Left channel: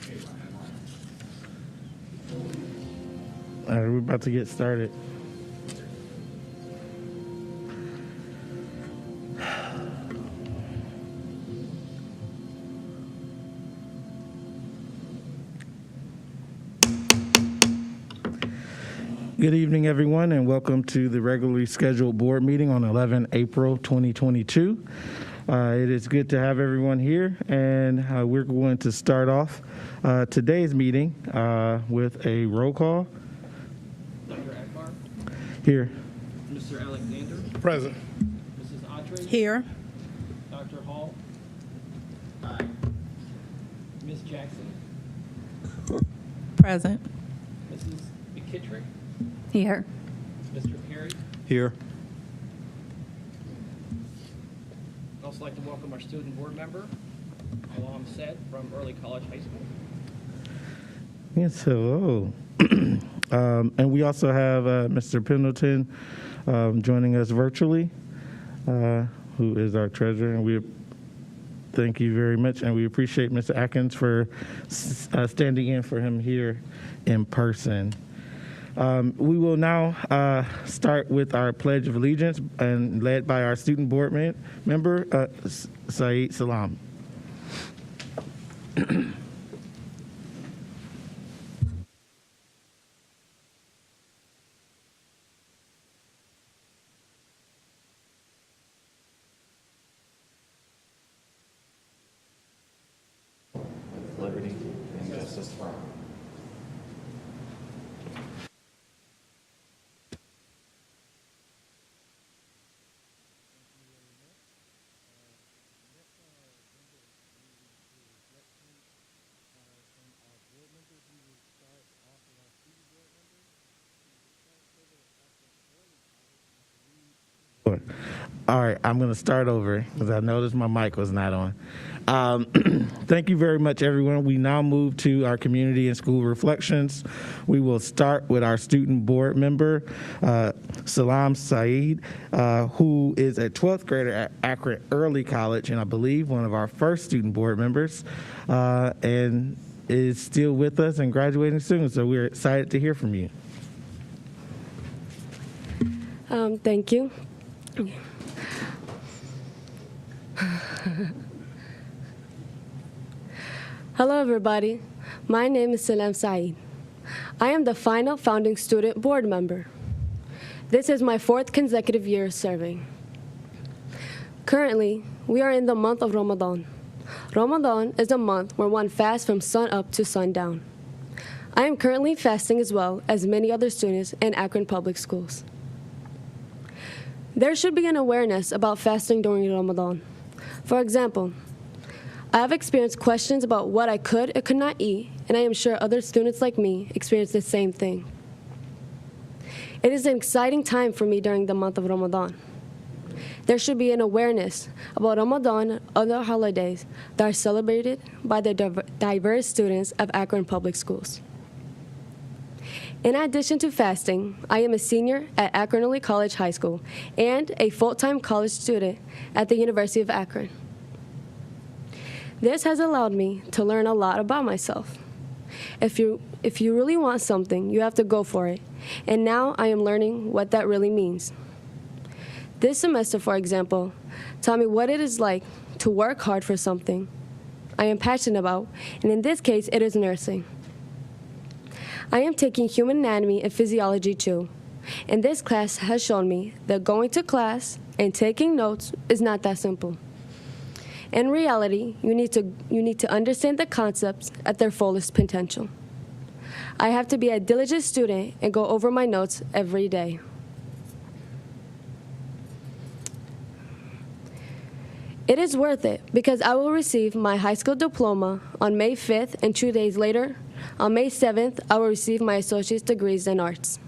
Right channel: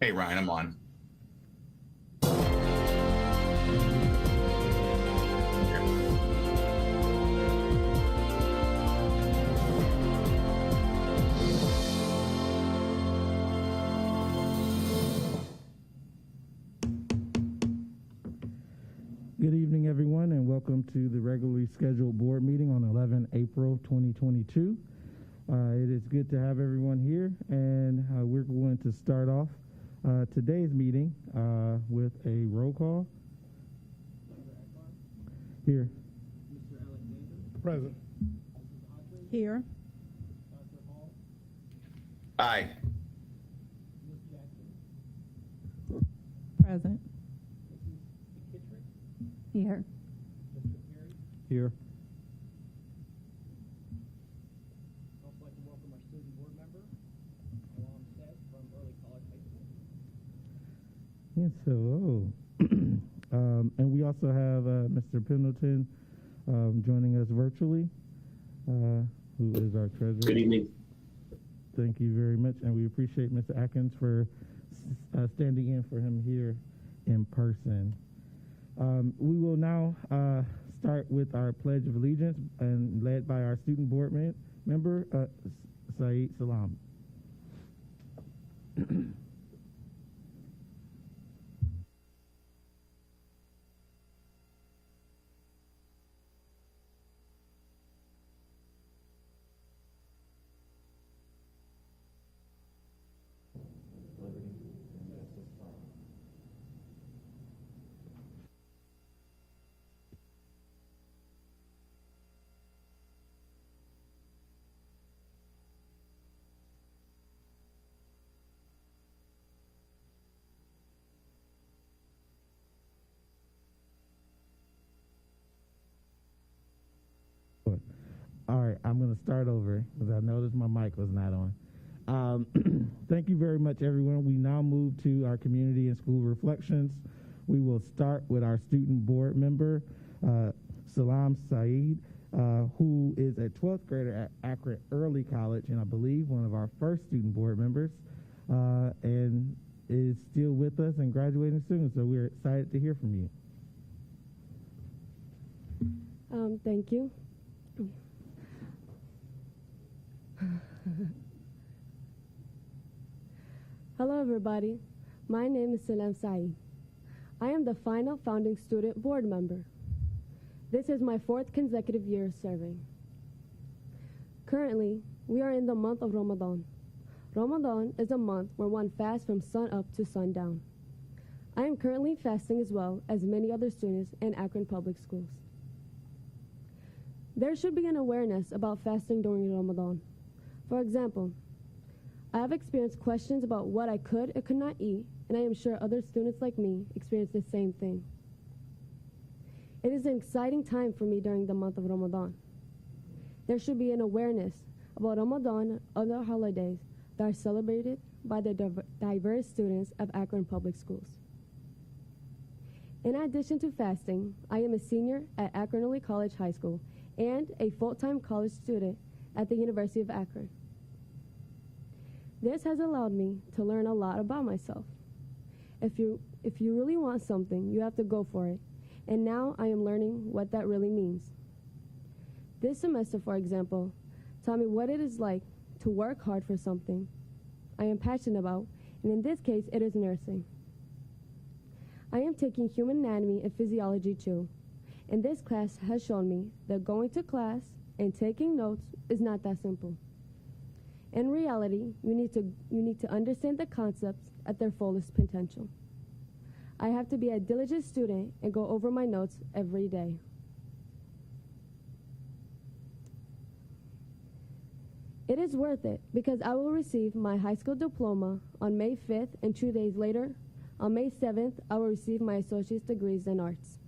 Hey, Ryan, I'm on. All right, we're about to get started. Good evening, everyone, and welcome to the regularly scheduled board meeting on 11 April 2022. It is good to have everyone here, and we're going to start off today's meeting with a roll call. Dr. Akbar? Here. Mr. Alexander? Present. Mrs. Autry? Here. Dr. Hall? Aye. Ms. Jackson? Present. Mrs. McKittrick? Here. Mr. Perry? Here. I'd also like to welcome our student board member, Alam Said from Early College High School. Yes, hello. And we also have Mr. Pendleton joining us virtually, who is our treasurer. And we thank you very much, and we appreciate Mr. Atkins for standing in for him here in person. We will now start with our Pledge of Allegiance, and led by our student board member, Saeed Salam. Liberty and justice for all. All right, I'm going to start over because I noticed my mic was not on. Thank you very much, everyone. We now move to our community and school reflections. We will start with our student board member, Salam Saeed, who is a 12th grader at Akron Early College, and I believe one of our first student board members, and is still with us and graduating soon. So we're excited to hear from you. Thank you. Hello, everybody. My name is Salam Saeed. I am the final founding student board member. This is my 4th consecutive year serving. Currently, we are in the month of Ramadan. Ramadan is a month where one fasts from sun up to sundown. I am currently fasting as well as many other students in Akron Public Schools. There should be an awareness about fasting during Ramadan. For example, I have experienced questions about what I could or could not eat, and I am sure other students like me experience the same thing. It is an exciting time for me during the month of Ramadan. There should be an awareness about Ramadan and other holidays that are celebrated by the diverse students of Akron Public Schools. In addition to fasting, I am a senior at Akron Early College High School and a full-time college student at the University of Akron. This has allowed me to learn a lot about myself. If you really want something, you have to go for it. And now I am learning what that really means. This semester, for example, taught me what it is like to work hard for something I am passionate about, and in this case, it is nursing. I am taking human anatomy and physiology too, and this class has shown me that going to class and taking notes is not that simple. In reality, you need to understand the concepts at their fullest potential. I have to be a diligent student and go over my notes every day. It is worth it because I will receive my high school diploma on May 5th, and 2 days later, on May 7th, I will receive my associate's degrees in arts.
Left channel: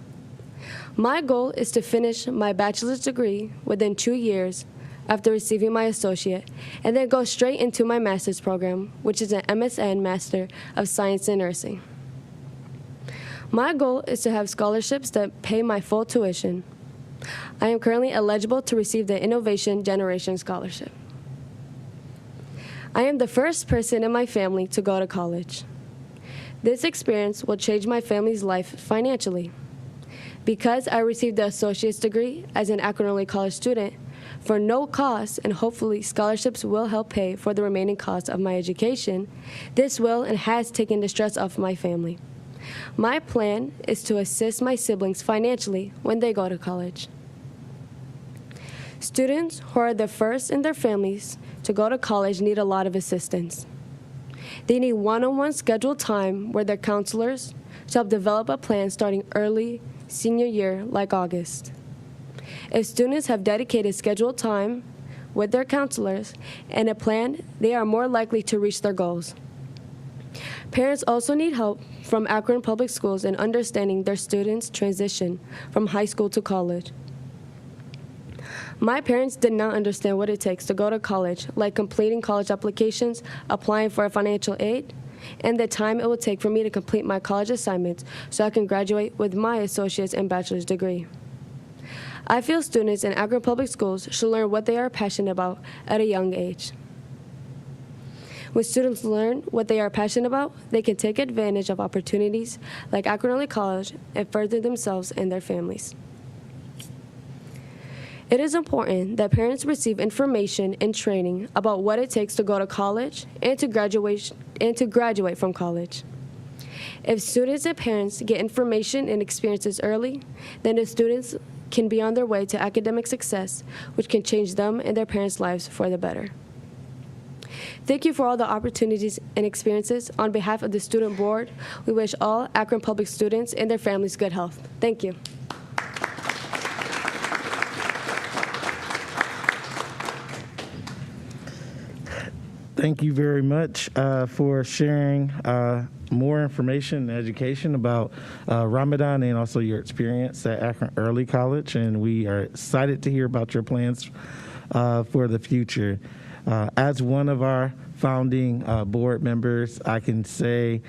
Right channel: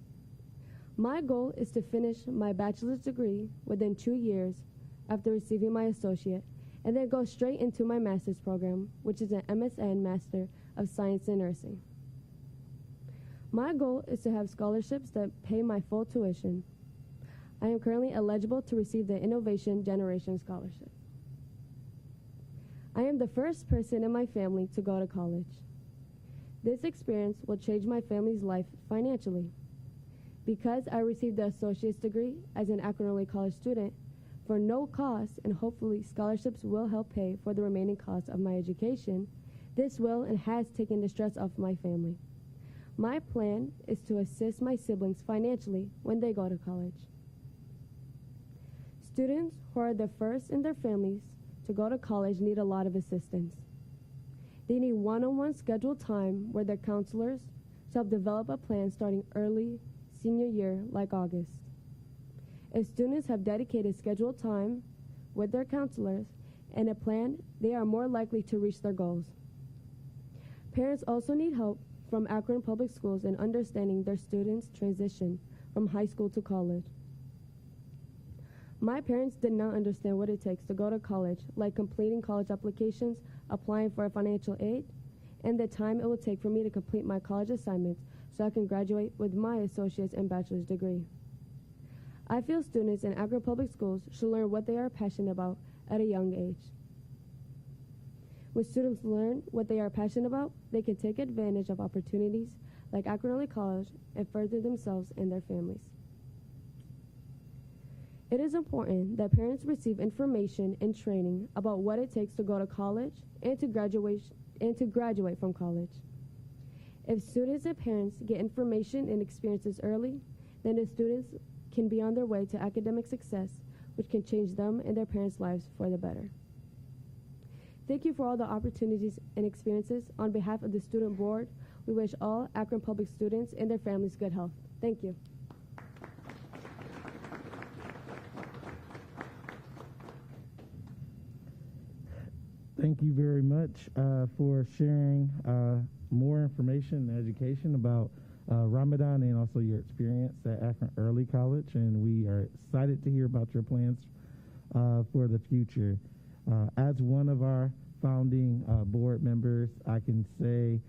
My goal is to finish my bachelor's degree within 2 years after receiving my associate, and then go straight into my master's program, which is an MSN Master of Science in Nursing. My goal is to have scholarships that pay my full tuition. I am currently eligible to receive the Innovation Generation Scholarship. I am the first person in my family to go to college. This experience will change my family's life financially. Because I received the associate's degree as an Akron Early College student for no cost, and hopefully scholarships will help pay for the remaining costs of my education, this will and has taken the stress off my family. My plan is to assist my siblings financially when they go to college. Students who are the first in their families to go to college need a lot of assistance. They need one-on-one scheduled time with their counselors to help develop a plan starting early senior year, like August. If students have dedicated scheduled time with their counselors and a plan, they are more likely to reach their goals. Parents also need help from Akron Public Schools in understanding their students' transition from high school to college. My parents did not understand what it takes to go to college, like completing college applications, applying for financial aid, and the time it will take for me to complete my college assignments so I can graduate with my associate's and bachelor's degree. I feel students in Akron Public Schools should learn what they are passionate about at a young age. When students learn what they are passionate about, they can take advantage of opportunities like Akron Early College and further themselves and their families. It is important that parents receive information and training about what it takes to go to college and to graduate from college. If students and parents get information and experiences early, then the students can be on their way to academic success, which can change them and their parents' lives for the better. Thank you for all the opportunities and experiences. On behalf of the student board, we wish all Akron Public students and their families good health. Thank you. Thank you very much for sharing more information and education about Ramadan and also your experience at Akron Early College. And we are excited to hear about your plans for the future. As one of our founding board members, I can say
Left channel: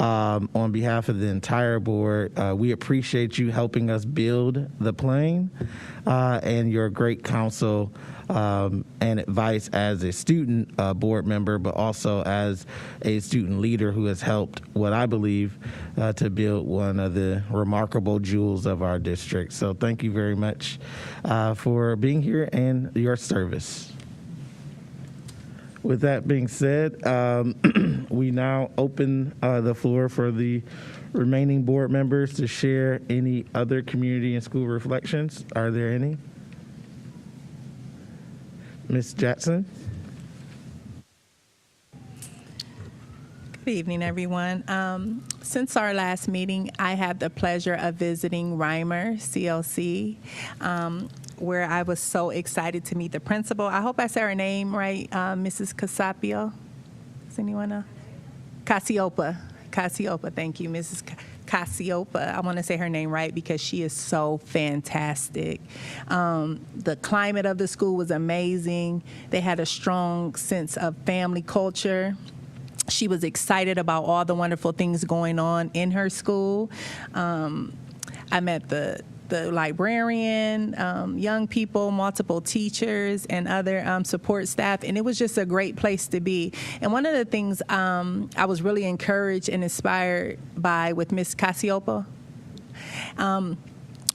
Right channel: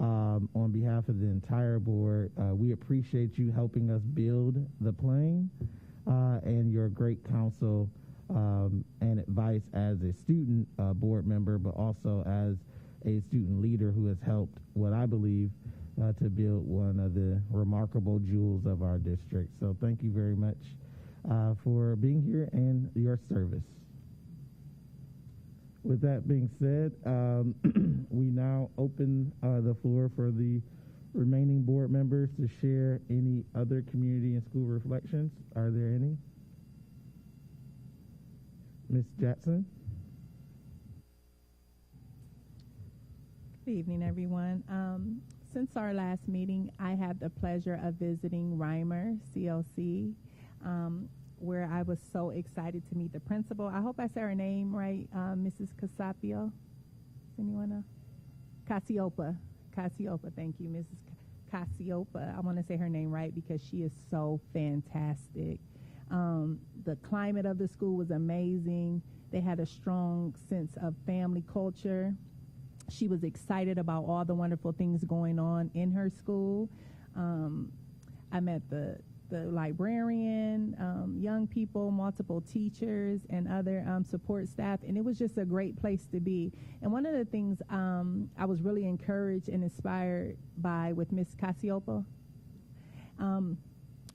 on behalf of the entire board, we appreciate you helping us build the plane and your great counsel and advice as a student board member, but also as a student leader who has helped what I believe to build one of the remarkable jewels of our district. So thank you very much for being here and your service. With that being said, we now open the floor for the remaining board members to share any other community and school reflections. Are there any? Ms. Jackson. Good evening, everyone. Since our last meeting, I had the pleasure of visiting Reimer CLC, where I was so excited to meet the principal. I hope I said her name right, Mrs. Casapio. Does anyone know? Cassiopa, thank you, Mrs. Cassiopa. I want to say her name right because she is so fantastic. The climate of the school was amazing. They had a strong sense of family culture. She was excited about all the wonderful things going on in her school. I met the librarian, young people, multiple teachers, and other support staff, and it was just a great place to be. And one of the things I was really encouraged and inspired by with Ms. Cassiopa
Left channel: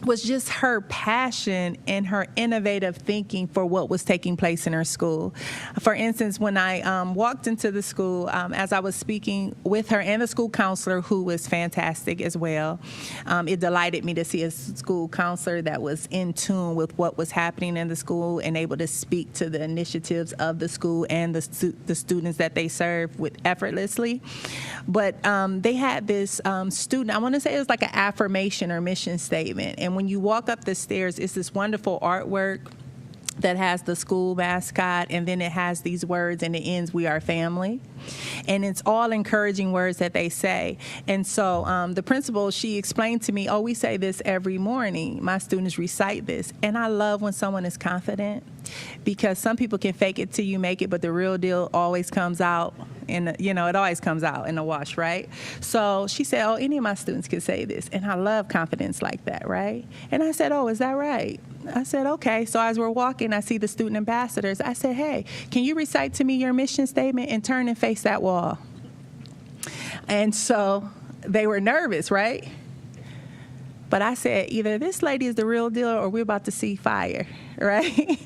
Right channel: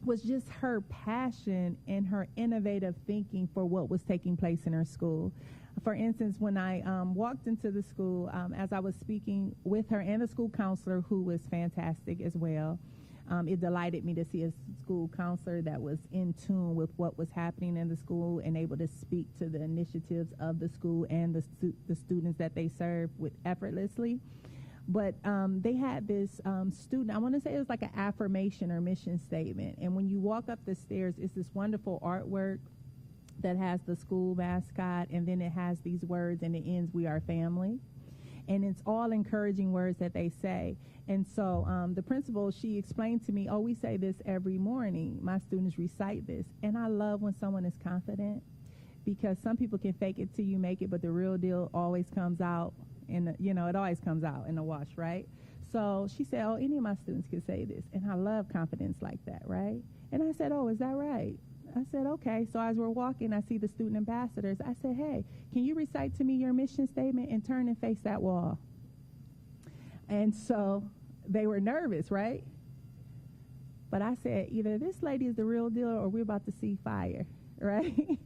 was just her passion and her innovative thinking for what was taking place in her school. For instance, when I walked into the school, as I was speaking with her and the school counselor, who was fantastic as well, it delighted me to see a school counselor that was in tune with what was happening in the school and able to speak to the initiatives of the school and the students that they serve with effortlessly. But they had this student, I want to say it was like an affirmation or mission statement. And when you walk up the stairs, it's this wonderful artwork that has the school mascot, and then it has these words, and it ends, "We are family." And it's all encouraging words that they say. And so the principal, she explained to me, oh, we say this every morning. My students recite this. And I love when someone is confident, because some people can fake it till you make it, but the real deal always comes out. And, it always comes out in the wash, right? So she said, oh, any of my students can say this. And I love confidence like that, right? And I said, oh, is that right? I said, okay. So as we're walking, I see the student ambassadors. I said, hey, can you recite to me your mission statement and turn and face that wall? And so they were nervous, right? But I said, either this lady is the real deal or we're about to see fire, right?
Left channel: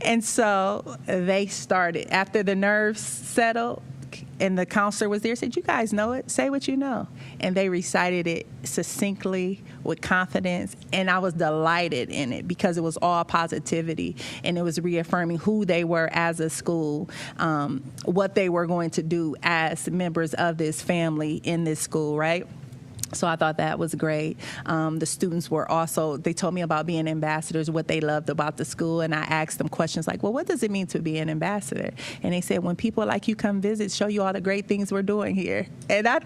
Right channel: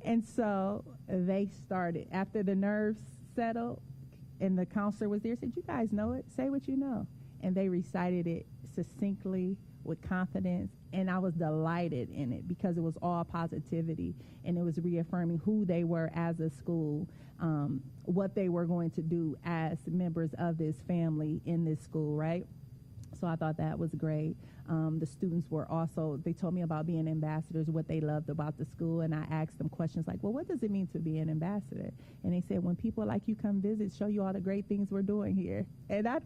And so they started. After the nerves settled and the counselor was there, said, you guys know it, say what you know. And they recited it succinctly with confidence, and I was delighted in it because it was all positivity, and it was reaffirming who they were as a school, what they were going to do as members of this family in this school, right? So I thought that was great. The students were also, they told me about being ambassadors, what they loved about the school, and I asked them questions like, well, what does it mean to be an ambassador? And they said, when people like you come visit, show you all the great things we're doing here. And I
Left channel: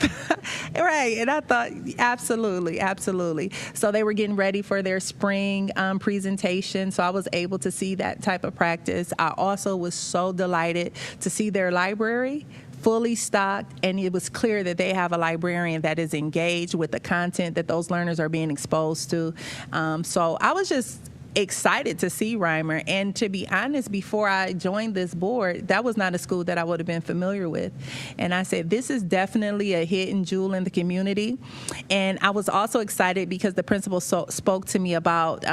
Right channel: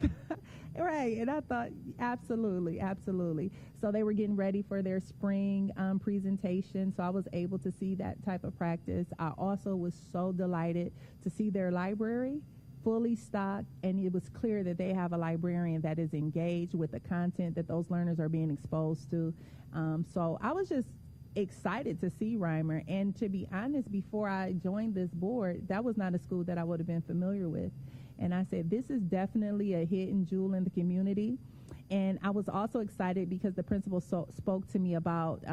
thought, absolutely, absolutely. So they were getting ready for their spring presentation, so I was able to see that type of practice. I also was so delighted to see their library fully stocked, and it was clear that they have a librarian that is engaged with the content that those learners are being exposed to. So I was just excited to see Reimer, and to be honest, before I joined this board, that was not a school that I would have been familiar with. And I said, this is definitely a hidden jewel in the community. And I was also excited because the principal spoke to me about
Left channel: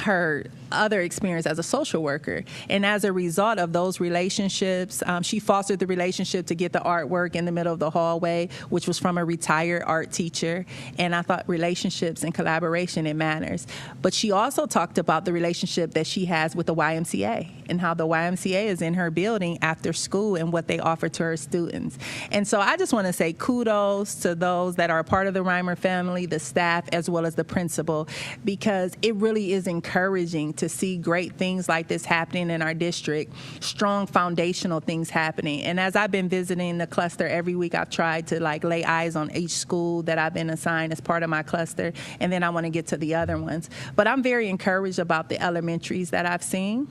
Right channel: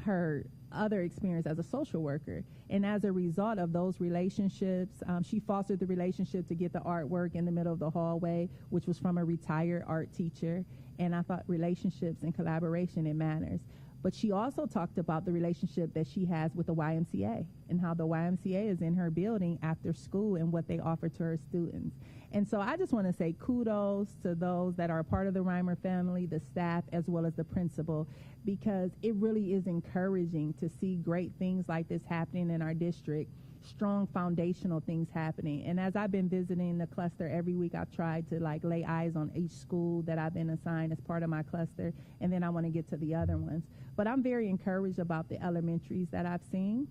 her other experience as a social worker, and as a result of those relationships, she fostered the relationship to get the artwork in the middle of the hallway, which was from a retired art teacher. And I thought relationships and collaboration, it matters. But she also talked about the relationship that she has with the YMCA and how the YMCA is in her building after school and what they offer to her students. And so I just want to say kudos to those that are a part of the Reimer family, the staff, as well as the principal, because it really is encouraging to see great things like this happening in our district, strong foundational things happening. And as I've been visiting the cluster every week, I've tried to lay eyes on each school that I've been assigned as part of my cluster, and then I want to get to the other ones. But I'm very encouraged about the elementaries that I've seen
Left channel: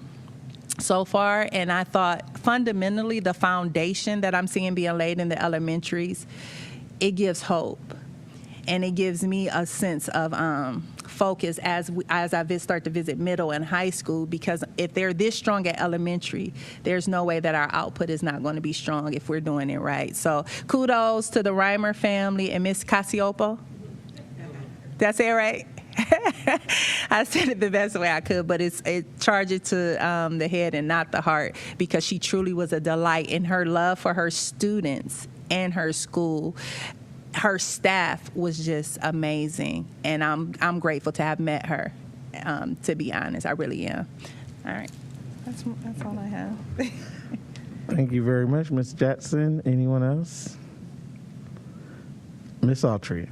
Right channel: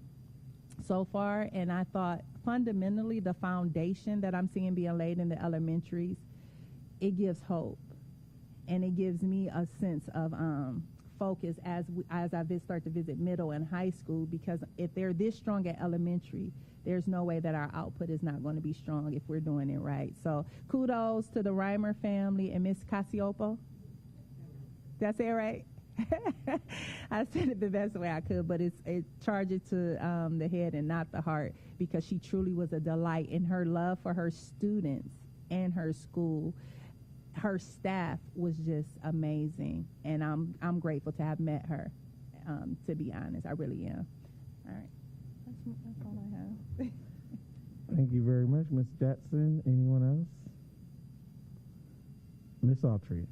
so far, and I thought fundamentally the foundation that I'm seeing being laid in the elementaries, it gives hope. And it gives me a sense of focus as I start to visit middle and high school, because if they're this strong at elementary, there's no way that our output is not going to be strong if we're doing it right. So kudos to the Reimer family and Miss Casiopo. Did I say it right? I said it the best way I could, but it charged it to the head and not the heart, because she truly was a delight in her love for her students and her school. Her staff was just amazing, and I'm grateful to have met her, to be honest. I really am. All right. That's all I have. Thank you very much, Ms. Jackson. Anyone else? Ms. Autry.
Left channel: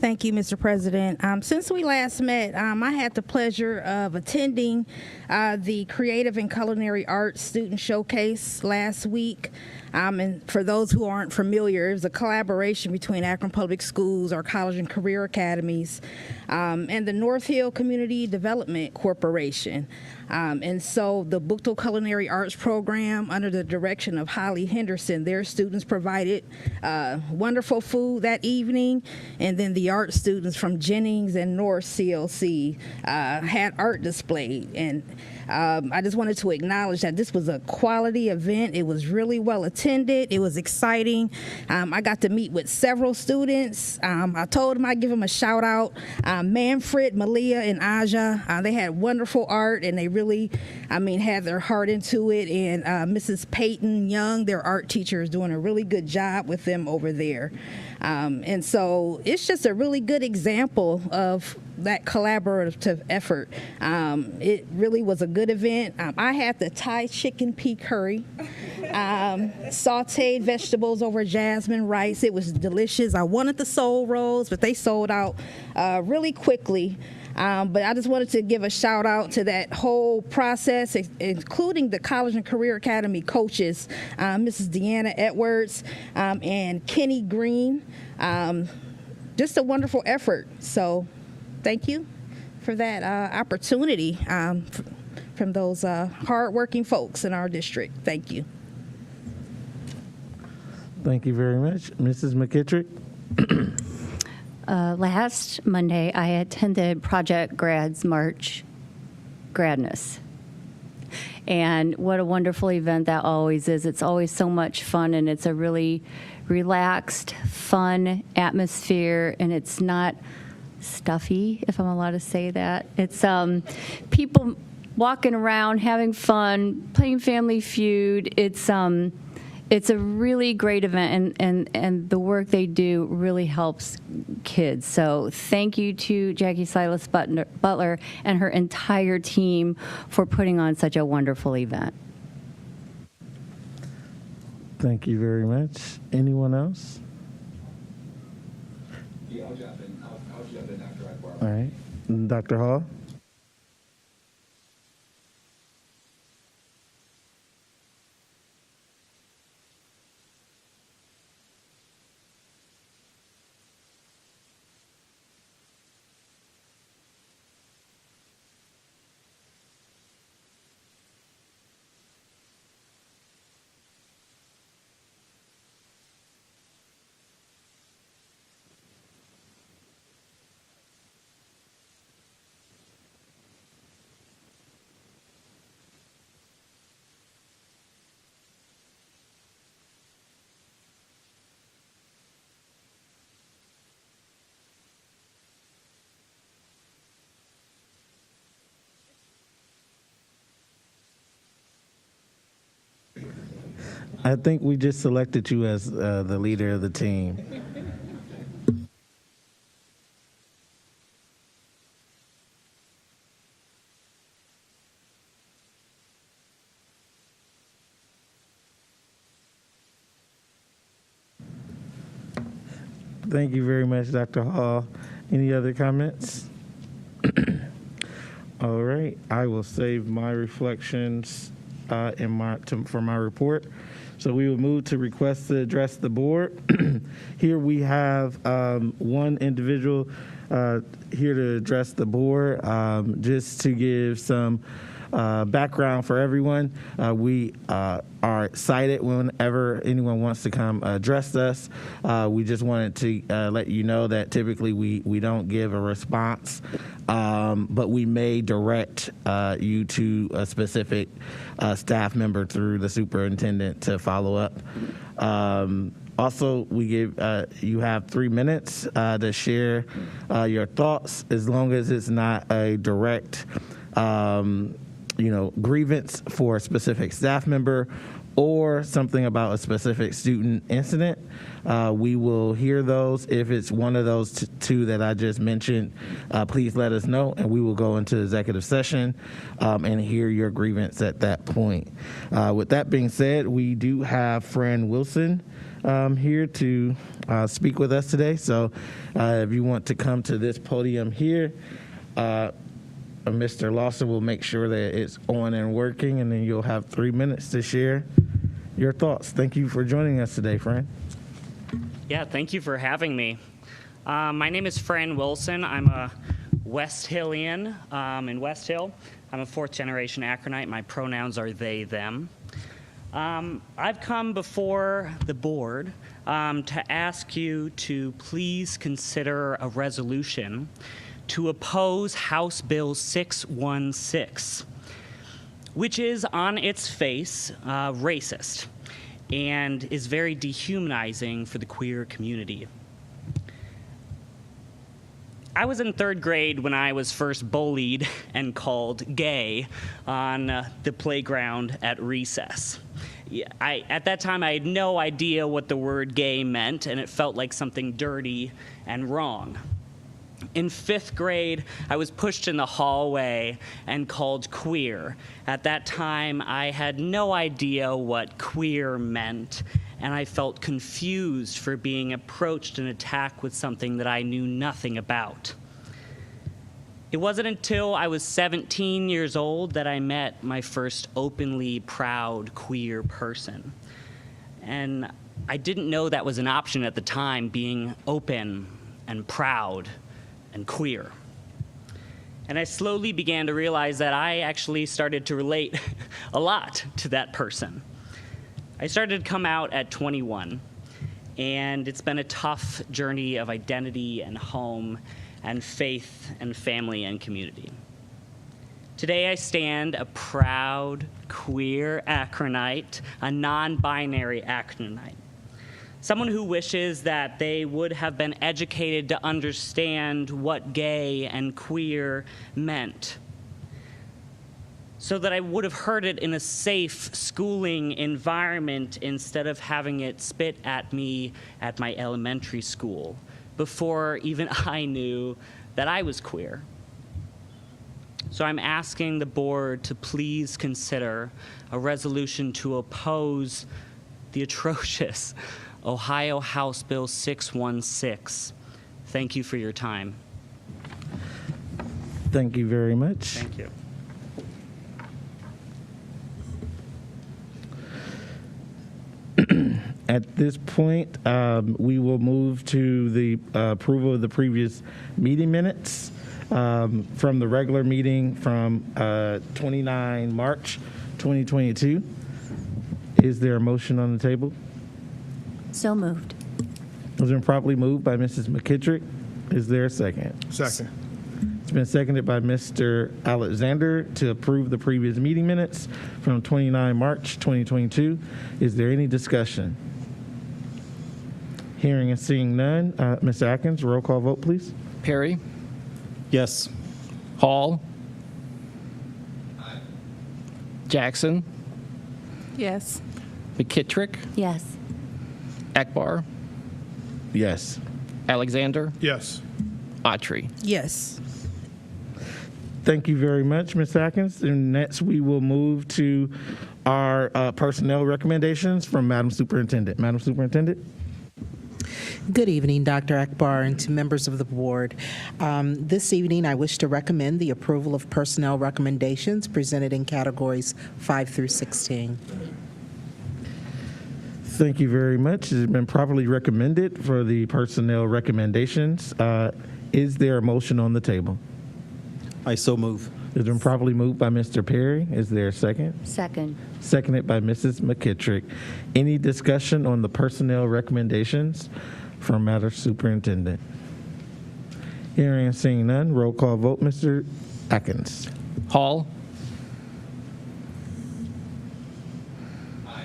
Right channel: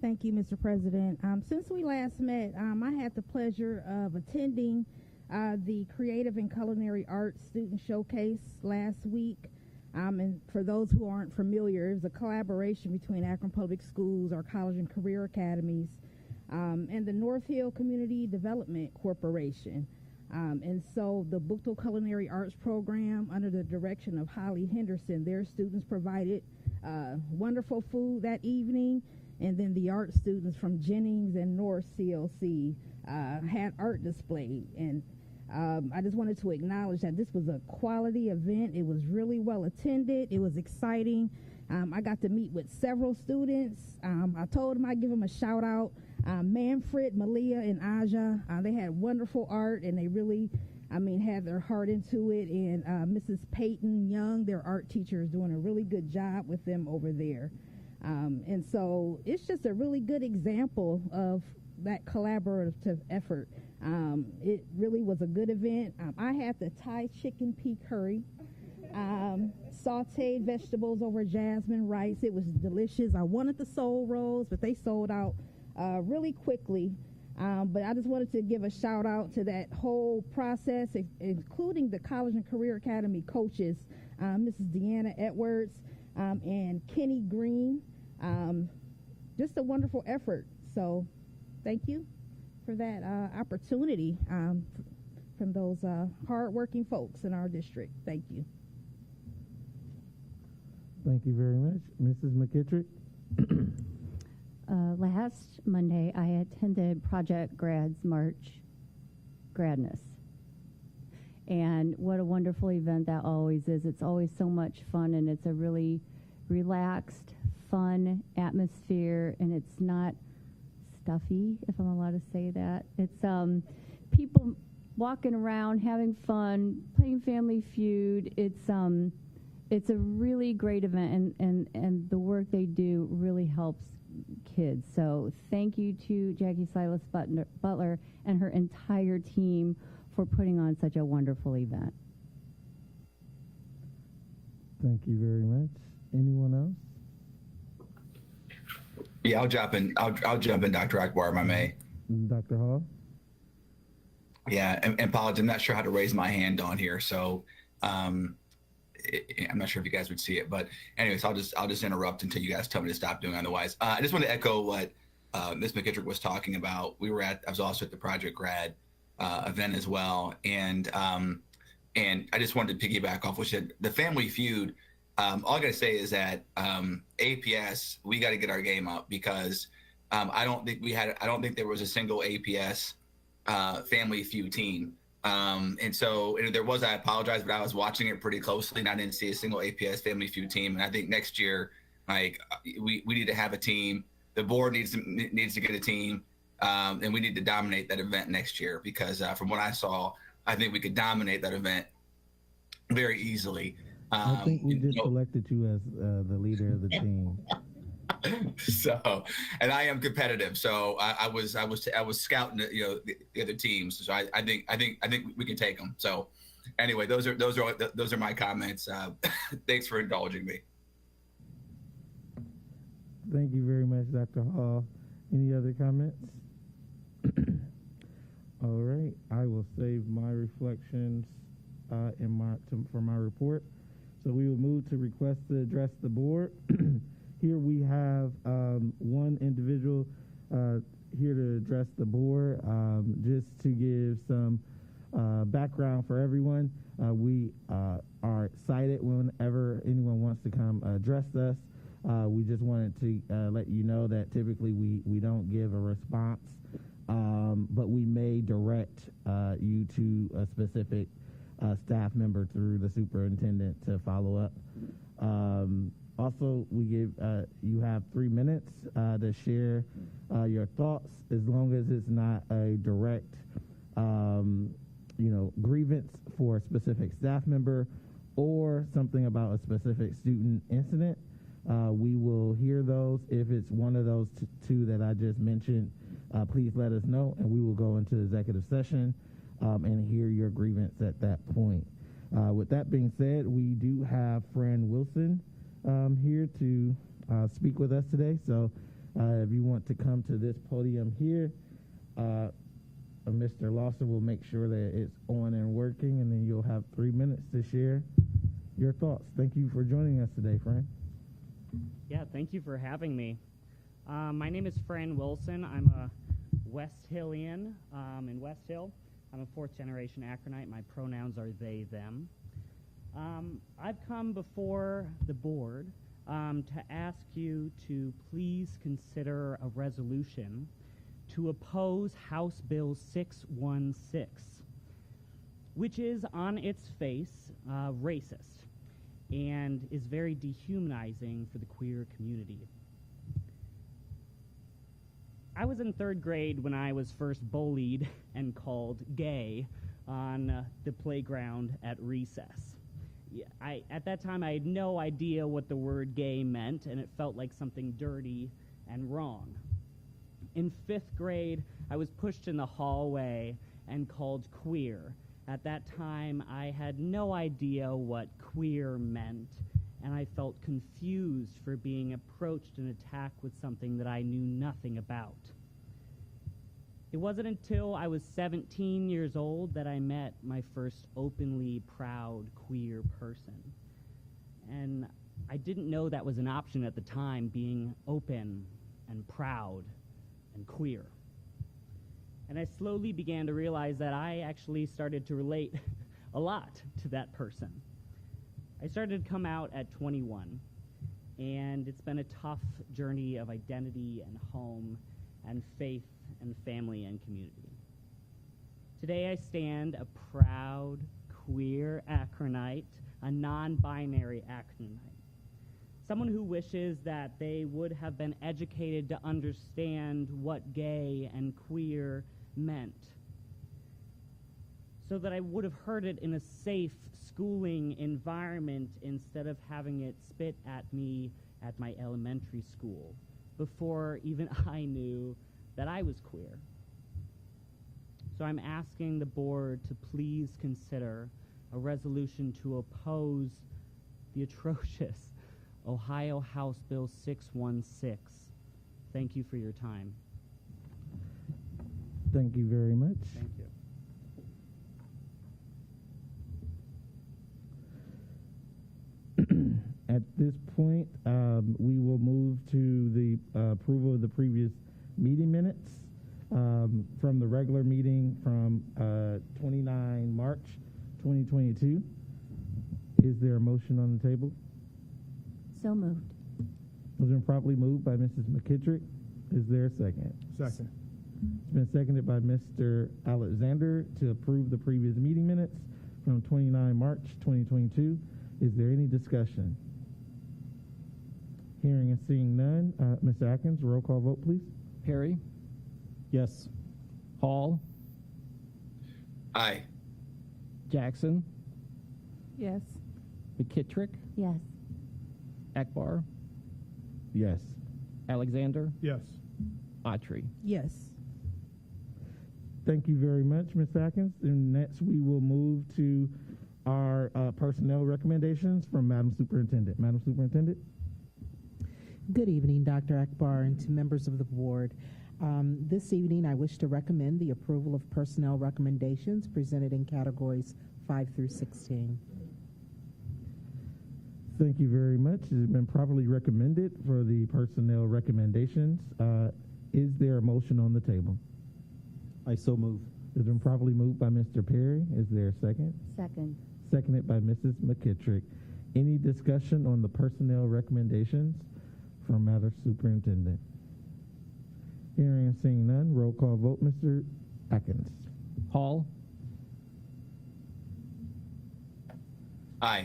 Thank you, Mr. President. Since we last met, I had the pleasure of attending the Creative and Culinary Arts Student Showcase last week. And for those who aren't familiar, it was a collaboration between Akron Public Schools, our college and career academies, and the North Hill Community Development Corporation. And so the Buchtel Culinary Arts Program, under the direction of Holly Henderson, their students provided wonderful food that evening, and then the art students from Jennings and North CLC had art displayed. And I just wanted to acknowledge that this was a quality event. It was really well attended. It was exciting. I got to meet with several students. I told them I'd give them a shout out. Manfred, Malia, and Aja, they had wonderful art, and they really, had their heart into it. And Mrs. Peyton Young, their art teacher, is doing a really good job with them over there. And so it's just a really good example of that collaborative effort. It really was a good event. I had the Thai chicken pea curry, sauteed vegetables over jasmine rice. It was delicious. I wanted the soul rolls, but they sold out really quickly. But I just wanted to give a shout out to that whole process, including the College and Career Academy coaches, Mrs. Deanna Edwards and Kenny Green. Just a wonderful effort. So thank you for that opportunity from those hardworking folks in our district. Thank you. Thank you very much. Mrs. McKittrick. Last Monday, I attended Project Grad's March Gradness. And what a wonderful event that always is. It's always so much fun, and it's a really relaxed, fun atmosphere, and it's not stuffy, if I'm allowed to say that. It's people walking around, having fun, playing Family Feud. It's a really great event, and the work they do really helps kids. So thank you to Jackie Silas Butler and her entire team for putting on such a wonderful event. Thank you very much. Anyone else? Yeah, I'll jump in. I'll jump in, Dr. Akbar, if I may. Dr. Hall? Yeah, and apologies, I'm not sure how to raise my hand on here, so I'm not sure if you guys would see it, but anyways, I'll just interrupt until you guys tell me to stop doing otherwise. I just want to echo what Ms. McKittrick was talking about. I was also at the Project Grad event as well, and I just wanted to piggyback off what you said. The Family Feud. All I gotta say is that APS, we got to get our game up, because I don't think there was a single APS Family Feud team. And so there was, I apologize, but I was watching it pretty closely and I didn't see a single APS Family Feud team. And I think next year, like, we need to have a team. The board needs to get a team, and we need to dominate that event next year, because from what I saw, I think we could dominate that event very easily. I think we just selected you as the leader of the team. So, and I am competitive. So I was scouting, the other teams. So I think we can take them. So anyway, those are my comments. Thanks for indulging me. Thank you very much, Dr. Hall. Any other comments? All right, I will save my reflections for my report. So we will move to request to address the board. Here we have one individual here to address the board. Just to give some background for everyone, we are excited whenever anyone wants to come address us. We just wanted to let you know that typically we don't give a response, but we may direct you to a specific staff member through the superintendent to follow up. Also, we give you have 3 minutes to share your thoughts, as long as it's not a direct grievance for a specific staff member or something about a specific student incident. We will hear those. If it's one of those two that I just mentioned, please let us know, and we will go into executive session and hear your grievance at that point. With that being said, we do have Fran Wilson here to speak with us today. So if you want to come to this podium here, Mr. Lawson will make sure that it's on and working, and then you'll have 3 minutes to share your thoughts. Thank you for joining us today, Fran. Yeah, thank you for having me. My name is Fran Wilson. I'm a West Hillian in West Hill. I'm a 4th generation Akronite. My pronouns are they, them. I've come before the board to ask you to please consider a resolution to oppose House Bill 616, which is on its face racist and is very dehumanizing for the queer community. I was in 3rd grade when I was first bullied and called gay on the playground at recess. At that time, I had no idea what the word gay meant, and it felt like something dirty and wrong. In 5th grade, I was pushed in the hallway and called queer. At that time, I had no idea what queer meant, and I felt confused for being approached and attacked with something that I knew nothing about. It wasn't until I was 17 years old that I met my first openly proud queer person. And I didn't know that was an option at the time, being open and proud and queer. And I slowly began to realize that I actually started to relate a lot to that person. I started to come out at 21, and it's been a tough journey of identity and home and faith and family and community. Today I stand a proud, queer Akronite, a non-binary Akronite. Someone who wishes that they would have been educated to understand what gay and queer meant, so that I would have heard it in a safe schooling environment instead of having it spit at me at my elementary school before even I knew that I was queer. So I'm asking the board to please consider a resolution to oppose the atrocious Ohio House Bill 616. Thank you for your time. Thank you very much. Thank you. At this point, we will move to the approval of the previous meeting minutes from the regular meeting from 29 March 2022. Is there a motion on the table? So moved. It's been properly moved by Mrs. McKittrick. Is there a second? Second. It's been seconded by Mr. Alexander to approve the previous meeting minutes from 29 March 2022. Is there any discussion? Hearing and seeing none. Mr. Atkins, roll call vote, please. Perry, Yes. Hall, Aye. Jackson, Yes. McKittrick, Yes. Akbar, Yes. Alexander, Yes. Autry. Yes. Thank you very much, Ms. Atkins. And next, we will move to our personnel recommendations from Madam Superintendent. Madam Superintendent? Good evening, Dr. Akbar, and to members of the board. This evening, I wish to recommend the approval of personnel recommendations presented in categories 5 through 16. Thank you very much. It has been properly recommended for the personnel recommendations. Is there a motion on the table? I so move. It's been properly moved by Mr. Perry. Is there a second? Second. Seconded by Mrs. McKittrick. Any discussion on the personnel recommendations from Madam Superintendent? Hearing and seeing none, roll call vote, Mr. Atkins. Hall, Aye.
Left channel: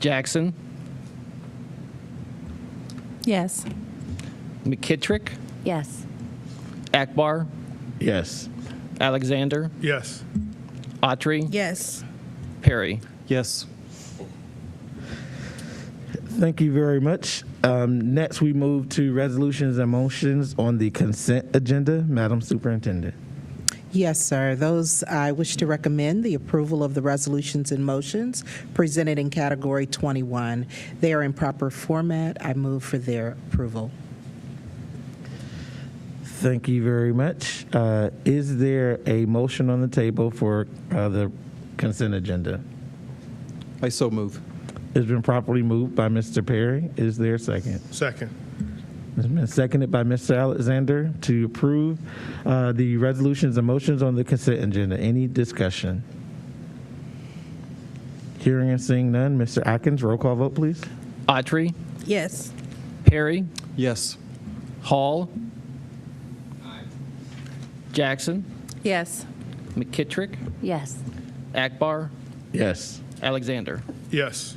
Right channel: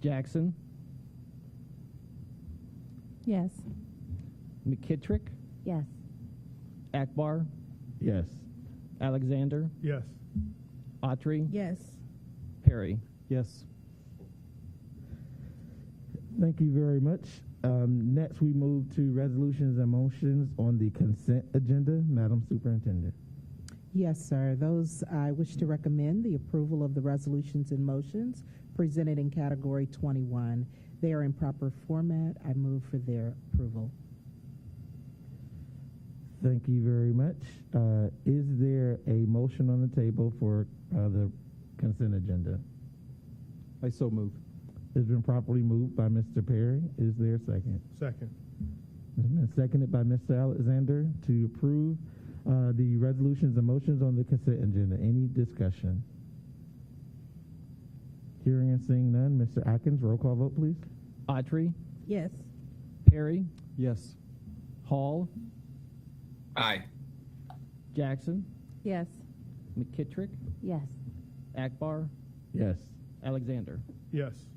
Jackson, Yes. McKittrick, Yes. Akbar, Yes. Alexander, Yes. Autry, Yes. Perry. Yes. Thank you very much. Next, we move to resolutions and motions on the consent agenda. Madam Superintendent. Yes, sir. Those, I wish to recommend the approval of the resolutions and motions presented in category 21. They are in proper format. I move for their approval. Thank you very much. Is there a motion on the table for the consent agenda? I so move. It's been properly moved by Mr. Perry. Is there a second? Second. It's been seconded by Mr. Alexander to approve the resolutions and motions on the consent agenda. Any discussion? Hearing and seeing none, Mr. Atkins, roll call vote, please. Autry, Yes. Perry, Yes. Hall, Aye. Jackson, Yes. McKittrick, Yes. Akbar, Yes. Alexander. Yes.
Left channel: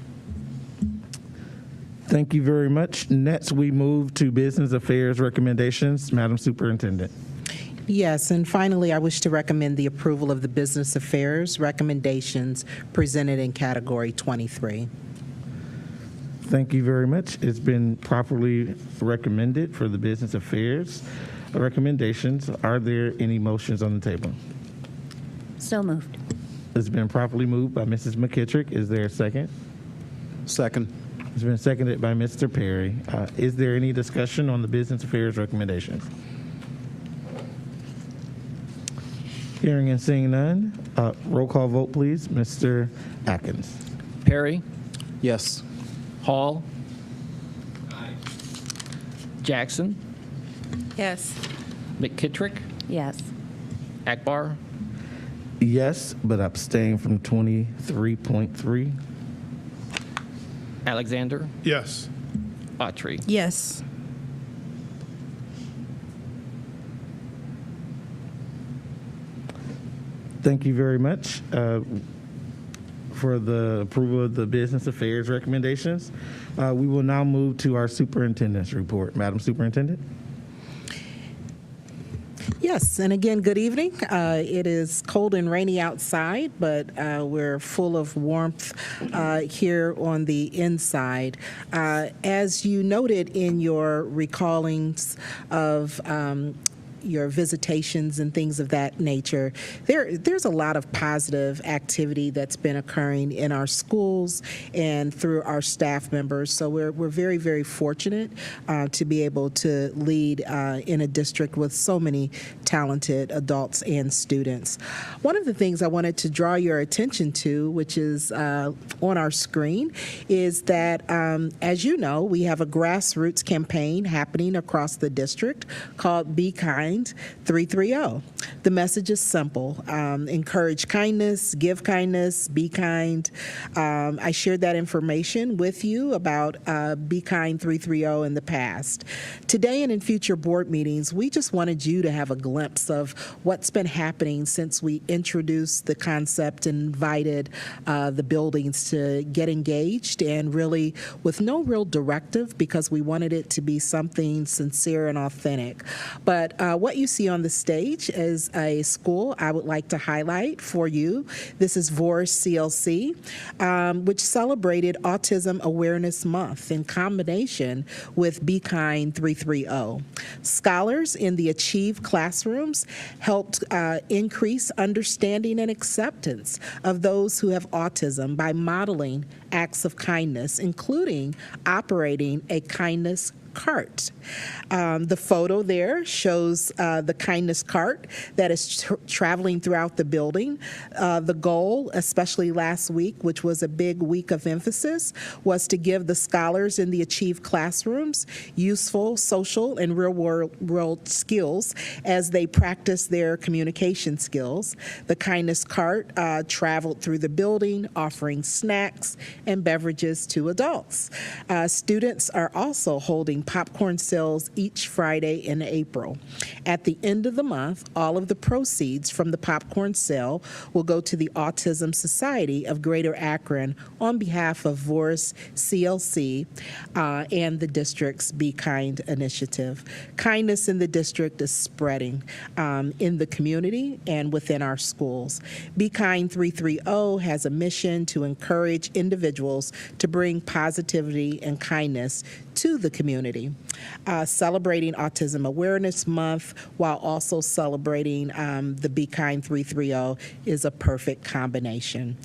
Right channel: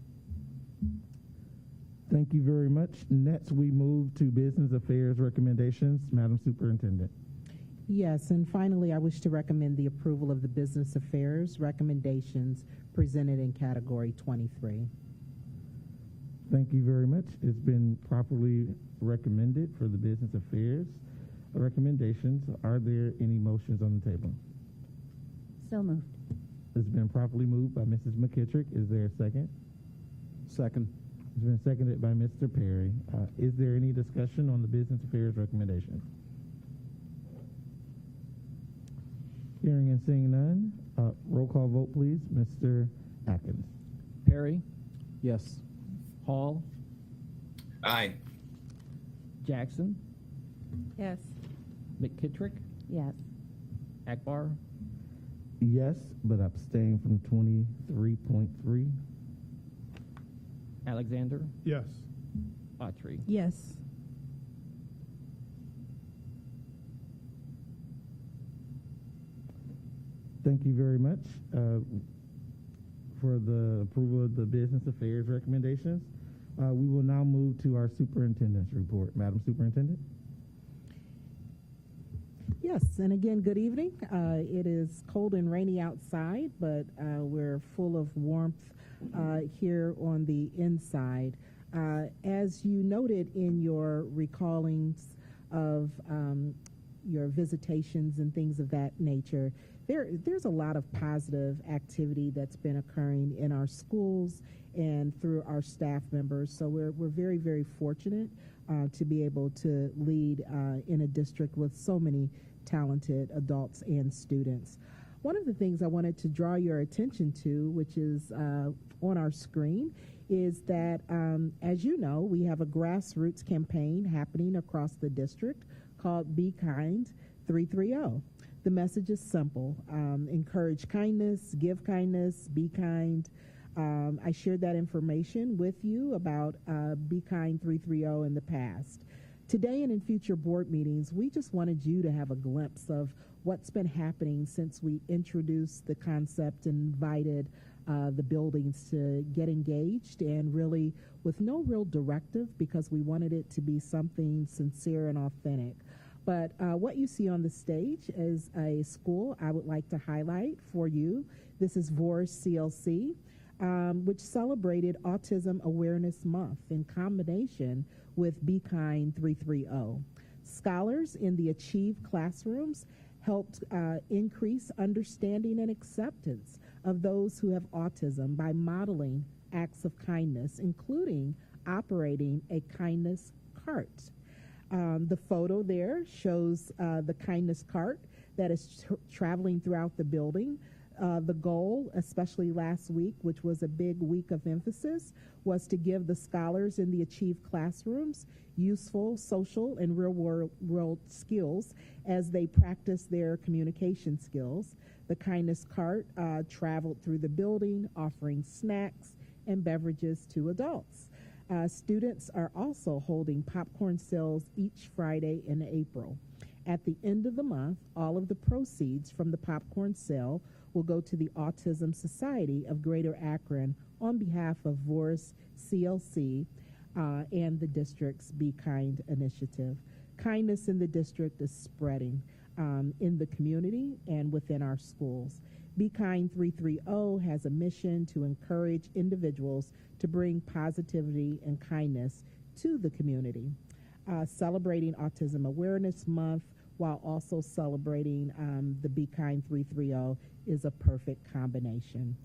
Thank you very much. Next, we move to business affairs recommendations. Madam Superintendent. Yes, and finally, I wish to recommend the approval of the business affairs recommendations presented in category 23. Thank you very much. It's been properly recommended for the business affairs recommendations. Are there any motions on the table? So moved. It's been properly moved by Mrs. McKittrick. Is there a second? Second. It's been seconded by Mr. Perry. Is there any discussion on the business affairs recommendations? Hearing and seeing none, roll call vote, please. Mr. Atkins. Perry, Yes. Hall, Aye. Jackson, Yes. McKittrick, Yes. Akbar, Yes, but abstain from 23.3. Alexander, Yes. Autry. Yes. Thank you very much for the approval of the business affairs recommendations. We will now move to our superintendent's report. Madam Superintendent. Yes, and again, good evening. It is cold and rainy outside, but we're full of warmth here on the inside. As you noted in your recallings of your visitations and things of that nature, there's a lot of positive activity that's been occurring in our schools and through our staff members. So we're very, very fortunate to be able to lead in a district with so many talented adults and students. One of the things I wanted to draw your attention to, which is on our screen, is that as you know, we have a grassroots campaign happening across the district called Be Kind 330. The message is simple. Encourage kindness, give kindness, be kind. I shared that information with you about Be Kind 330 in the past. Today and in future board meetings, we just wanted you to have a glimpse of what's been happening since we introduced the concept and invited the buildings to get engaged, and really with no real directive, because we wanted it to be something sincere and authentic. But what you see on the stage is a school I would like to highlight for you. This is Voris CLC, which celebrated Autism Awareness Month in combination with Be Kind 330. Scholars in the Achieve classrooms helped increase understanding and acceptance of those who have autism by modeling acts of kindness, including operating a kindness cart. The photo there shows the kindness cart that is traveling throughout the building. The goal, especially last week, which was a big week of emphasis, was to give the scholars in the Achieve classrooms useful social and real-world skills as they practice their communication skills. The kindness cart traveled through the building, offering snacks and beverages to adults. Students are also holding popcorn sales each Friday in April. At the end of the month, all of the proceeds from the popcorn sale will go to the Autism Society of Greater Akron on behalf of Voris CLC and the district's Be Kind initiative. Kindness in the district is spreading in the community and within our schools. Be Kind 330 has a mission to encourage individuals to bring positivity and kindness to the community. Celebrating Autism Awareness Month while also celebrating the Be Kind 330 is a perfect combination.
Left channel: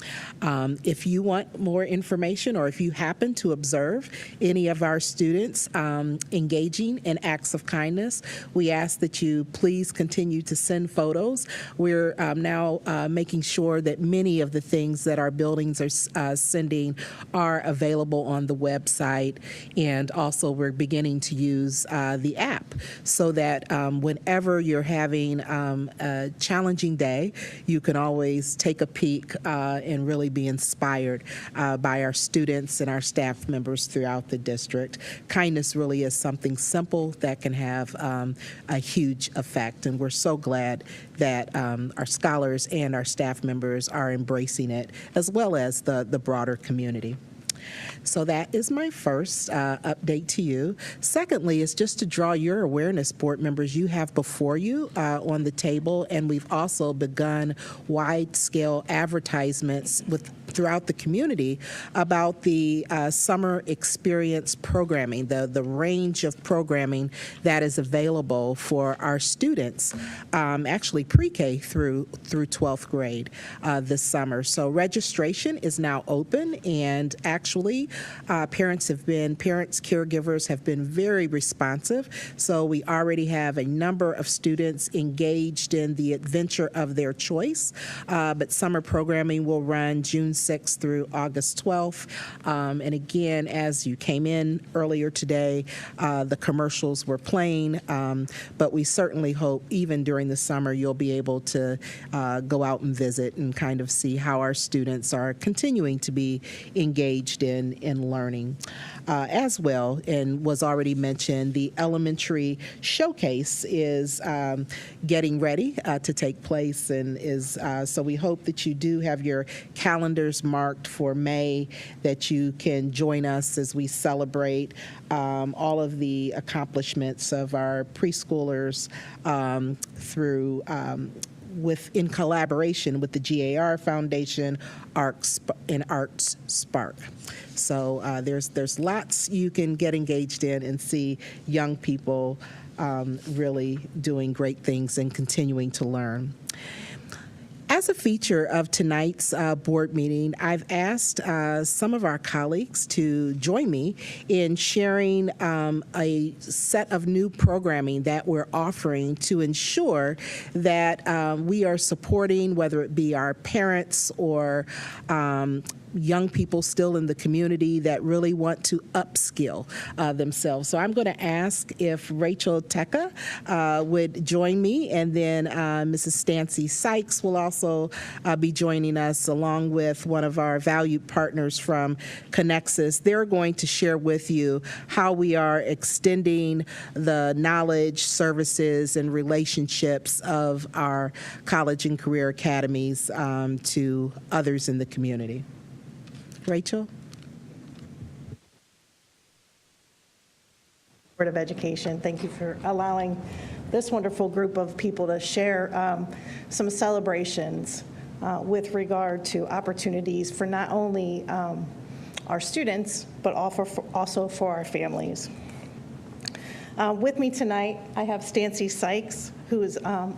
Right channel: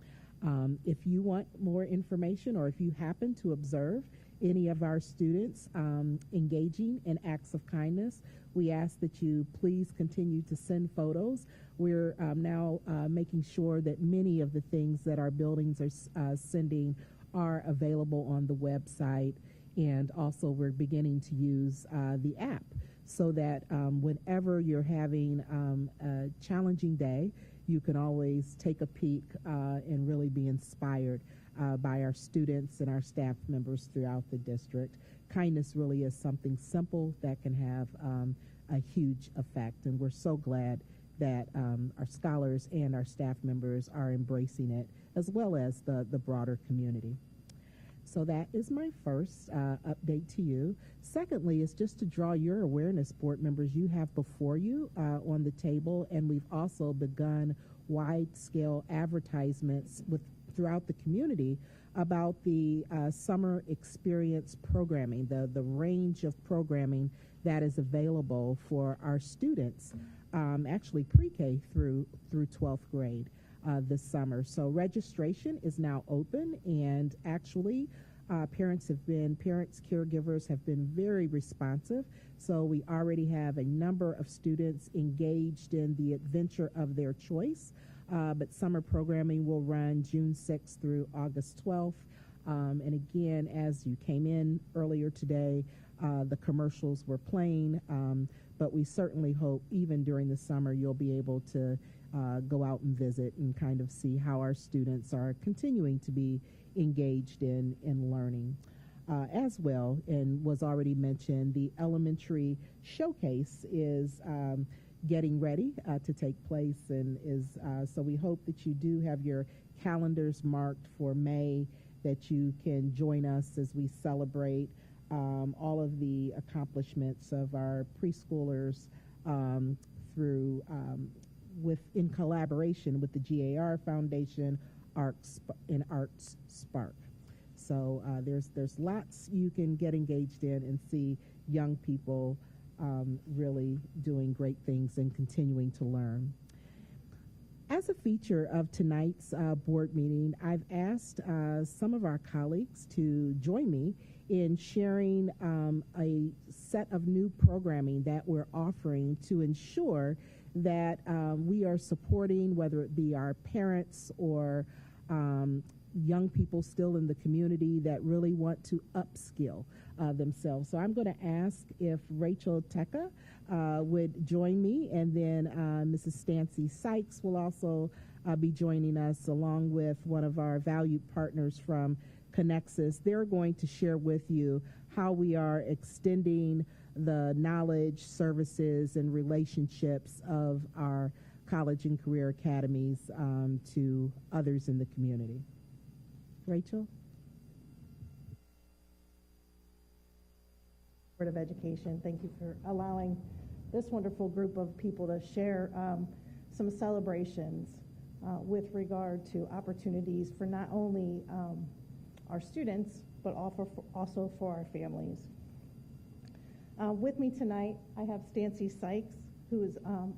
If you want more information, or if you happen to observe any of our students engaging in acts of kindness, we ask that you please continue to send photos. We're now making sure that many of the things that our buildings are sending are available on the website, and also we're beginning to use the app so that whenever you're having a challenging day, you can always take a peek and really be inspired by our students and our staff members throughout the district. Kindness really is something simple that can have a huge effect, and we're so glad that our scholars and our staff members are embracing it, as well as the broader community. So that is my first update to you. Secondly, is just to draw your awareness, board members. You have before you on the table, and we've also begun wide-scale advertisements throughout the community about the summer experience programming, the range of programming that is available for our students, actually pre-K through 12th grade this summer. So registration is now open, and actually parents, caregivers have been very responsive. So we already have a number of students engaged in the adventure of their choice, but summer programming will run June 6th through August 12th. And again, as you came in earlier today, the commercials were playing, but we certainly hope even during the summer you'll be able to go out and visit and kind of see how our students are continuing to be engaged in learning. as well, and was already mentioned, the elementary showcase is getting ready to take place, and is so we hope that you do have your calendars marked for May, that you can join us as we celebrate all of the accomplishments of our preschoolers through in collaboration with the GAR Foundation Arts Spark. So there's lots you can get engaged in and see young people really doing great things and continuing to learn. As a feature of tonight's board meeting, I've asked some of our colleagues to join me in sharing a set of new programming that we're offering to ensure that we are supporting, whether it be our parents or young people still in the community that really want to upskill themselves. So I'm going to ask if Rachel Teka would join me, and then Mrs. Stancy Sykes will also be joining us, along with one of our valued partners from Connexus. They're going to share with you how we are extending the knowledge, services, and relationships of our college and career academies to others in the community. Rachel? Board of Education, thank you for allowing this wonderful group of people to share some celebrations with regard to opportunities for not only our students, but also for our families. With me tonight, I have Stancy Sykes, who is a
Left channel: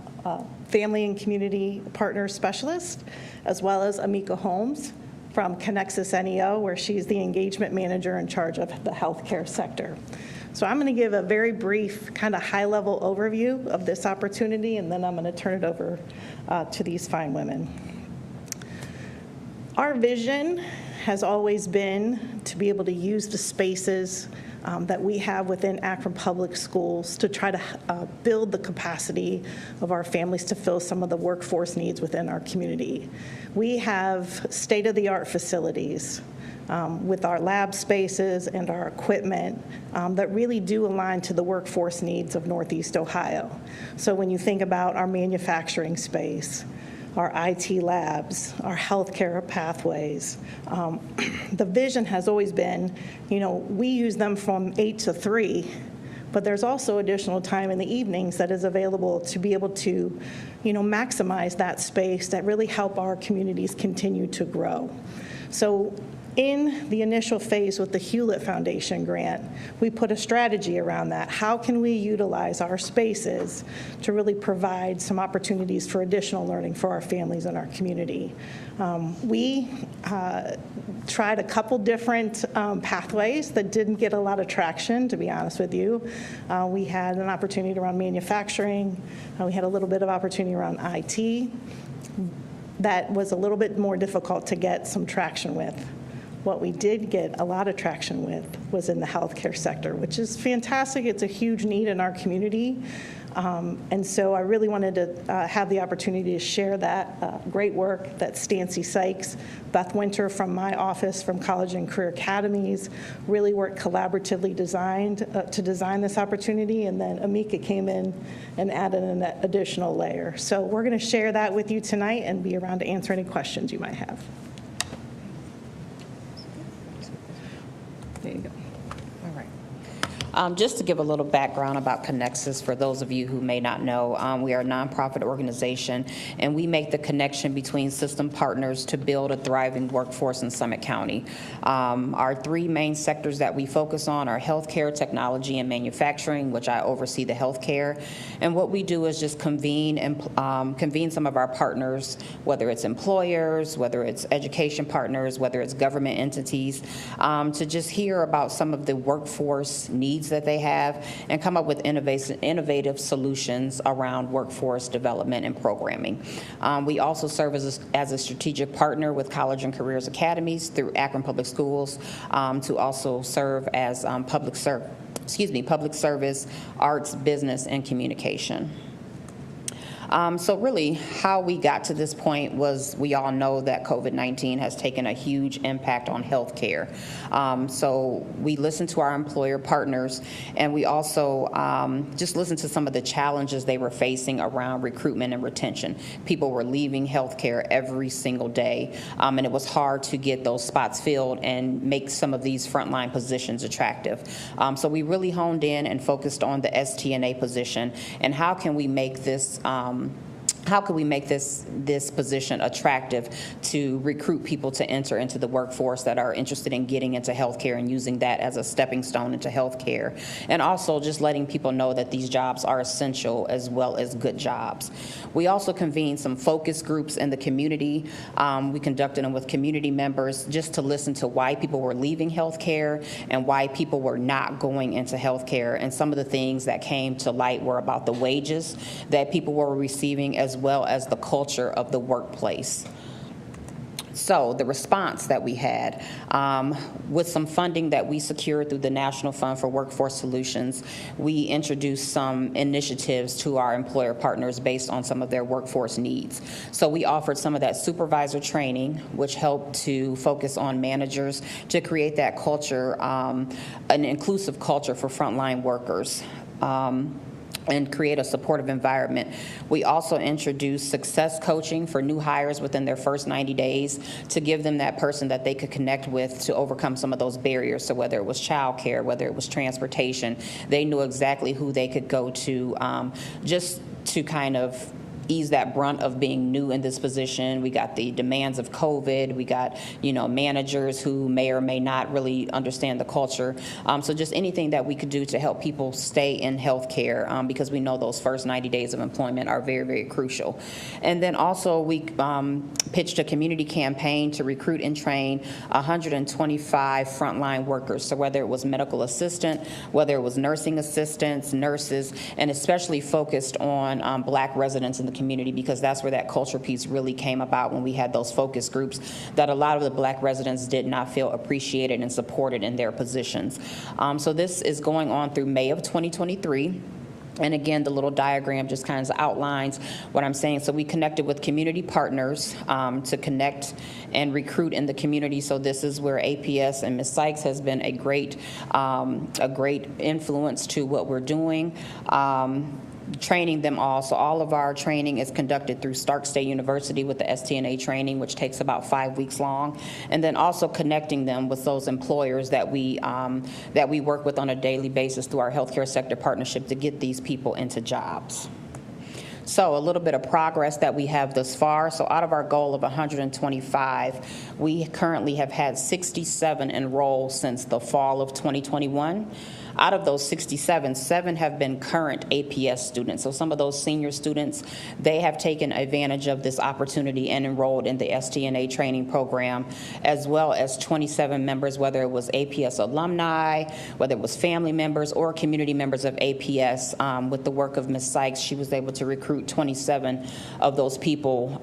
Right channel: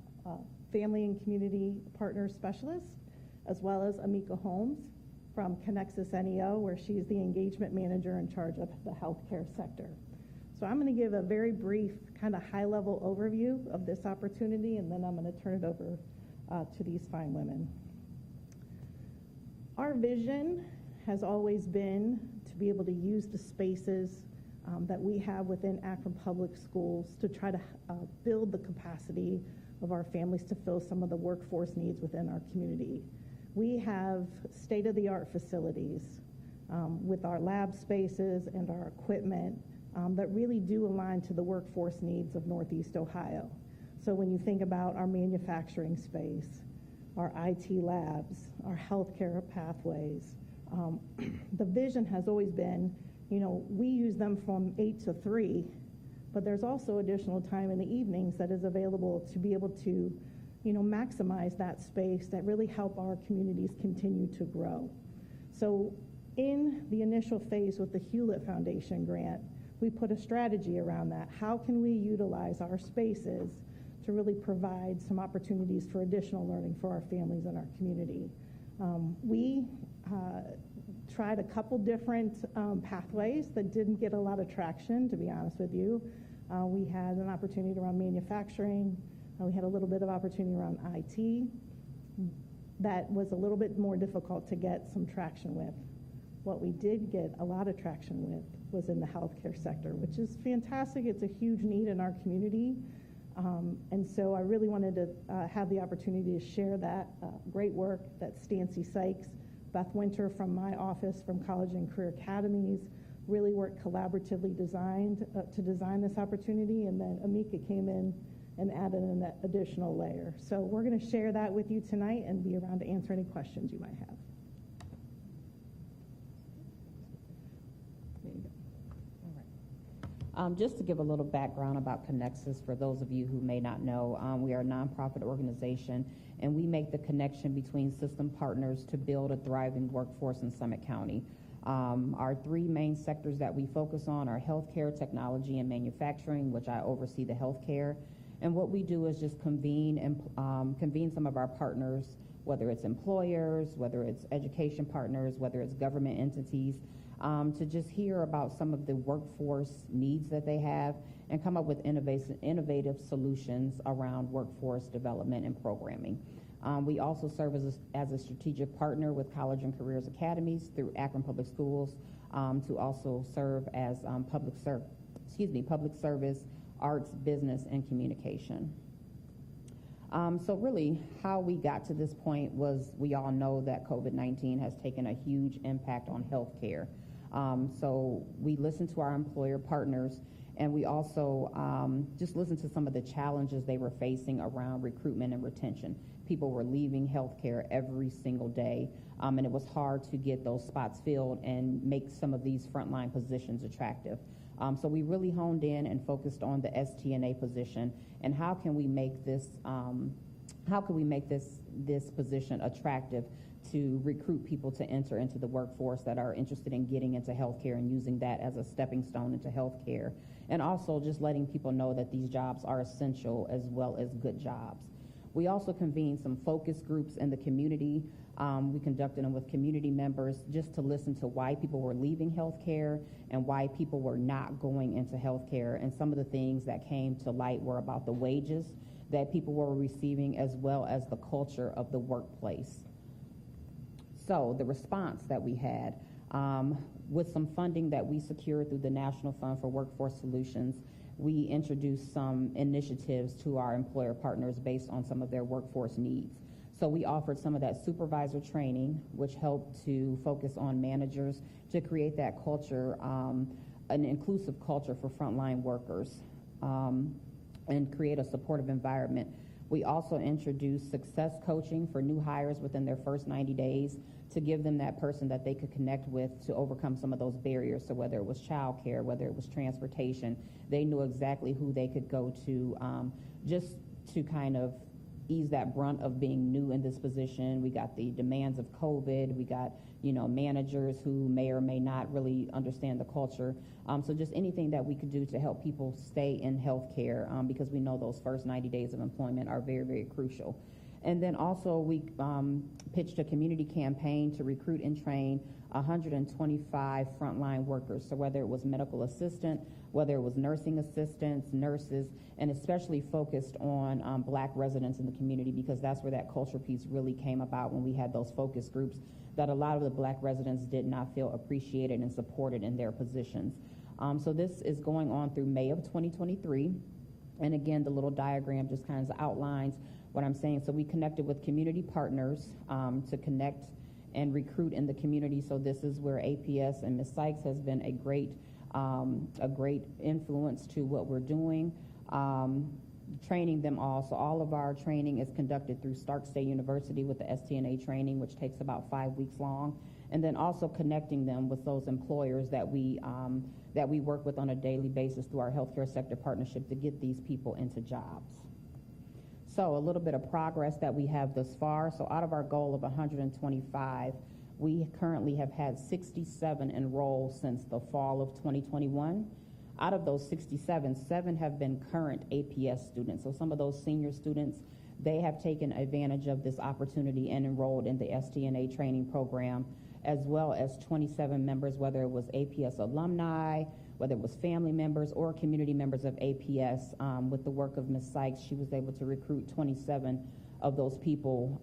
Family and Community Partner Specialist, as well as Amica Holmes from Connexus NEO, where she's the engagement manager in charge of the healthcare sector. So I'm going to give a very brief, kind of high-level overview of this opportunity, and then I'm going to turn it over to these fine women. Our vision has always been to be able to use the spaces that we have within Akron Public Schools to try to build the capacity of our families to fill some of the workforce needs within our community. We have state-of-the-art facilities with our lab spaces and our equipment that really do align to the workforce needs of Northeast Ohio. So when you think about our manufacturing space, our IT labs, our healthcare pathways, the vision has always been, we use them from 8 to 3, but there's also additional time in the evenings that is available to be able to, maximize that space that really help our communities continue to grow. So in the initial phase with the Hewlett Foundation grant, we put a strategy around that. How can we utilize our spaces to really provide some opportunities for additional learning for our families and our community? We tried a couple different pathways that didn't get a lot of traction, to be honest with you. We had an opportunity around manufacturing. We had a little bit of opportunity around IT. That was a little bit more difficult to get some traction with. What we did get a lot of traction with was in the healthcare sector, which is fantastic. It's a huge need in our community. And so I really wanted to have the opportunity to share that great work that Stancy Sykes, Beth Winter from my office from College and Career Academies really worked collaboratively to design this opportunity, and then Amica came in and added an additional layer. So we're going to share that with you tonight and be around to answer any questions you might have. There you go. All right. Just to give a little background about Connexus, for those of you who may not know, we are a nonprofit organization, and we make the connection between system partners to build a thriving workforce in Summit County. Our three main sectors that we focus on are healthcare, technology, and manufacturing, which I oversee the healthcare. And what we do is just convene some of our partners, whether it's employers, whether it's education partners, whether it's government entities, to just hear about some of the workforce needs that they have and come up with innovative solutions around workforce development and programming. We also serve as a strategic partner with College and Careers Academies through Akron Public Schools to also serve as public service, arts, business, and communication. So really, how we got to this point was we all know that COVID-19 has taken a huge impact on healthcare. So we listened to our employer partners, and we also just listened to some of the challenges they were facing around recruitment and retention. People were leaving healthcare every single day, and it was hard to get those spots filled and make some of these frontline positions attractive. So we really honed in and focused on the STNA position and how can we make this this position attractive to recruit people to enter into the workforce that are interested in getting into healthcare and using that as a stepping stone into healthcare, and also just letting people know that these jobs are essential as well as good jobs. We also convened some focus groups in the community. We conducted them with community members just to listen to why people were leaving healthcare and why people were not going into healthcare. And some of the things that came to light were about the wages that people were receiving as well as the culture of the workplace. So the response that we had, with some funding that we secured through the National Fund for Workforce Solutions, we introduced some initiatives to our employer partners based on some of their workforce needs. So we offered some of that supervisor training, which helped to focus on managers to create that culture, an inclusive culture for frontline workers. And create a supportive environment. We also introduced success coaching for new hires within their first 90 days to give them that person that they could connect with to overcome some of those barriers. So whether it was childcare, whether it was transportation, they knew exactly who they could go to just to kind of ease that brunt of being new in this position. We got the demands of COVID. We got, managers who may or may not really understand the culture. So just anything that we could do to help people stay in healthcare, because we know those first 90 days of employment are very, very crucial. And then also we pitched a community campaign to recruit and train 125 frontline workers. So whether it was medical assistant, whether it was nursing assistants, nurses, and especially focused on Black residents in the community, because that's where that culture piece really came about when we had those focus groups, that a lot of the Black residents did not feel appreciated and supported in their positions. So this is going on through May of 2023. And again, the little diagram just kind of outlines what I'm saying. So we connected with community partners to connect and recruit in the community. So this is where APS and Ms. Sykes has been a great influence to what we're doing. Training them all. So all of our training is conducted through Stark State University with the STNA training, which takes about 5 weeks long. And then also connecting them with those employers that we work with on a daily basis through our healthcare sector partnership to get these people into jobs. So a little bit of progress that we have thus far. So out of our goal of 125, we currently have had 67 enroll since the fall of 2021. Out of those 67, 7 have been current APS students. So some of those senior students, they have taken advantage of this opportunity and enrolled in the STNA training program, as well as 27 members, whether it was APS alumni, whether it was family members or community members of APS. With the work of Ms. Sykes, she was able to recruit 27 of those people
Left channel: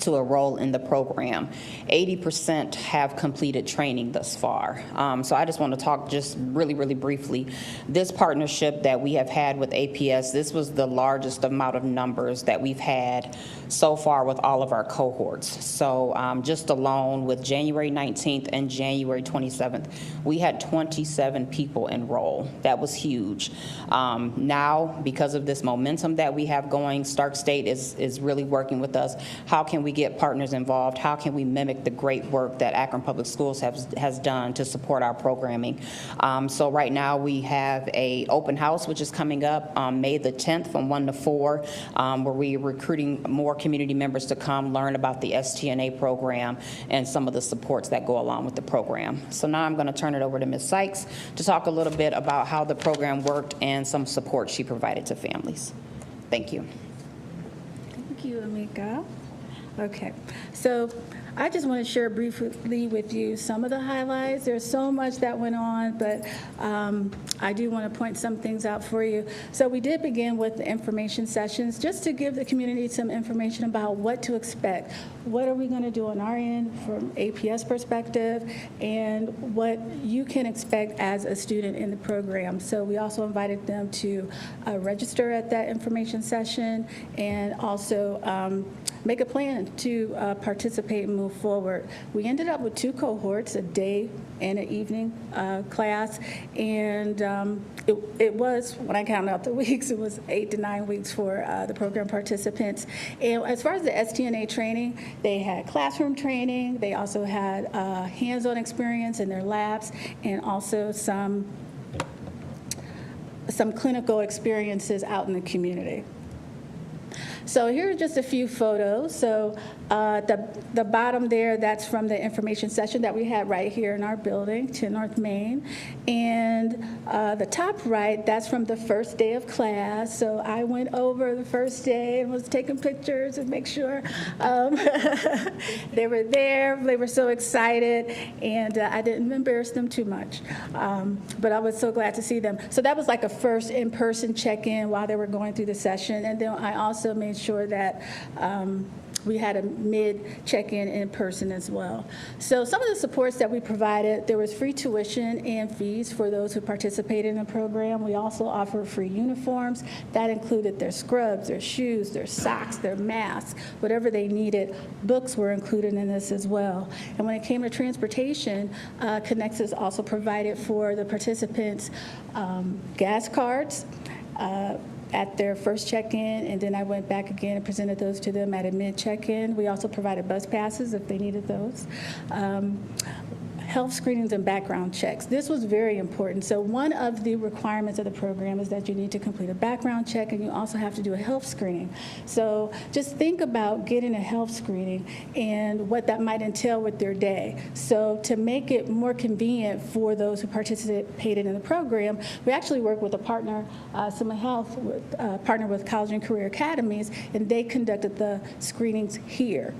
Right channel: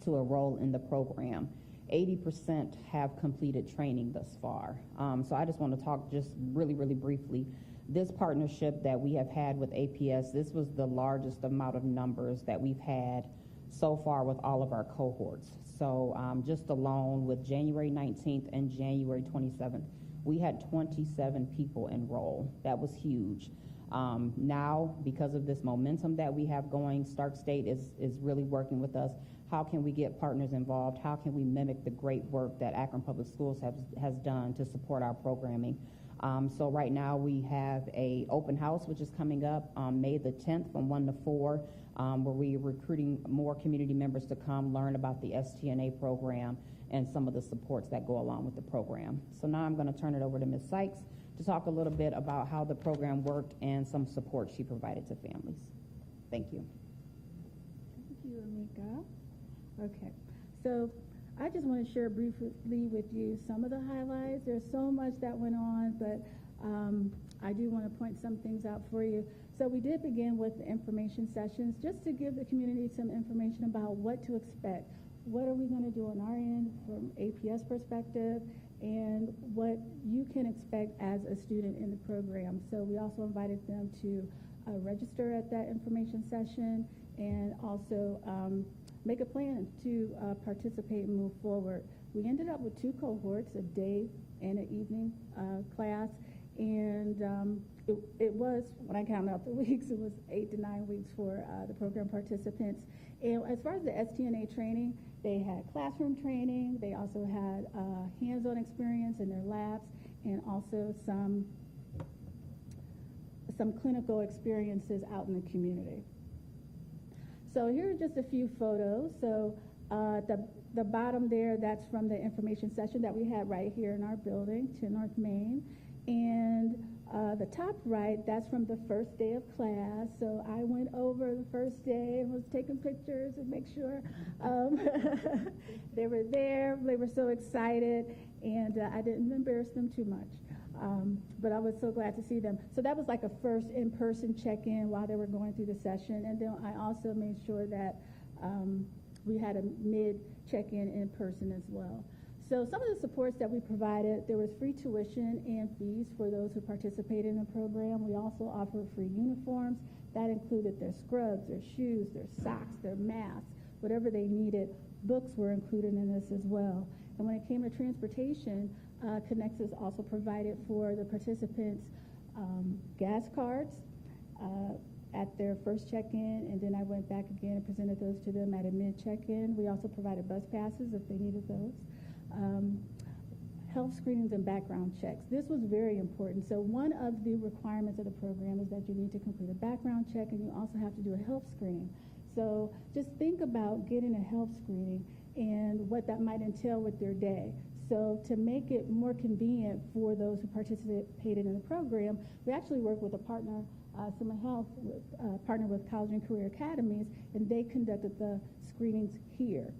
to enroll in the program. 80% have completed training thus far. So I just want to talk just really, really briefly. This partnership that we have had with APS, this was the largest amount of numbers that we've had so far with all of our cohorts. So just alone with January 19th and January 27th, we had 27 people enroll. That was huge. Now, because of this momentum that we have going, Stark State is really working with us. How can we get partners involved? How can we mimic the great work that Akron Public Schools has done to support our programming? So right now we have a open house, which is coming up May the 10th from 1 to 4, where we're recruiting more community members to come learn about the STNA program and some of the supports that go along with the program. So now I'm going to turn it over to Ms. Sykes to talk a little bit about how the program worked and some support she provided to families. Thank you. Thank you, Amica. Okay, so I just want to share briefly with you some of the highlights. There's so much that went on, but I do want to point some things out for you. So we did begin with the information sessions just to give the community some information about what to expect. What are we going to do on our end from APS perspective, and what you can expect as a student in the program. So we also invited them to register at that information session, and also make a plan to participate and move forward. We ended up with 2 cohorts, a day and an evening class, and it was, when I counted out the weeks, it was 8 to 9 weeks for the program participants. And as far as the STNA training, they had classroom training, they also had hands-on experience in their labs, and also some clinical experiences out in the community. So here are just a few photos. So the bottom there, that's from the information session that we had right here in our building, 10 North Main. And the top right, that's from the first day of class. So I went over the first day and was taking pictures and make sure they were there. They were so excited, and I didn't embarrass them too much. But I was so glad to see them. So that was like a first in-person check-in while they were going through the session. And then I also made sure that we had a mid check-in in person as well. So some of the supports that we provided, there was free tuition and fees for those who participated in the program. We also offered free uniforms. That included their scrubs, their shoes, their socks, their masks, whatever they needed. Books were included in this as well. And when it came to transportation, Connexus also provided for the participants gas cards, at their first check-in, and then I went back again and presented those to them at a mid-check-in. We also provided bus passes if they needed those. Health screenings and background checks. This was very important. So one of the requirements of the program is that you need to complete a background check, and you also have to do a health screening. So just think about getting a health screening and what that might entail with their day. So to make it more convenient for those who participated in the program, we actually worked with a partner, Summa Health, partnered with College and Career Academies, and they conducted the screenings here.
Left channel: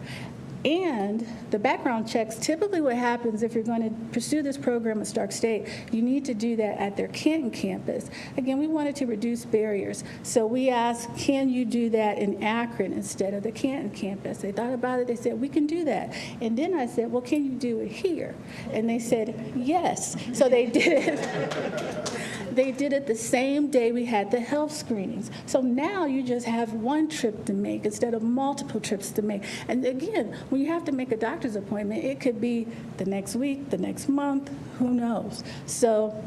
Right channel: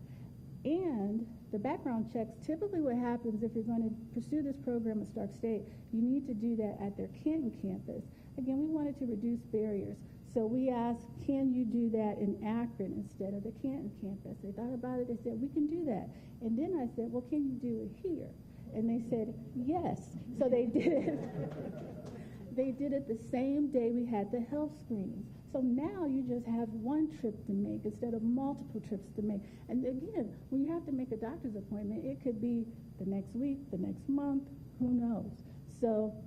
And the background checks, typically what happens if you're going to pursue this program at Stark State, you need to do that at their Canton campus. Again, we wanted to reduce barriers. So we asked, can you do that in Akron instead of the Canton campus? They thought about it, they said, we can do that. And then I said, well, can you do it here? And they said, yes. So they did it. They did it the same day we had the health screenings. So now you just have one trip to make instead of multiple trips to make. And again, when you have to make a doctor's appointment, it could be the next week, the next month, who knows? So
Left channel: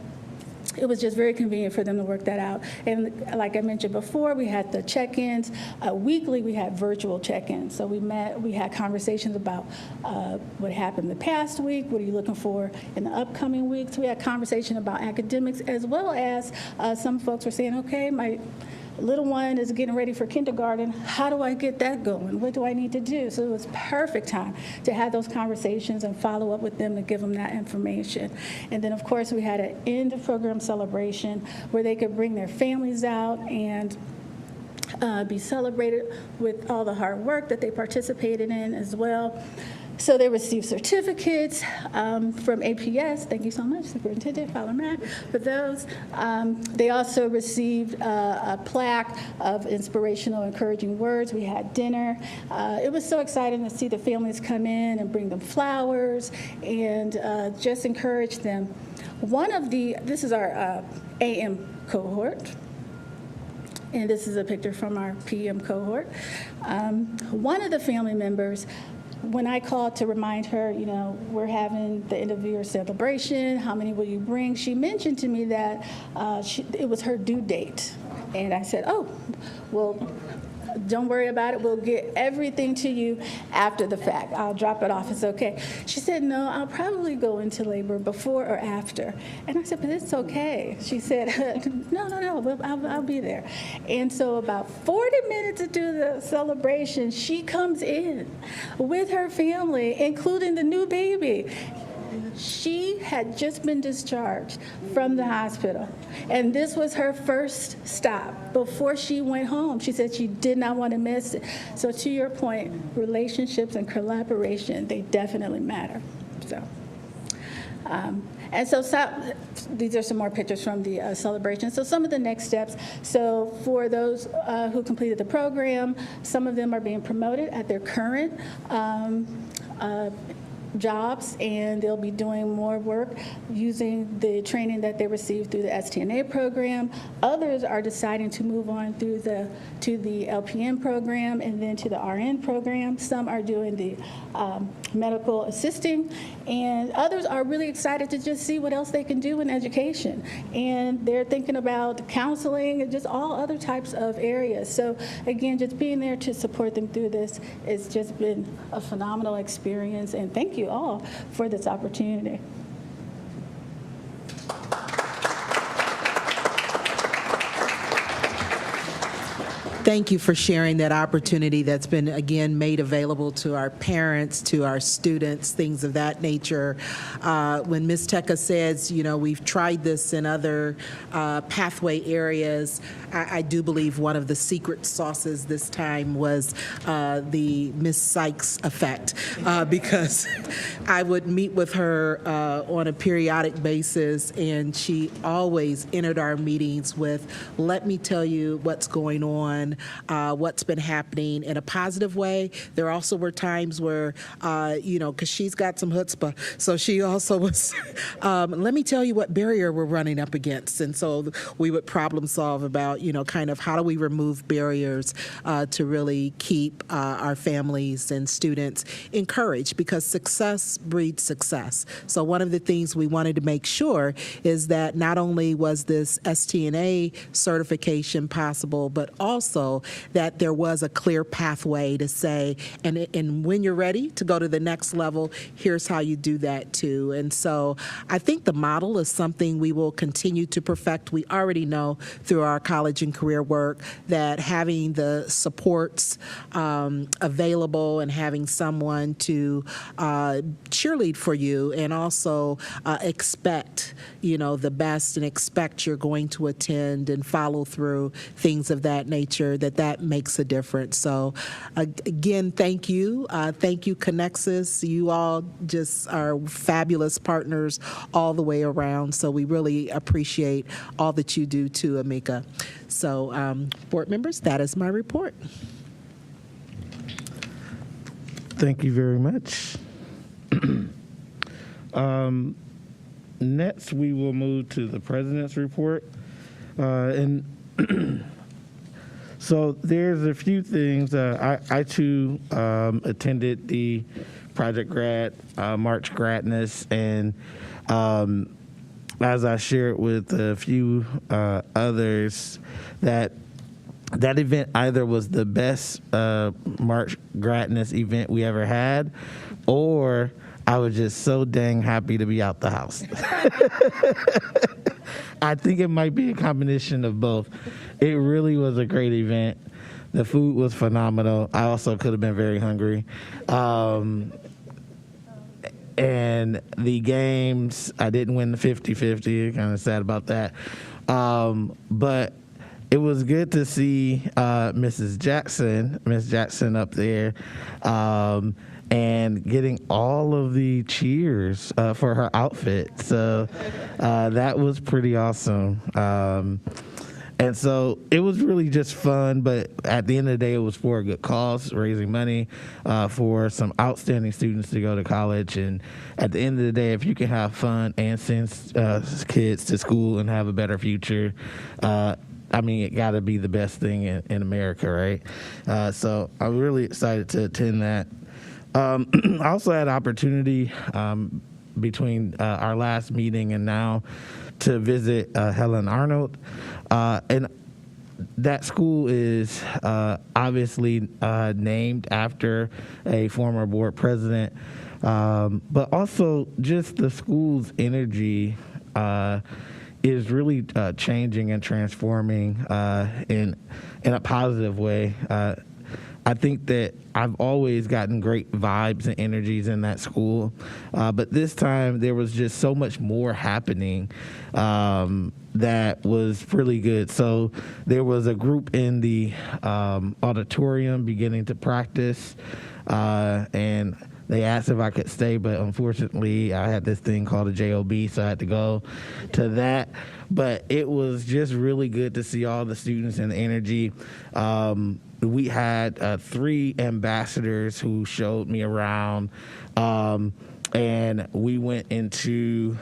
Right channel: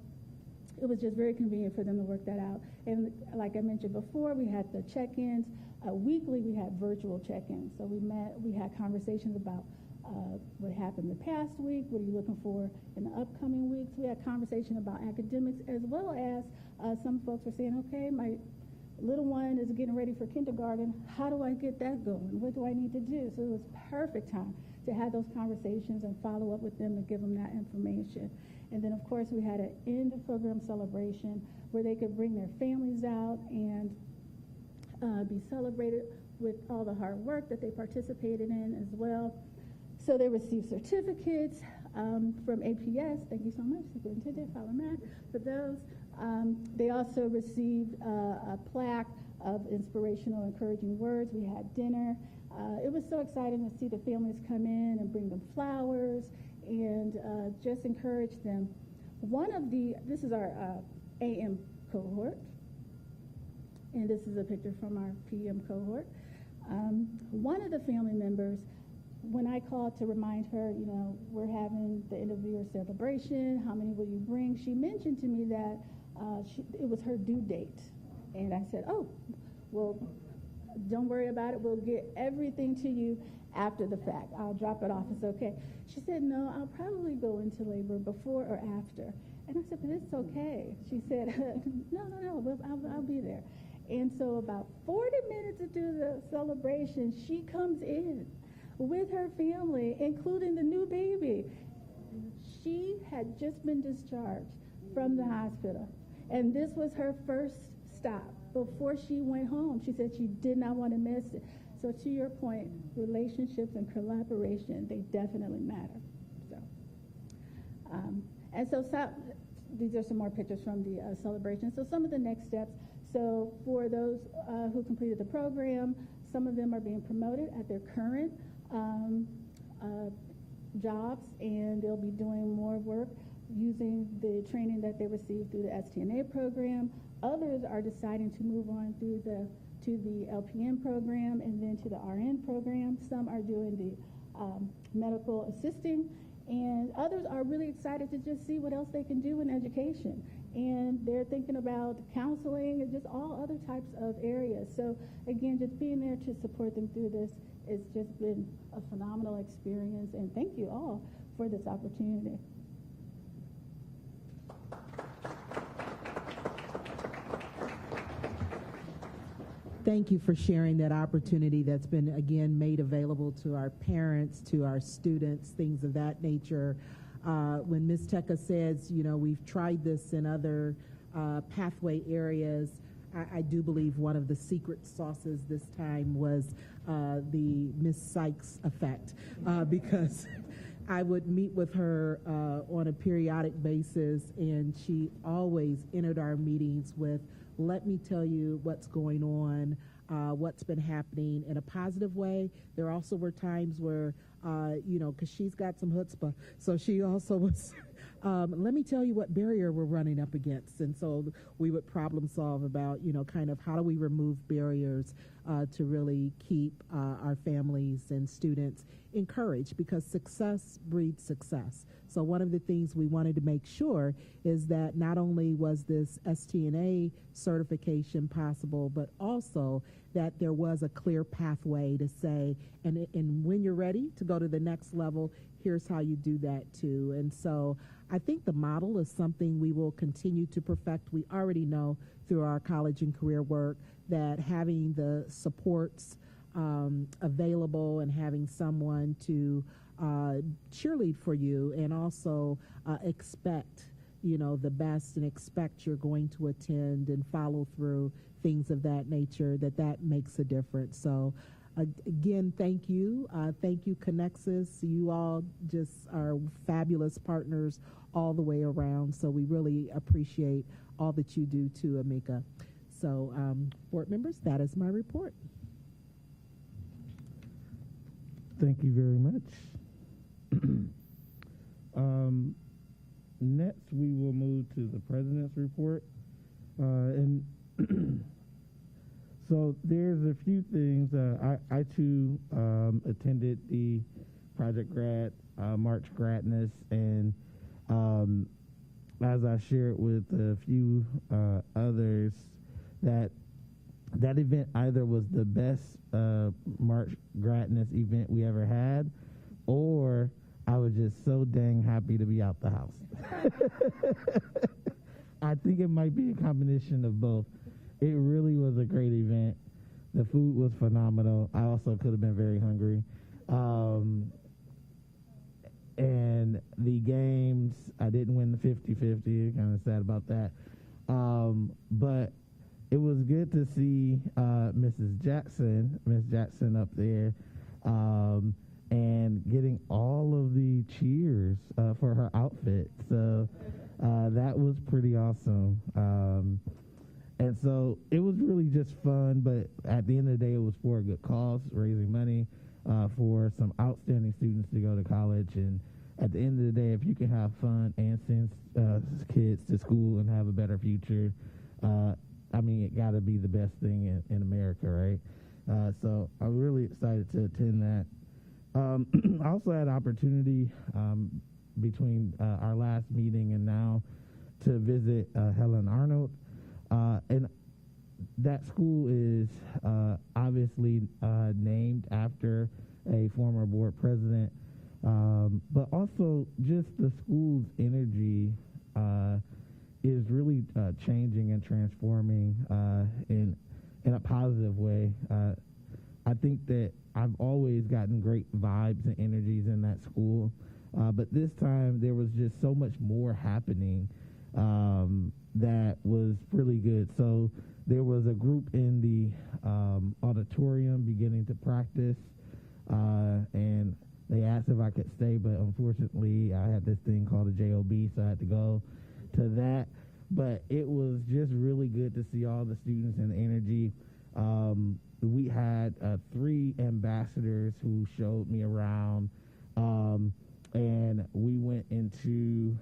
it was just very convenient for them to work that out. And like I mentioned before, we had the check-ins. Weekly, we had virtual check-ins. So we met, we had conversations about what happened the past week, what are you looking for in the upcoming weeks. We had conversation about academics, as well as some folks were saying, okay, my little one is getting ready for kindergarten. How do I get that going? What do I need to do? So it was perfect time to have those conversations and follow up with them to give them that information. And then, of course, we had an end of program celebration where they could bring their families out and be celebrated with all the hard work that they participated in as well. So they received certificates from APS. Thank you so much, Superintendent Fowler-Mack, for those. They also received a plaque of inspirational, encouraging words. We had dinner. It was so exciting to see the families come in and bring them flowers and just encourage them. This is our AM cohort. And this is a picture from our PM cohort. One of the family members, when I called to remind her, you know, we're having the end of the year celebration, how many will you bring? She mentioned to me that it was her due date. And I said, oh, well, don't worry about it. We'll get everything to you after the fact. I'll drop it off. It's okay. She said, no, I'll probably go into labor before or after. And I said, but it's okay. She said, no, I'll be there. And so about 40 minutes into the celebration, she comes in with her family, including the new baby. She had just been discharged from the hospital, and this was her first stop before she went home. She said she did not want to miss it. So to your point, relationships and collaboration, they definitely matter. So. And so these are some more pictures from the celebration. So some of the next steps. So for those who completed the program, some of them are being promoted at their current jobs, and they'll be doing more work using the training that they received through the STNA program. Others are deciding to move on to the LPN program and then to the RN program. Some are doing the medical assisting, and others are really excited to just see what else they can do in education. And they're thinking about counseling and just all other types of areas. So again, just being there to support them through this has just been a phenomenal experience, and thank you all for this opportunity. Thank you for sharing that opportunity that's been, again, made available to our parents, to our students, things of that nature. When Ms. Teka says, you know, we've tried this in other pathway areas, I do believe one of the secret sauces this time was the Miss Sykes effect, because I would meet with her on a periodic basis, and she always entered our meetings with, let me tell you what's going on, what's been happening in a positive way. There also were times where, you know, because she's got some chutzpah, so she also was, let me tell you what barrier we're running up against. And so we would problem solve about, you know, kind of how do we remove barriers to really keep our families and students encouraged, because success breeds success. So one of the things we wanted to make sure is that not only was this STNA certification possible, but also that there was a clear pathway to say, and when you're ready to go to the next level, here's how you do that too. And so I think the model is something we will continue to perfect. We already know through our college and career work that having the supports available and having someone to cheerlead for you, and also expect, you know, the best, and expect you're going to attend and follow through, things of that nature, that makes a difference. So again, thank you. Thank you, Connexus. You all just are fabulous partners all the way around. So we really appreciate all that you do too, Amica. So board members, that is my report. Thank you very much. Next, we will move to the president's report. And so there's a few things. I too attended the Project Grad March Gradness, and as I shared with a few others, that event either was the best March Gradness event we ever had, or I was just so dang happy to be out the house. I think it might be a combination of both. It really was a great event. The food was phenomenal. I also could have been very hungry. And the games, I didn't win the 50-50. Kind of sad about that. But it was good to see Miss Jackson up there, and getting all of the cheers for her outfit. So that was pretty awesome. And so it was really just fun, but at the end of the day, it was for a good cause, raising money for some outstanding students to go to college. And at the end of the day, if you can have fun and send kids to school and have a better future, I mean, it got to be the best thing in America, right? So I'm really excited to attend that. I also had an opportunity between our last meeting and now to visit Helen Arnold. And that school is obviously named after a former board president, but also just the school's energy is really changing and transforming in a positive way. I think that I've always gotten great vibes and energies in that school, but this time there was just so much more happening that was really good. So there was a group in the auditorium beginning to practice, and they asked if I could stay, but unfortunately I had this thing called a JOB, so I had to go to that. But it was just really good to see all the students and the energy. We had 3 ambassadors who showed me around, and we went into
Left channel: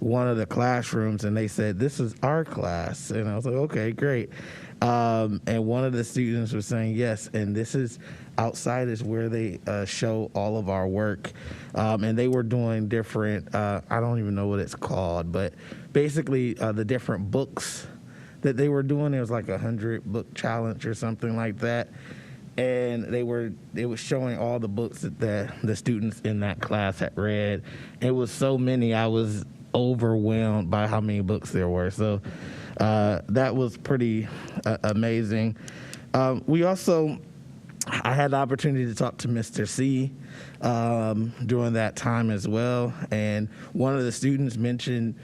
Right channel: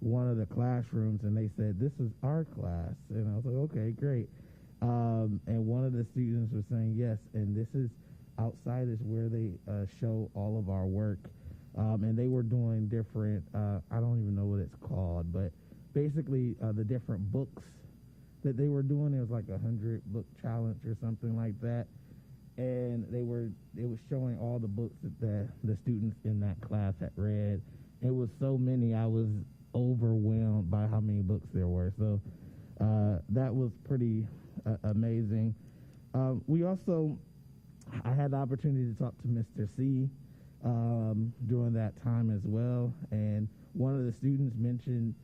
one of the classrooms, and they said, "This is our class," and I was like, "Okay, great." And one of the students was saying, "Yes, and this is outside is where they show all of our work," and they were doing different. I don't even know what it's called, but basically the different books that they were doing. It was like 100 book challenge or something like that, and it was showing all the books that the students in that class had read. It was so many, I was overwhelmed by how many books there were. So that was pretty amazing. I had the opportunity to talk to Mr. C during that time as well, and one of the students mentioned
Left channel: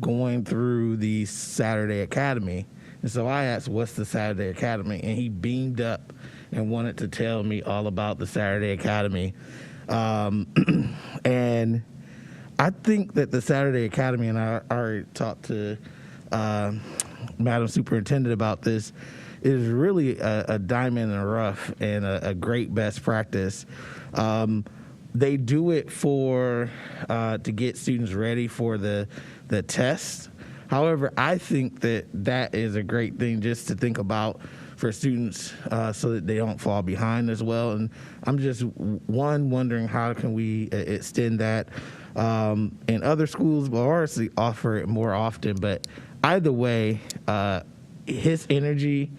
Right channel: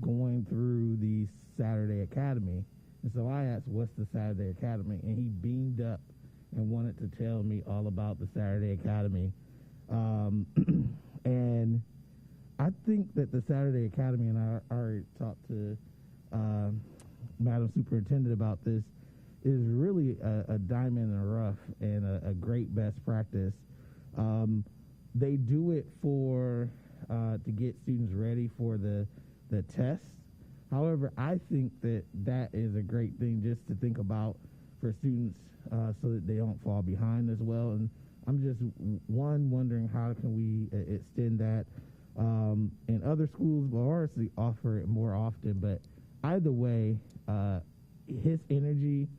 going through the Saturday Academy. And so I asked, "What's the Saturday Academy?" And he beamed up and wanted to tell me all about the Saturday Academy. And I think that the Saturday Academy, and I already talked to Madam Superintendent about this, is really a diamond in the rough and a great best practice. They do it to get students ready for the test. However, I think that is a great thing just to think about for students so that they don't fall behind as well. And I'm just wondering how can we extend that in other schools, but honestly offer it more often. But either way, his energy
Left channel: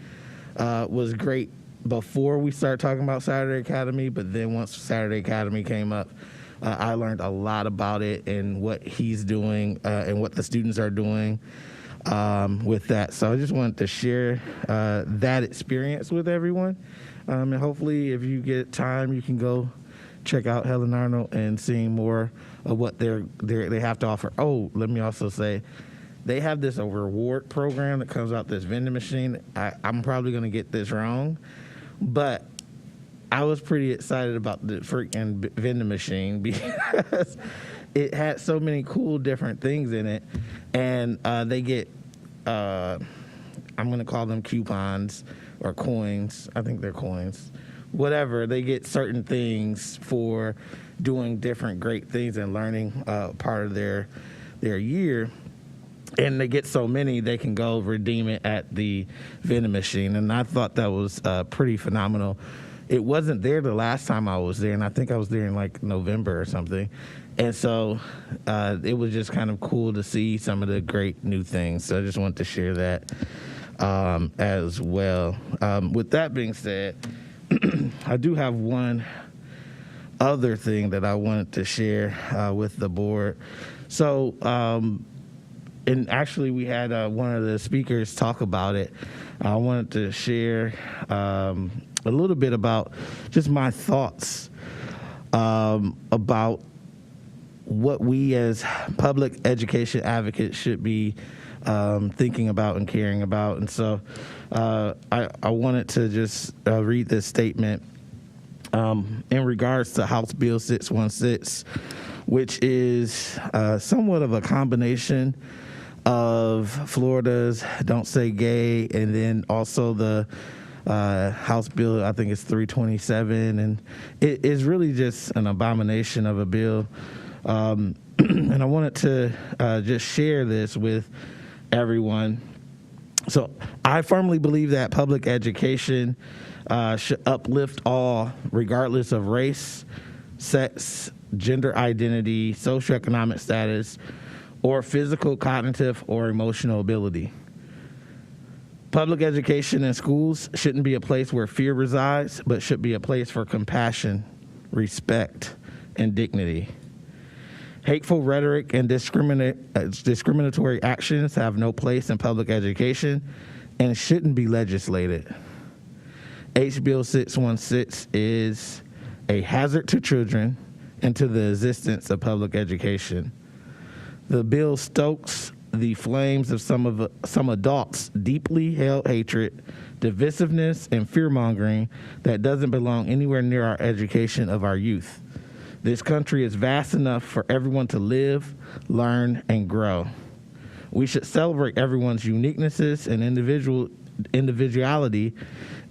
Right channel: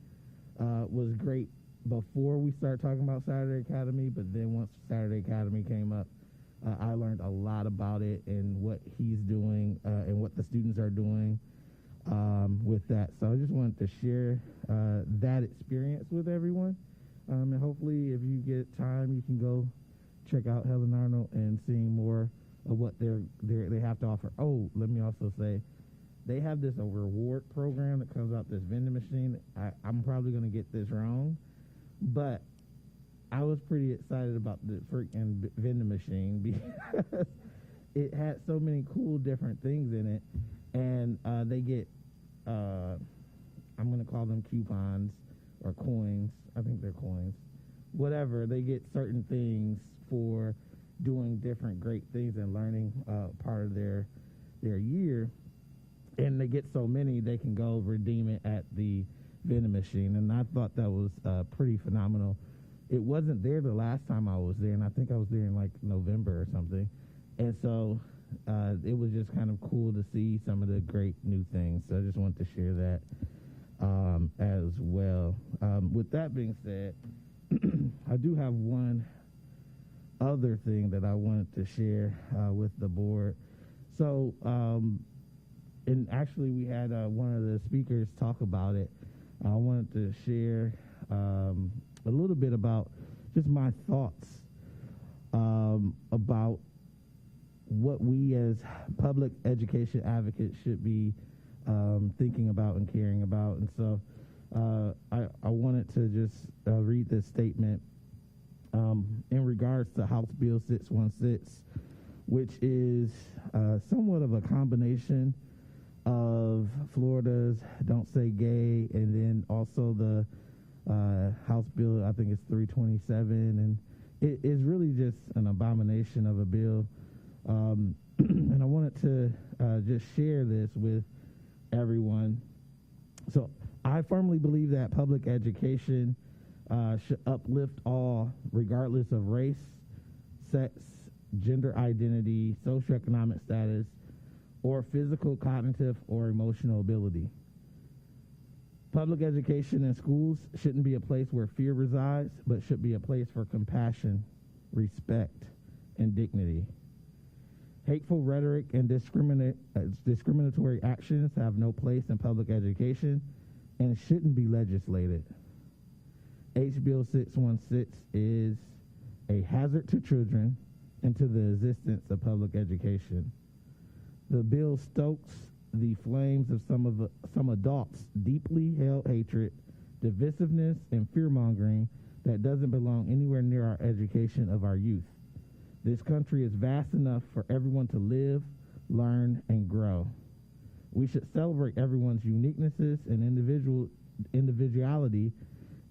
was great before we started talking about Saturday Academy, but then once Saturday Academy came up, I learned a lot about it and what he's doing and what the students are doing with that. So I just wanted to share that experience with everyone. And hopefully if you get time, you can go check out Helen Arnold and seeing more of what they have to offer. Oh, let me also say, they have this reward program that comes out this vending machine. I'm probably going to get this wrong, but I was pretty excited about the freaking vending machine because it had so many cool different things in it. And they get, I'm going to call them coupons or coins. I think they're coins. Whatever. They get certain things for doing different great things and learning part of their year. And they get so many, they can go redeem it at the vending machine. And I thought that was pretty phenomenal. It wasn't there the last time I was there, and I think I was there in like November or something. And so it was just kind of cool to see some of the great new things. So I just wanted to share that as well. With that being said, I do have one other thing that I wanted to share with the board. So, and actually we had one of the speakers talk about it. I wanted to share a little bit about just my thoughts about what we as public education advocates should be thinking about and caring about. And so I wanted to just read this statement in regards to House Bill 616, which is somewhat of a combination of Florida's Don't Say Gay, and then also the House Bill, I think it's 327, and it is really just an abomination of a bill. And I wanted to just share this with everyone. So I firmly believe that public education should uplift all, regardless of race, sex, gender identity, socioeconomic status, or physical, cognitive, or emotional ability. Public education in schools shouldn't be a place where fear resides, but should be a place for compassion, respect, and dignity. Hateful rhetoric and discriminatory actions have no place in public education and shouldn't be legislated. H. Bill 616 is a hazard to children and to the existence of public education. The bill stokes the flames of some adults' deeply held hatred, divisiveness, and fear-mongering that doesn't belong anywhere near our education of our youth. This country is vast enough for everyone to live, learn, and grow. We should celebrate everyone's uniquenesses and individuality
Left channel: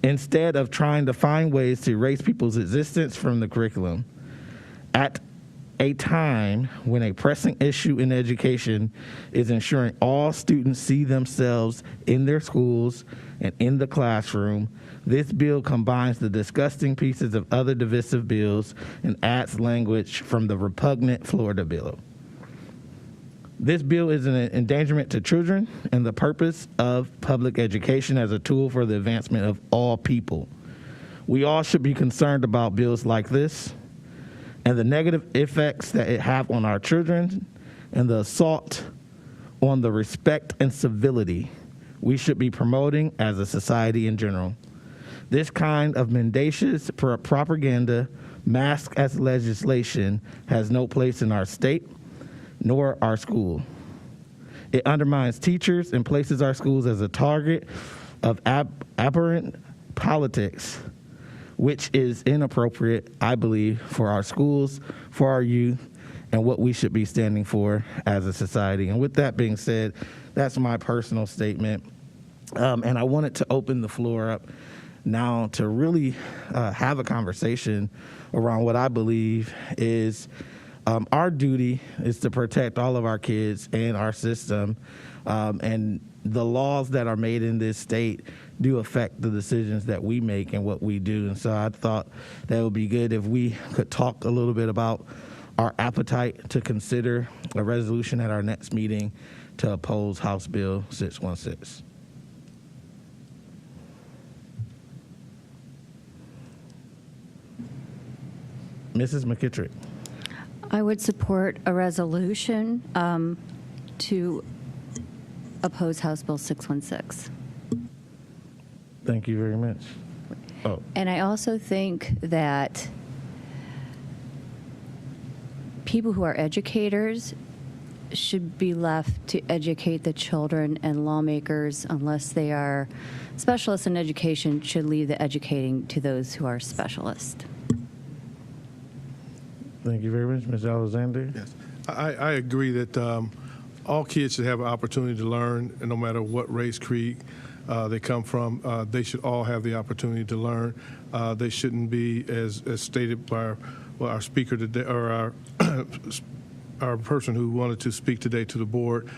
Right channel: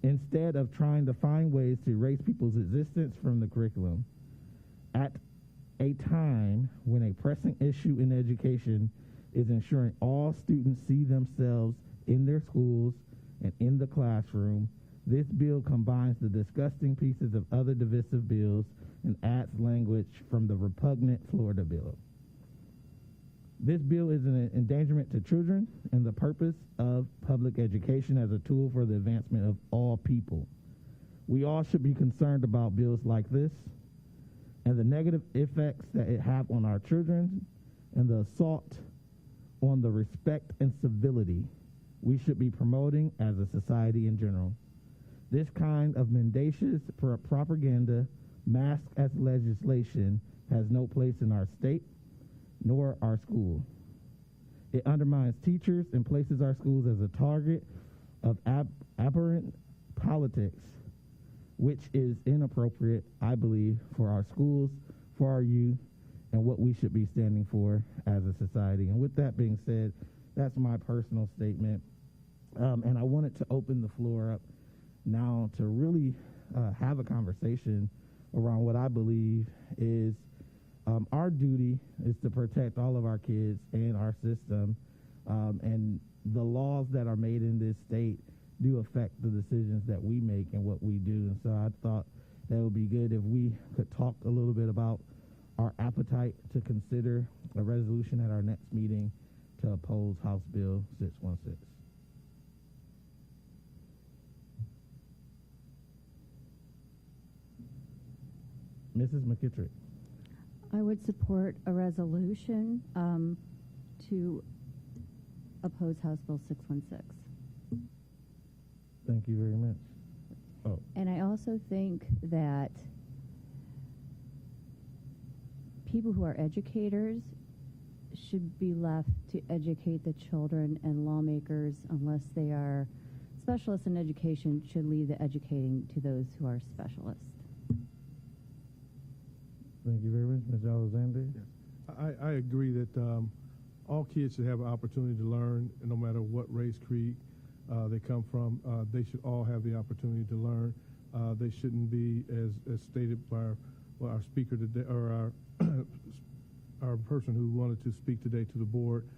instead of trying to find ways to erase people's existence from the curriculum. At a time when a pressing issue in education is ensuring all students see themselves in their schools and in the classroom, this bill combines the disgusting pieces of other divisive bills and adds language from the repugnant Florida bill. This bill is an endangerment to children and the purpose of public education as a tool for the advancement of all people. We all should be concerned about bills like this and the negative effects that it have on our children and the assault on the respect and civility we should be promoting as a society in general. This kind of mendacious propaganda masked as legislation has no place in our state nor our school. It undermines teachers and places our schools as a target of aberrant politics, which is inappropriate, I believe, for our schools, for our youth, and what we should be standing for as a society. And with that being said, that's my personal statement. And I wanted to open the floor up now to really have a conversation around what I believe is our duty is to protect all of our kids and our system. And the laws that are made in this state do affect the decisions that we make and what we do. And so I thought that would be good if we could talk a little bit about our appetite to consider a resolution at our next meeting to oppose House Bill 616. Mrs. McKittrick. I would support a resolution to oppose House Bill 616. Thank you very much. Oh. And I also think that people who are educators should be left to educate the children, and lawmakers, unless they are specialists in education, should leave the educating to those who are specialists. Thank you very much. Ms. Alexander? Yes, I agree that all kids should have an opportunity to learn, and no matter what race, creed they come from, they should all have the opportunity to learn. They shouldn't be, as stated by our speaker today, or our person who wanted to speak today to the board,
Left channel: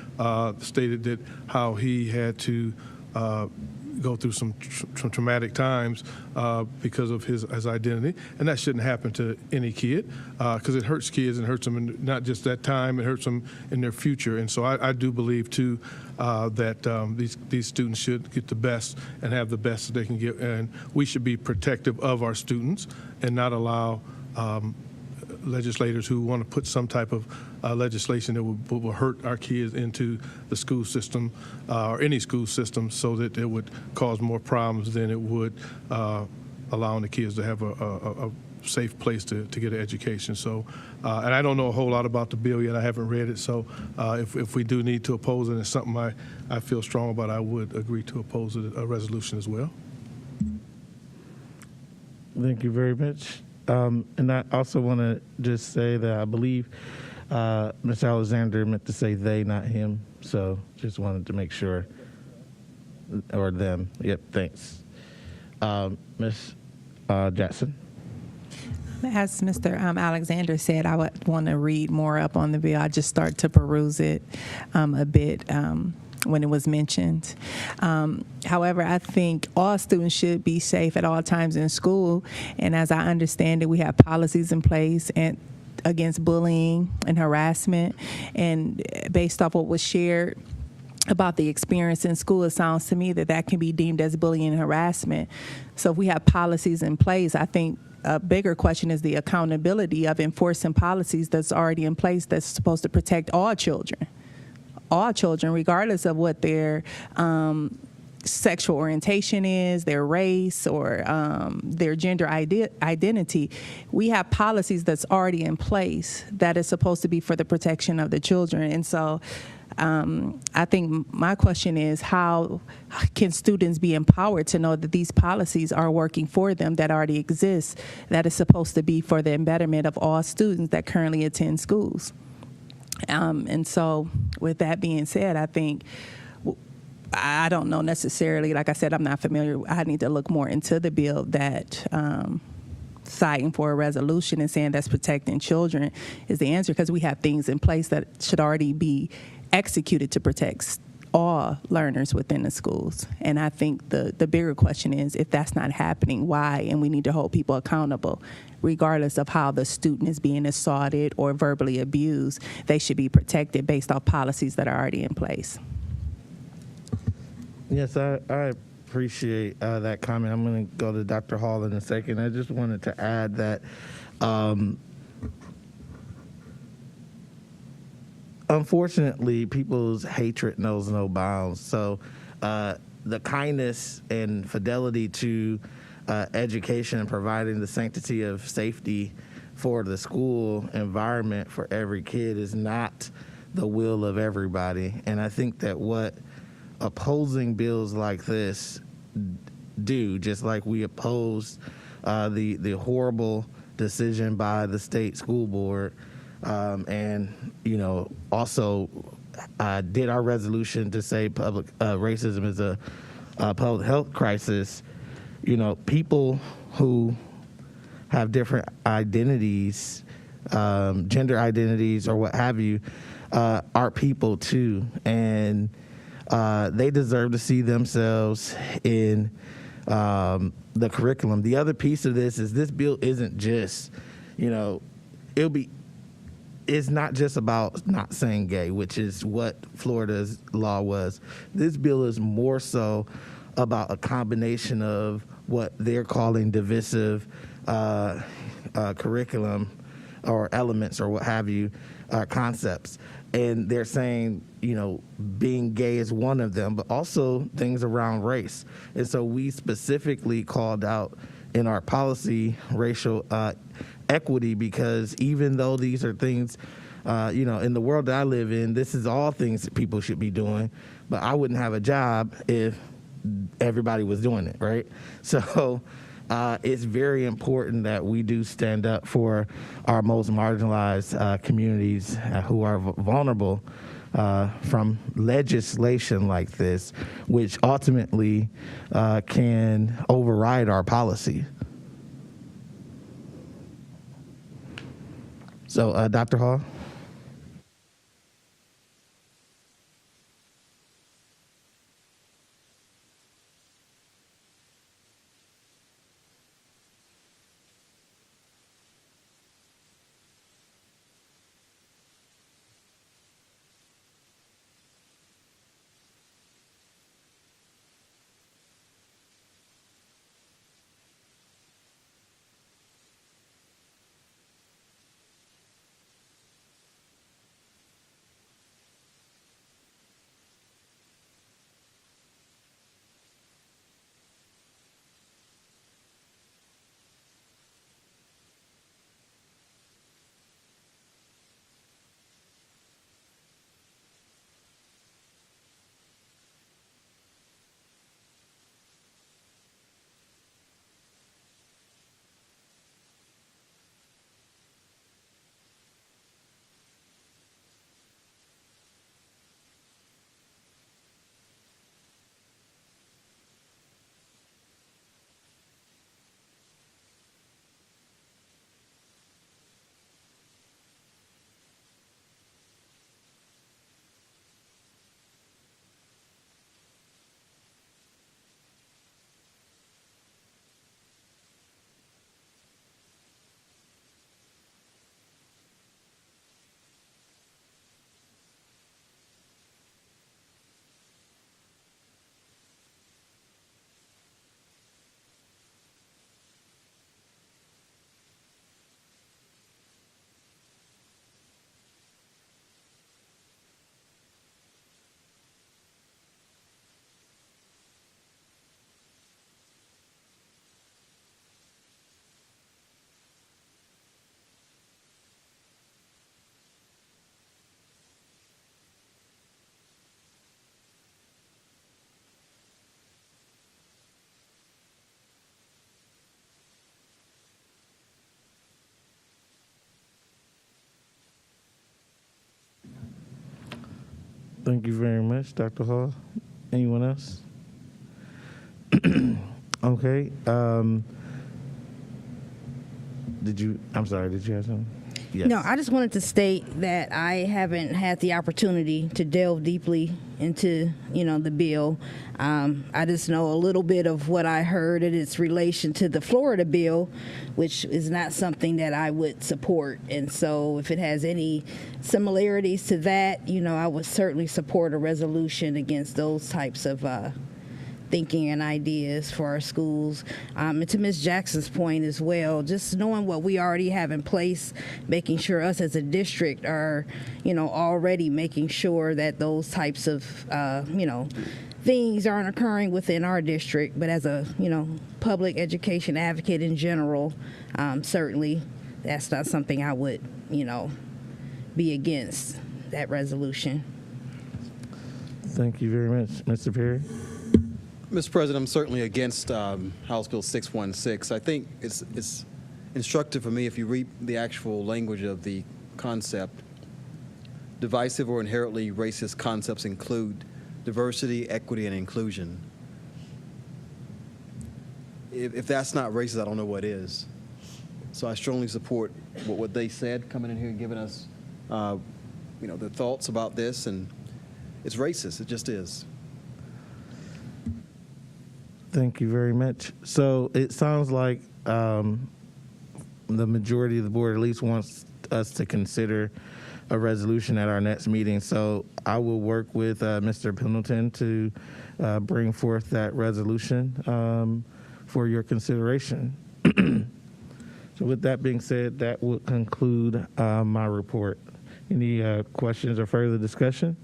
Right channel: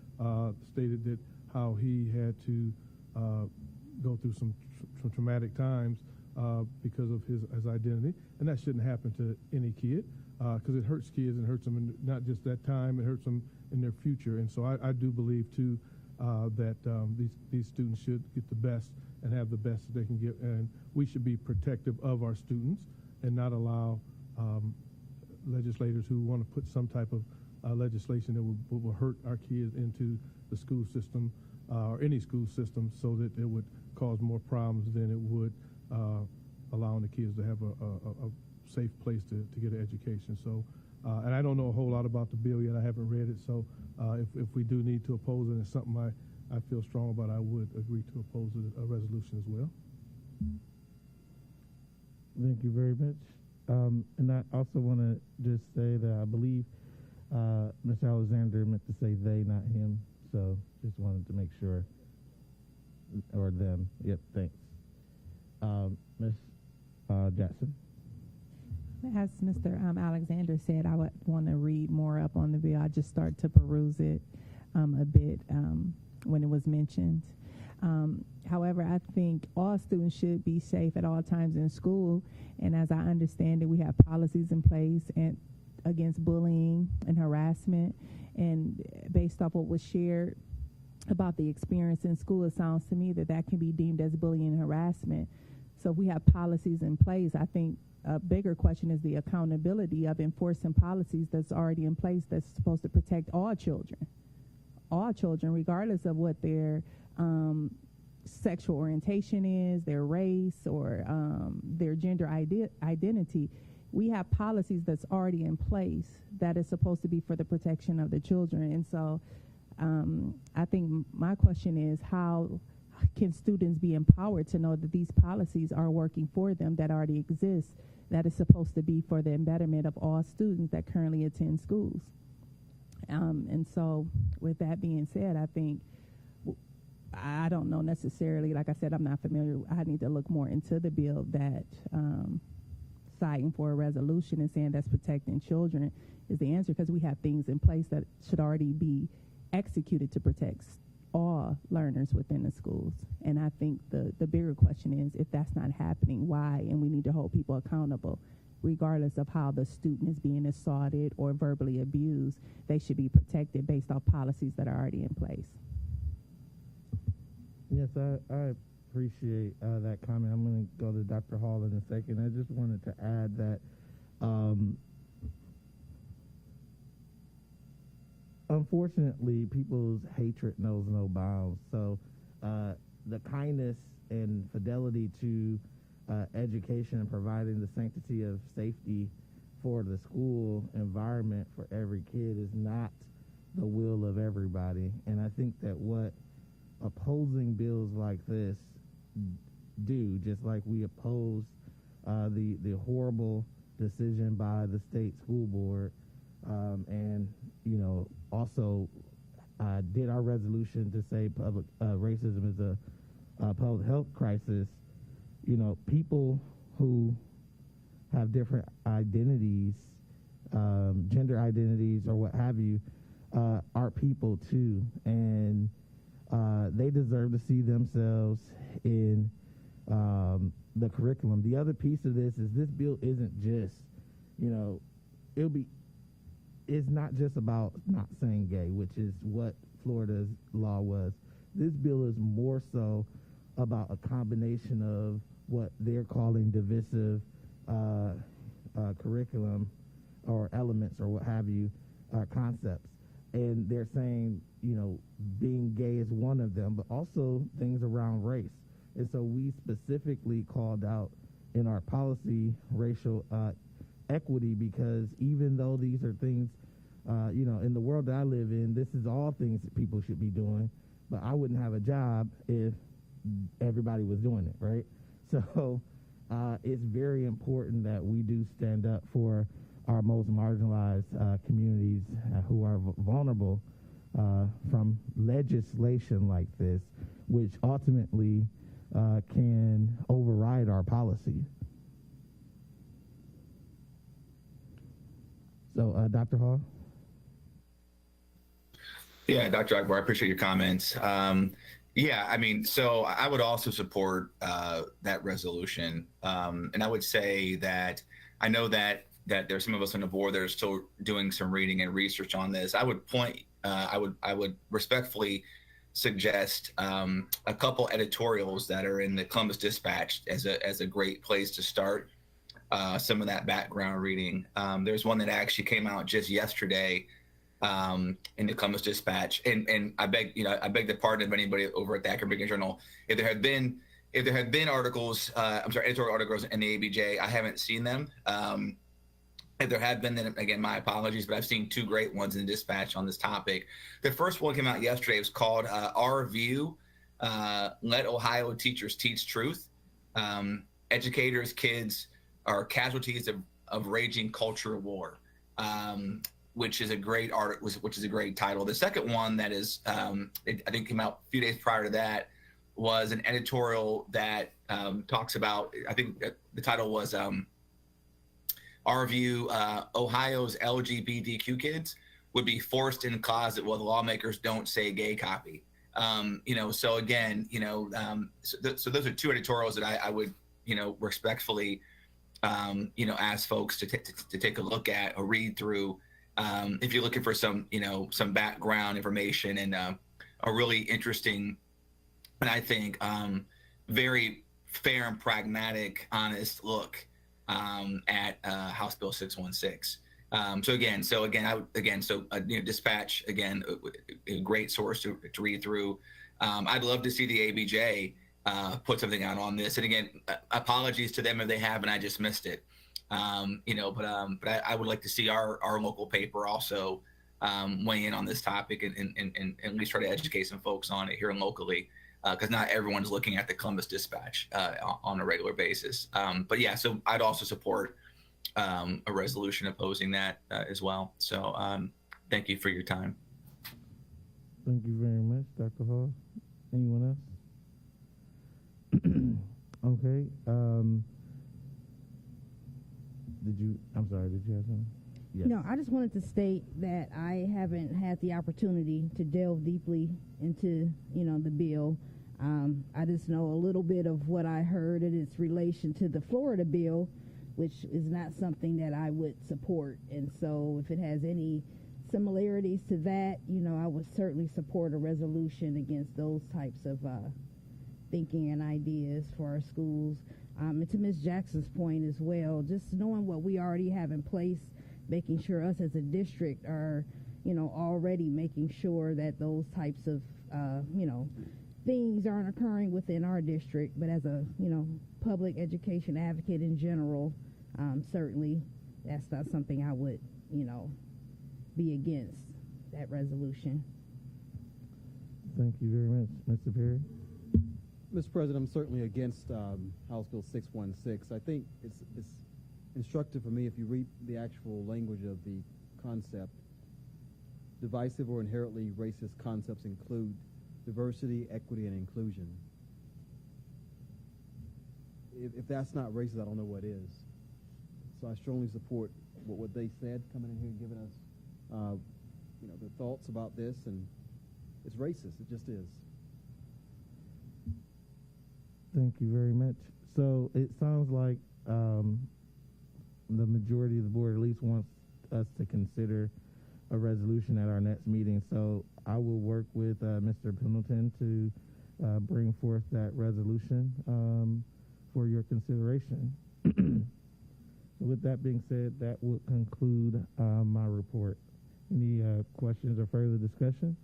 stated that how he had to go through some traumatic times because of his identity, and that shouldn't happen to any kid because it hurts kids and hurts them in not just that time, it hurts them in their future. And so I do believe too that these students should get the best and have the best that they can get, and we should be protective of our students and not allow legislators who want to put some type of legislation that will hurt our kids into the school system or any school system, so that it would cause more problems than it would allowing the kids to have a safe place to get an education. So, and I don't know a whole lot about the bill yet. I haven't read it. So if we do need to oppose it, and it's something I feel strong about, I would agree to oppose a resolution as well. Thank you very much. And I also want to just say that I believe Ms. Alexander meant to say they, not him. So just wanted to make sure, or them. Yep, thanks. Ms. Jackson. As Mr. Alexander said, I would want to read more up on the bill. I just started to peruse it a bit when it was mentioned. However, I think all students should be safe at all times in school. And as I understand it, we have policies in place and against bullying and harassment. And based off what was shared about the experience in school, it sounds to me that that can be deemed as bullying and harassment. So if we have policies in place, I think a bigger question is the accountability of enforcing policies that's already in place that's supposed to protect all children, regardless of what their sexual orientation is, their race, or their gender identity, we have policies that's already in place that is supposed to be for the protection of the children. And so I think my question is, how can students be empowered to know that these policies are working for them, that already exist, that is supposed to be for the betterment of all students that currently attend schools? And so with that being said, I think, I don't know necessarily, like I said, I'm not familiar. I need to look more into the bill that citing for a resolution and saying that's protecting children is the answer, because we have things in place that should already be executed to protect all learners within the schools. And I think the bigger question is, if that's not happening, why? And we need to hold people accountable. Regardless of how the student is being assaulted or verbally abused, they should be protected based off policies that are already in place. Yes, I appreciate that comment. I'm going to go to Dr. Hall in a second. I just wanted to add that unfortunately, people's hatred knows no bounds. So the kindness and fidelity to education and providing the sanctity of safety for the school environment for every kid is not the will of everybody. And I think that what opposing bills like this do, just like we opposed the horrible decision by the state school board, and also did our resolution to say public racism is a public health crisis. People who have different identities, gender identities, or what have you, are people too, and they deserve to see themselves in the curriculum. The other piece of this is this bill isn't just, it's not just about not saying gay, which is what Florida's law was. This bill is more so about a combination of what they're calling divisive curriculum or elements or what have you, concepts. And they're saying, being gay is one of them, but also things around race. And so we specifically called out in our policy racial equity, because even though these are things, in the world that I live in, this is all things that people should be doing, but I wouldn't have a job if everybody was doing it, right? So it's very important that we do stand up for our most marginalized communities who are vulnerable from legislation like this, which ultimately can override our policy. So, Dr. Hall? Yeah, Dr. Akbar, I appreciate your comments. So I would also support that resolution. And I would say that I know that there's some of us on the board that are still doing some reading and research on this. I would I would respectfully suggest a couple editorials that are in the Columbus Dispatch as a great place to start some of that background reading. There's one that actually came out just yesterday in the Columbus Dispatch, and I beg the pardon of anybody over at the Akron Beacon Journal. If there had been articles, editorial articles in the ABJ, I haven't seen them. If there had been, then again, my apologies, but I've seen two great ones in the Dispatch on this topic. The first one came out yesterday. It was called Our View, Let Ohio Teachers Teach Truth. Educators, kids are casualties of raging culture war. Which is a great which is a great title. The second one that is, I think came out a few days prior to that, was an editorial that talks about, I think the title was Our View, Ohio's LGBTQ kids would be forced in the closet while the lawmakers don't say gay copy. So again, so those are two editorials that I would, respectfully, ask folks to take a look at or read through. If you're looking for some background information and a really interesting, and I think very fair and pragmatic, honest look at House Bill 616. Dispatch, again, a great source to read through. I'd love to see the ABJ put something out on this. And again, apologies to them if they have and I just missed it. But I would like to see our local paper also weigh in on this topic and at least try to educate some folks on it here locally, because not everyone's looking at the Columbus Dispatch on a regular basis. But yeah, so I'd also support a resolution opposing that as well. So thank you for your time. Thank you very much, Dr. Hall. Anyone else? Okay. Did you have something? Yes. No, I just wanted to state that I haven't had the opportunity to delve deeply into, the bill. I just know a little bit of what I heard in its relation to the Florida bill, which is not something that I would support. And so if it has any similarities to that, I would certainly support a resolution against those types of thinking and ideas for our schools. And to Ms. Jackson's point as well, just knowing what we already have in place, making sure us as a district are, already making sure that those types of, things aren't occurring within our district. But as a, public education advocate in general, certainly that's not something I would, be against that resolution. Thank you very much. Mr. Perry? Mr. President, I'm certainly against House Bill 616. I think it's instructive for me if you read the actual language of the concept. Divisive or inherently racist concepts include diversity, equity, and inclusion. If that's not racist, I don't know what is. So I strongly support what they said, coming in here and giving us, their thoughts about this, and it's racist. It just is. Thank you very much. So it sounds like the majority of the board at least wants us to consider a resolution at our next meeting. So I will work with Mr. Pendleton to bring forth that resolution for your consideration. So with that being said, that will conclude my report. Any questions or further discussion?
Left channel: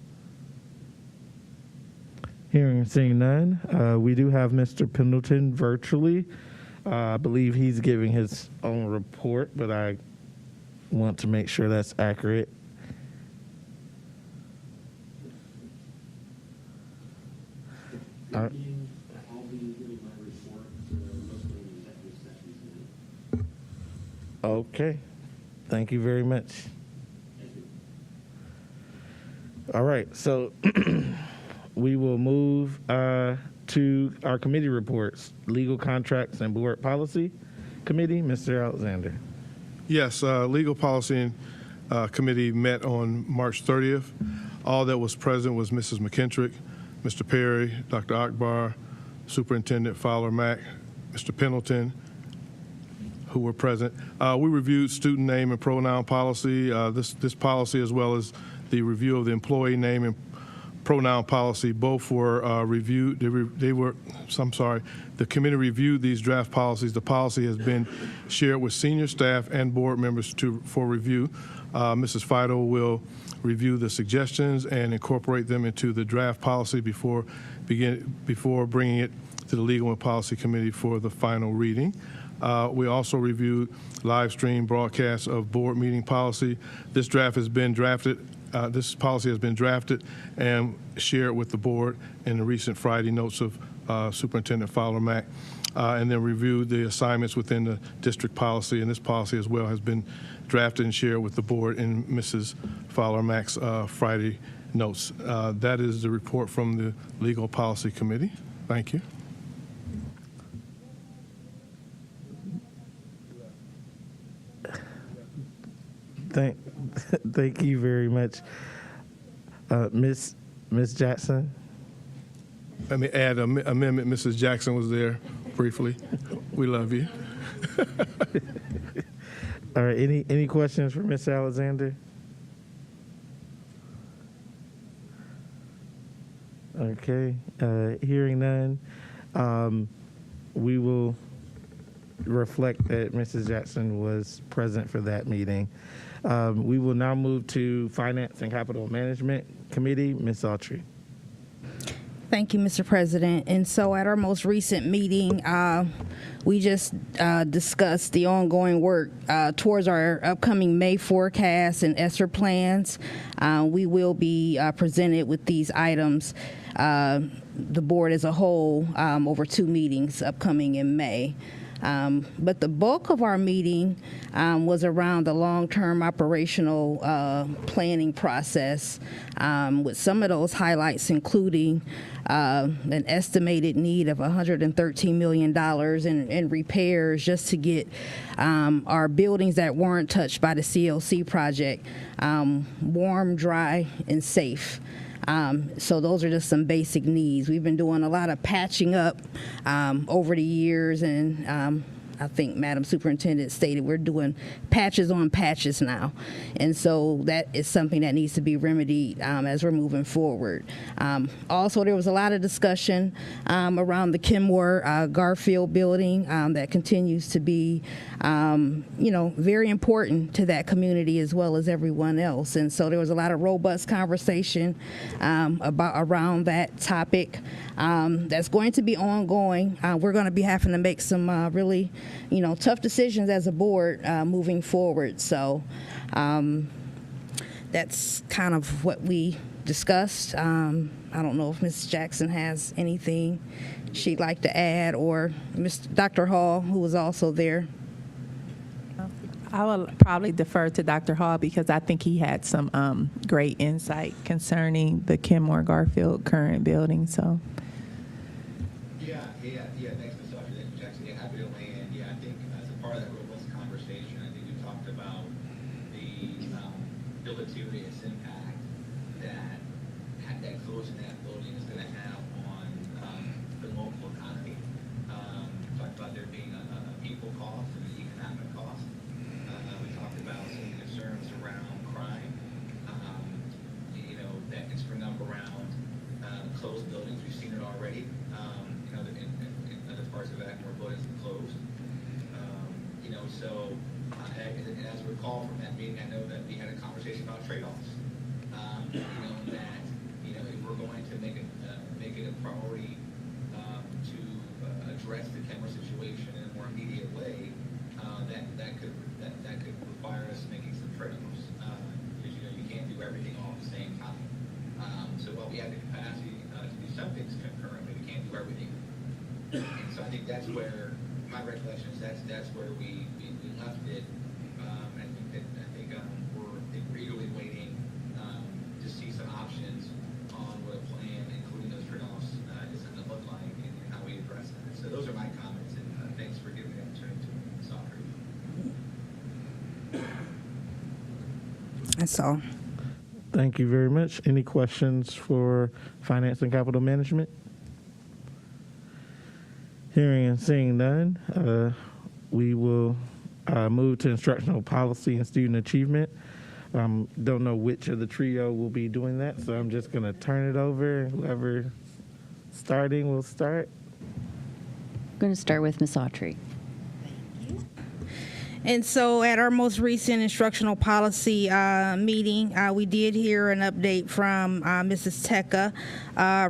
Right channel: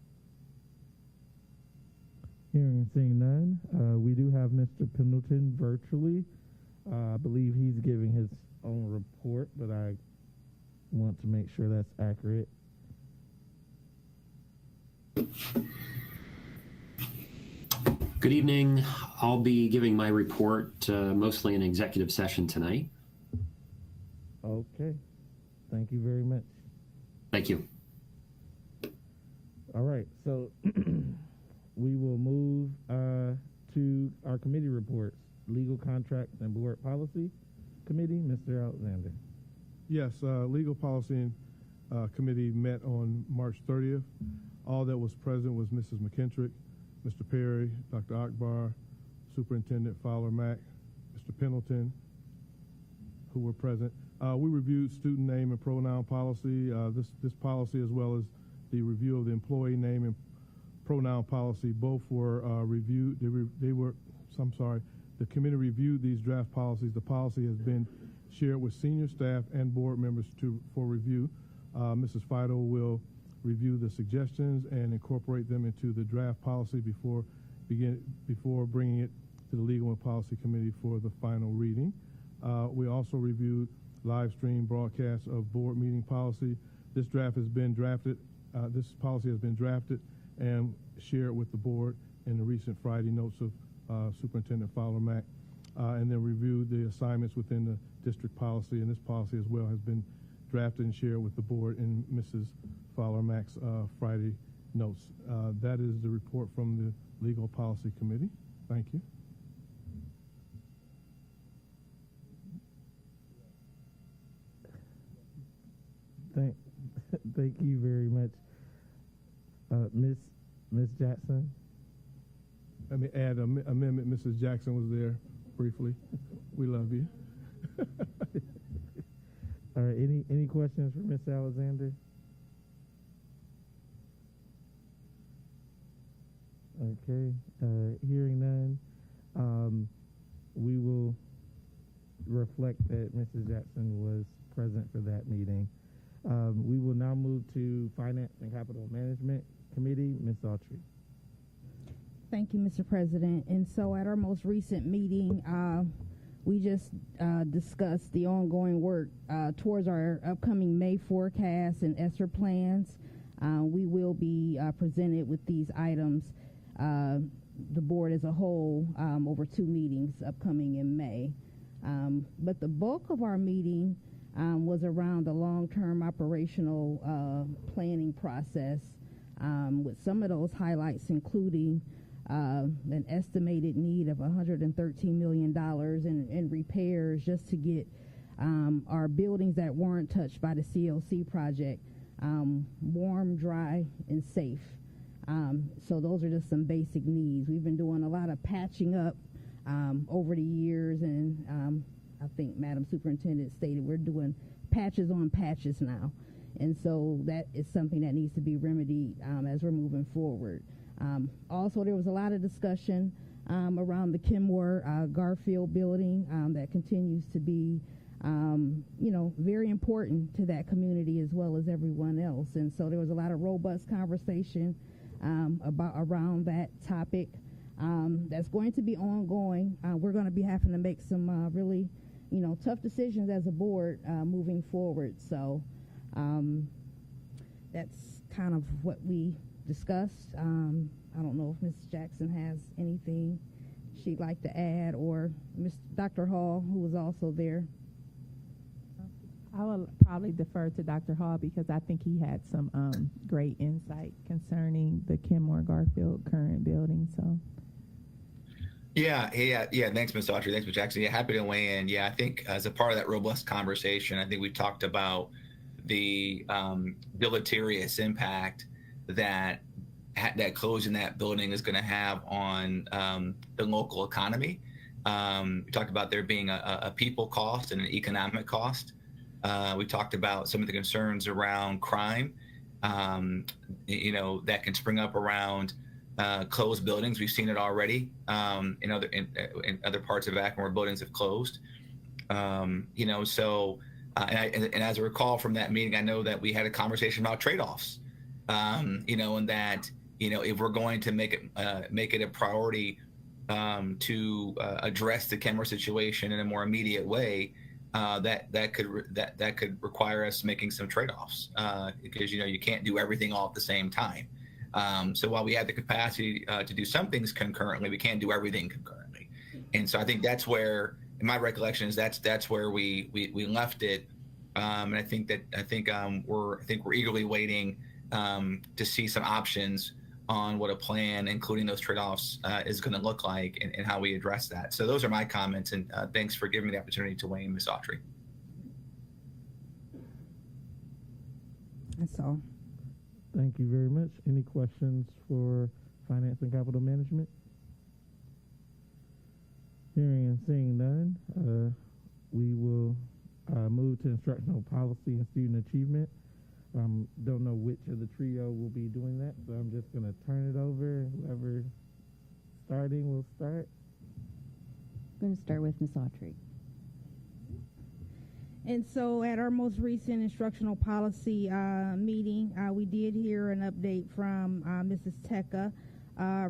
Hearing and seeing none, we do have Mr. Pendleton virtually. I believe he's giving his own report, but I want to make sure that's accurate. Good evening. I'll be giving my report mostly in executive session tonight. Okay. Thank you very much. Thank you. All right. So we will move to our committee reports. Legal Contracts and Board Policy Committee, Mr. Alexander. Yes, Legal Policy Committee met on March 30th. All that was present was Mrs. McKintrick, Mr. Perry, Dr. Akbar, Superintendent Fowler-Mack, Mr. Pendleton, who were present. We reviewed student name and pronoun policy. This policy, as well as the review of the employee name and pronoun policy, both were reviewed. The committee reviewed these draft policies. The policy has been shared with senior staff and board members for review. Mrs. Fido will review the suggestions and incorporate them into the draft policy before bringing it to the Legal and Policy Committee for the final reading. We also reviewed live stream broadcast of board meeting policy. This draft has been drafted. This policy has been drafted and shared with the board in the recent Friday notes of Superintendent Fowler-Mack, and then reviewed the assignments within the district policy. And this policy as well has been drafted and shared with the board in Mrs. Fowler-Mack's Friday notes. That is the report from the Legal Policy Committee. Thank you. Thank you very much. Ms. Jackson? Let me add an amendment. Mrs. Jackson was there briefly. We love you. All right, any questions for Ms. Alexander? Okay, hearing none, we will reflect that Mrs. Jackson was present for that meeting. We will now move to Finance and Capital Management Committee. Ms. Autry. Thank you, Mr. President. And so at our most recent meeting, we just discussed the ongoing work towards our upcoming May forecast and ESSER plans. We will be presented with these items, the board as a whole, over 2 meetings upcoming in May. But the bulk of our meeting was around the long-term operational planning process, with some of those highlights including an estimated need of $113 million in repairs just to get our buildings that weren't touched by the CLC project warm, dry, and safe. So those are just some basic needs. We've been doing a lot of patching up over the years, and I think Madam Superintendent stated we're doing patches on patches now. And so that is something that needs to be remedied as we're moving forward. Also, there was a lot of discussion around the Kenmore Garfield building that continues to be very important to that community as well as everyone else. And so there was a lot of robust conversation around that topic that's going to be ongoing. We're going to be having to make some really, tough decisions as a board moving forward. So that's kind of what we discussed. I don't know if Ms. Jackson has anything she'd like to add, or Dr. Hall, who was also there. I will probably defer to Dr. Hall because I think he had some great insight concerning the Kenmore Garfield current building. So. Yeah. Thanks, Ms. Autry. Thanks, Ms. Jackson. Yeah, happy to weigh in. Yeah, I think as a part of that robust conversation, I think we talked about the deleterious impact that closing that building is going to have on the local economy. We talked about there being a people cost and an economic cost. We talked about some of the concerns around crime, that can spring up around closed buildings. We've seen it already in other parts of Akron where buildings have closed. And as I recall from that meeting, I know that we had a conversation about trade-offs. And that if we're going to make it a priority to address the Kenmore situation in a more immediate way, that could require us making some trade-offs because you can't do everything all at the same time. So while we have the capacity to do some things concurrently, we can't do everything concurrently. And so I think that's where my recollection is that's where we left it. And I think we're eagerly waiting to see some options on what a plan, including those trade-offs, is going to look like and how we address that. So those are my comments, and thanks for giving me the opportunity to weigh in, Ms. Autry. That's all. Thank you very much. Any questions for Finance and Capital Management? Hearing and seeing none, we will move to instructional policy and student achievement. Don't know which of the trio will be doing that, so I'm just going to turn it over. Whoever starting will start. I'm going to start with Ms. Autry. And so at our most recent instructional policy meeting, we did hear an update from Mrs. Tecca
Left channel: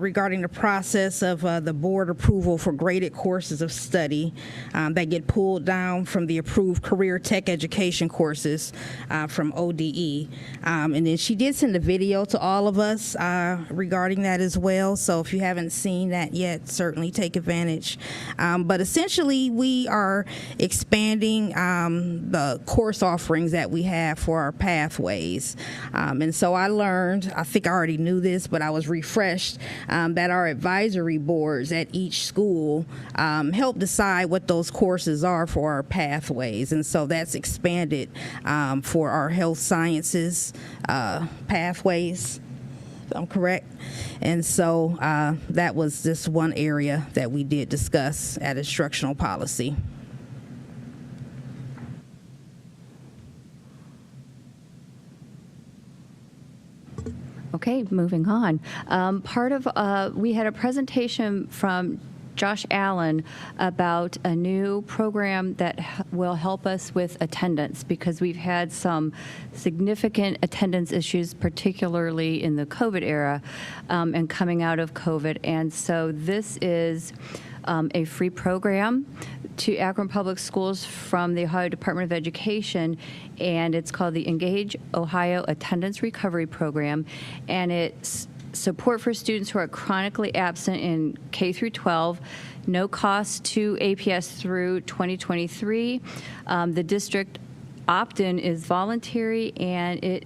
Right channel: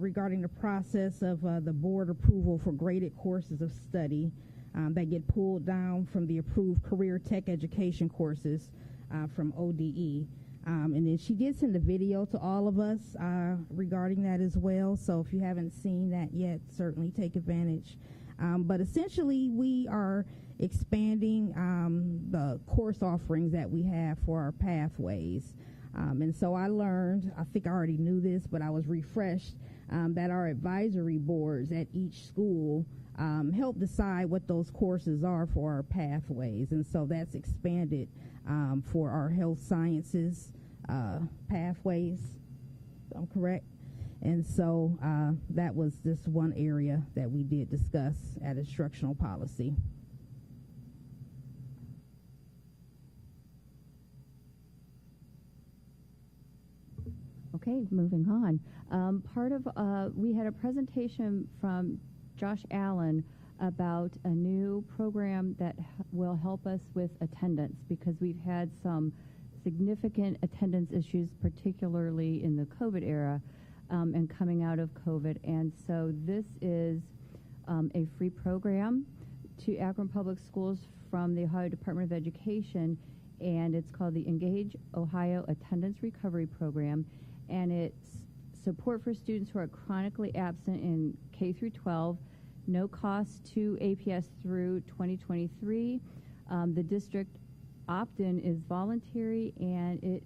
regarding the process of the board approval for graded courses of study that get pulled down from the approved career tech education courses from ODE. And then she did send a video to all of us regarding that as well. So if you haven't seen that yet, certainly take advantage. But essentially, we are expanding the course offerings that we have for our pathways. And so I learned, I think I already knew this, but I was refreshed, that our advisory boards at each school help decide what those courses are for our pathways. And so that's expanded for our health sciences pathways. I'm correct. And so that was just one area that we did discuss at instructional policy. Okay, moving on. We had a presentation from Josh Allen about a new program that will help us with attendance, because we've had some significant attendance issues, particularly in the COVID era and coming out of COVID. And so this is a free program to Akron Public Schools from the Ohio Department of Education, and it's called the Engage Ohio Attendance Recovery Program, and it's support for students who are chronically absent in K through 12, no cost to APS through 2023. The district opt-in is voluntary, and it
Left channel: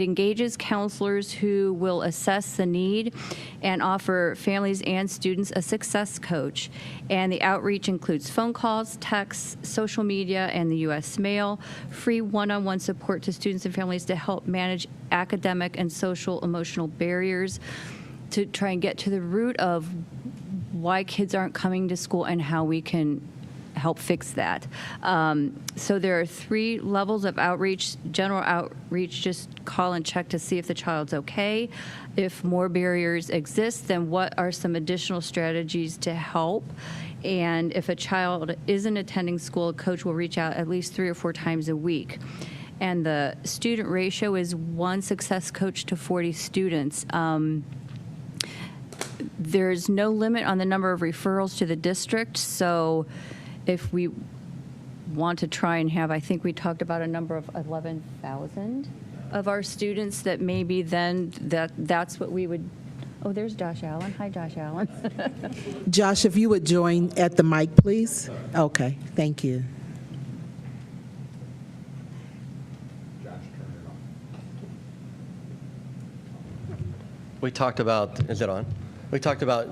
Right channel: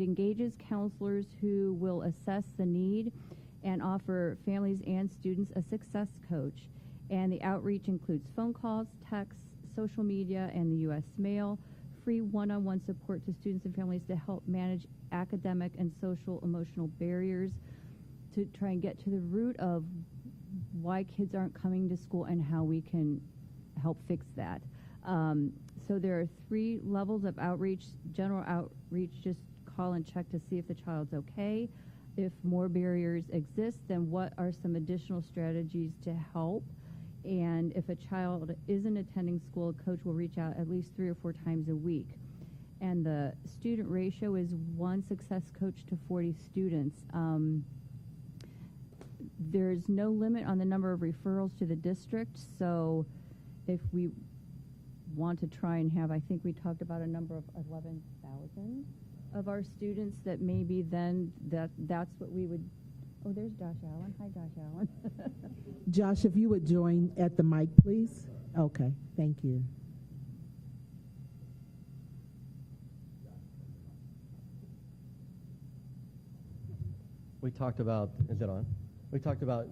engages counselors who will assess the need and offer families and students a success coach. And the outreach includes phone calls, texts, social media, and the U.S. mail, free one-on-one support to students and families to help manage academic and social emotional barriers, to try and get to the root of why kids aren't coming to school and how we can help fix that. So there are 3 levels of outreach. General outreach, just call and check to see if the child's okay. If more barriers exist, then what are some additional strategies to help? And if a child isn't attending school, a coach will reach out at least 3 or 4 times a week. And the student ratio is 1 success coach to 40 students. There's no limit on the number of referrals to the district, so if we want to try and have, I think we talked about a number of 11,000 of our students, that maybe then that's what we would. Oh, there's Josh Allen. Hi, Josh Allen. Josh, if you would join at the mic, please. Okay, thank you. We talked about, is it on? We talked about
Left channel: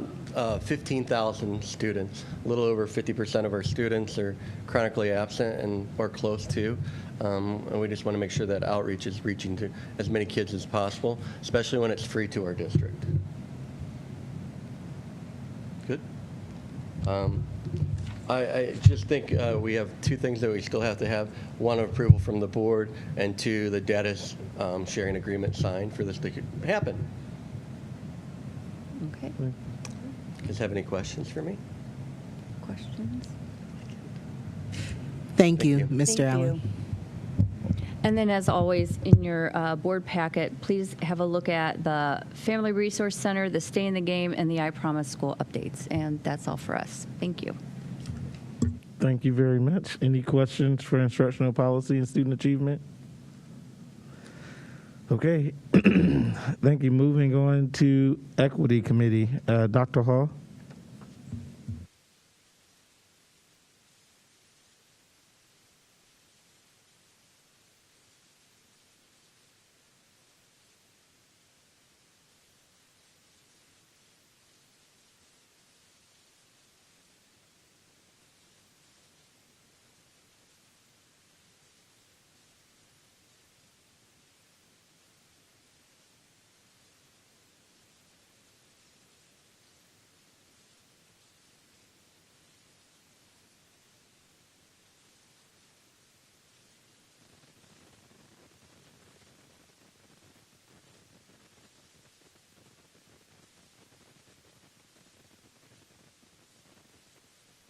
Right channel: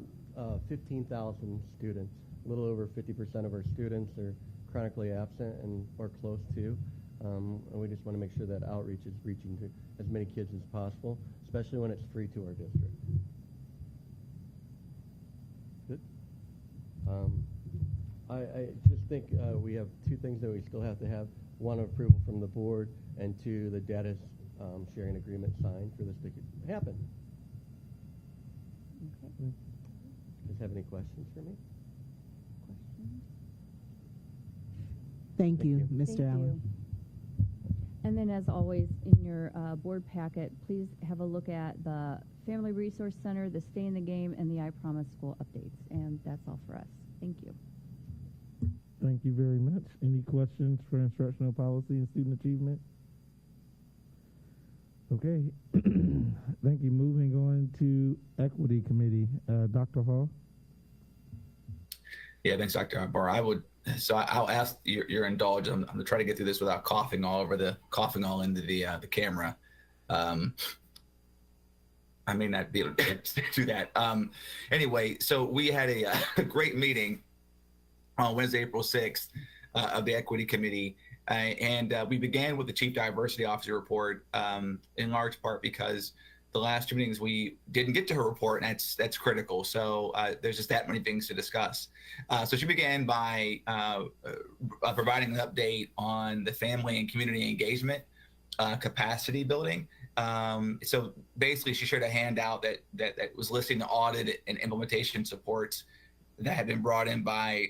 15,000 students. A little over 50% of our students are chronically absent and or close to. And we just want to make sure that outreach is reaching to as many kids as possible, especially when it's free to our district. Good. I just think we have 2 things that we still have to have. 1, approval from the board, and 2, the data sharing agreement signed for this to happen. Okay. You guys have any questions for me? Questions? Thank you, Mr. Thank Allen. you. And then, as always, in your board packet, please have a look at the Family Resource Center, the Stay in the Game, and the I Promise School updates. And that's all for us. Thank you. Thank you very much. Any questions for instructional policy and student achievement? Okay. Thank you. Moving on to Equity Committee. Dr. Hall. Yeah, thanks, Dr. Akbar. I'll ask your indulgence. I'm going to try to get through this without coughing all into the camera. I may not be able to do that. Anyway, so we had a great meeting on Wednesday, April 6th of the Equity Committee. And we began with the Chief Diversity Officer report, in large part because the last 2 meetings we didn't get to her report, and that's critical. So there's just that many things to discuss. So she began by providing an update on the family and community engagement capacity building. So basically, she shared a handout that was listing the audit and implementation supports that had been brought in by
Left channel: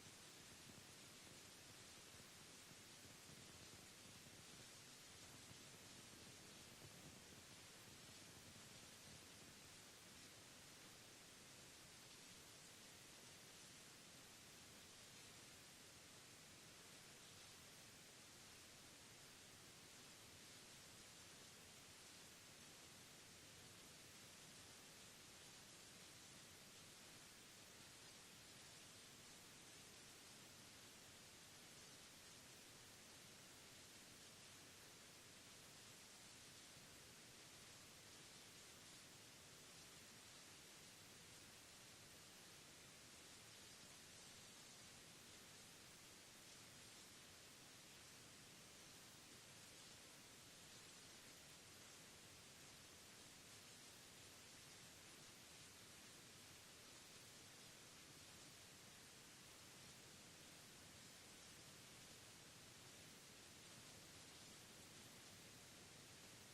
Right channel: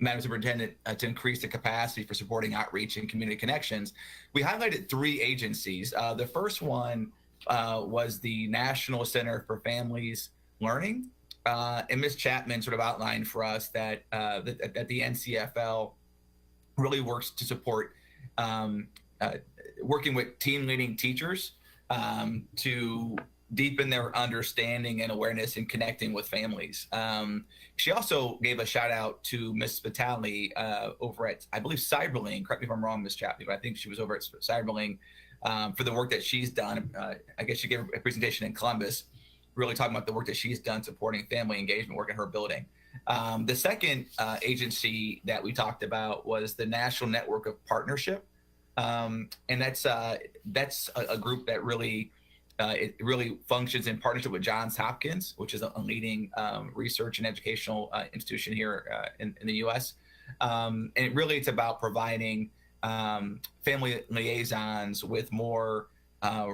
Madam Superintendent to increase the capacity for supporting outreach and community connections. We highlighted 3 agencies. The first one was the National Center for Families Learning. And Ms. Chapman sort of outlined for us that the NCFL really works to support working with team leading teachers to deepen their understanding and awareness in connecting with families. She also gave a shout out to Ms. Vitale over at, I believe, Cyberling. Correct me if I'm wrong, Ms. Chapman, but I think she was over at Cyberling for the work that she's done. I guess she gave a presentation in Columbus, really talking about the work that she's done supporting family engagement work in her building. The second agency that we talked about was the National Network of Partnership. And that's a group that really it really functions in partnership with Johns Hopkins, which is a leading research and educational institution here in the U.S. And it's about providing family liaisons with more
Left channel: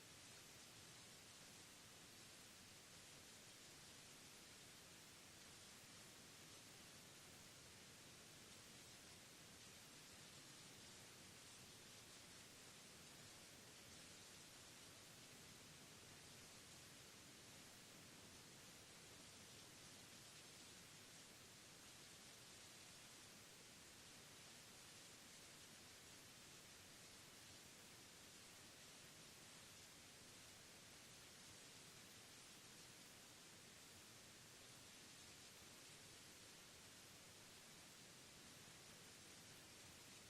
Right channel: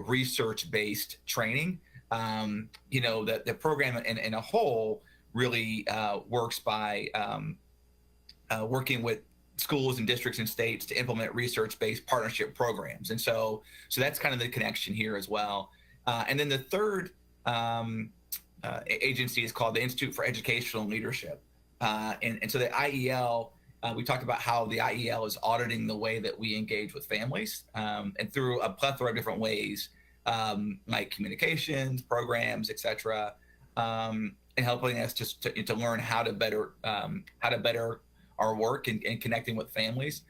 research-based training you know, the program in a whole really works by working with schools and districts and states to implement research-based partnership programs. And so that's kind of the connection here as well. And then the third agency is called the Institute for Educational Leadership. And so the IEL, we talked about how the IEL is auditing the way that we engage with families, and through a plethora of different ways, like communications, programs, et cetera, and helping us to learn how to better our work and connecting with families.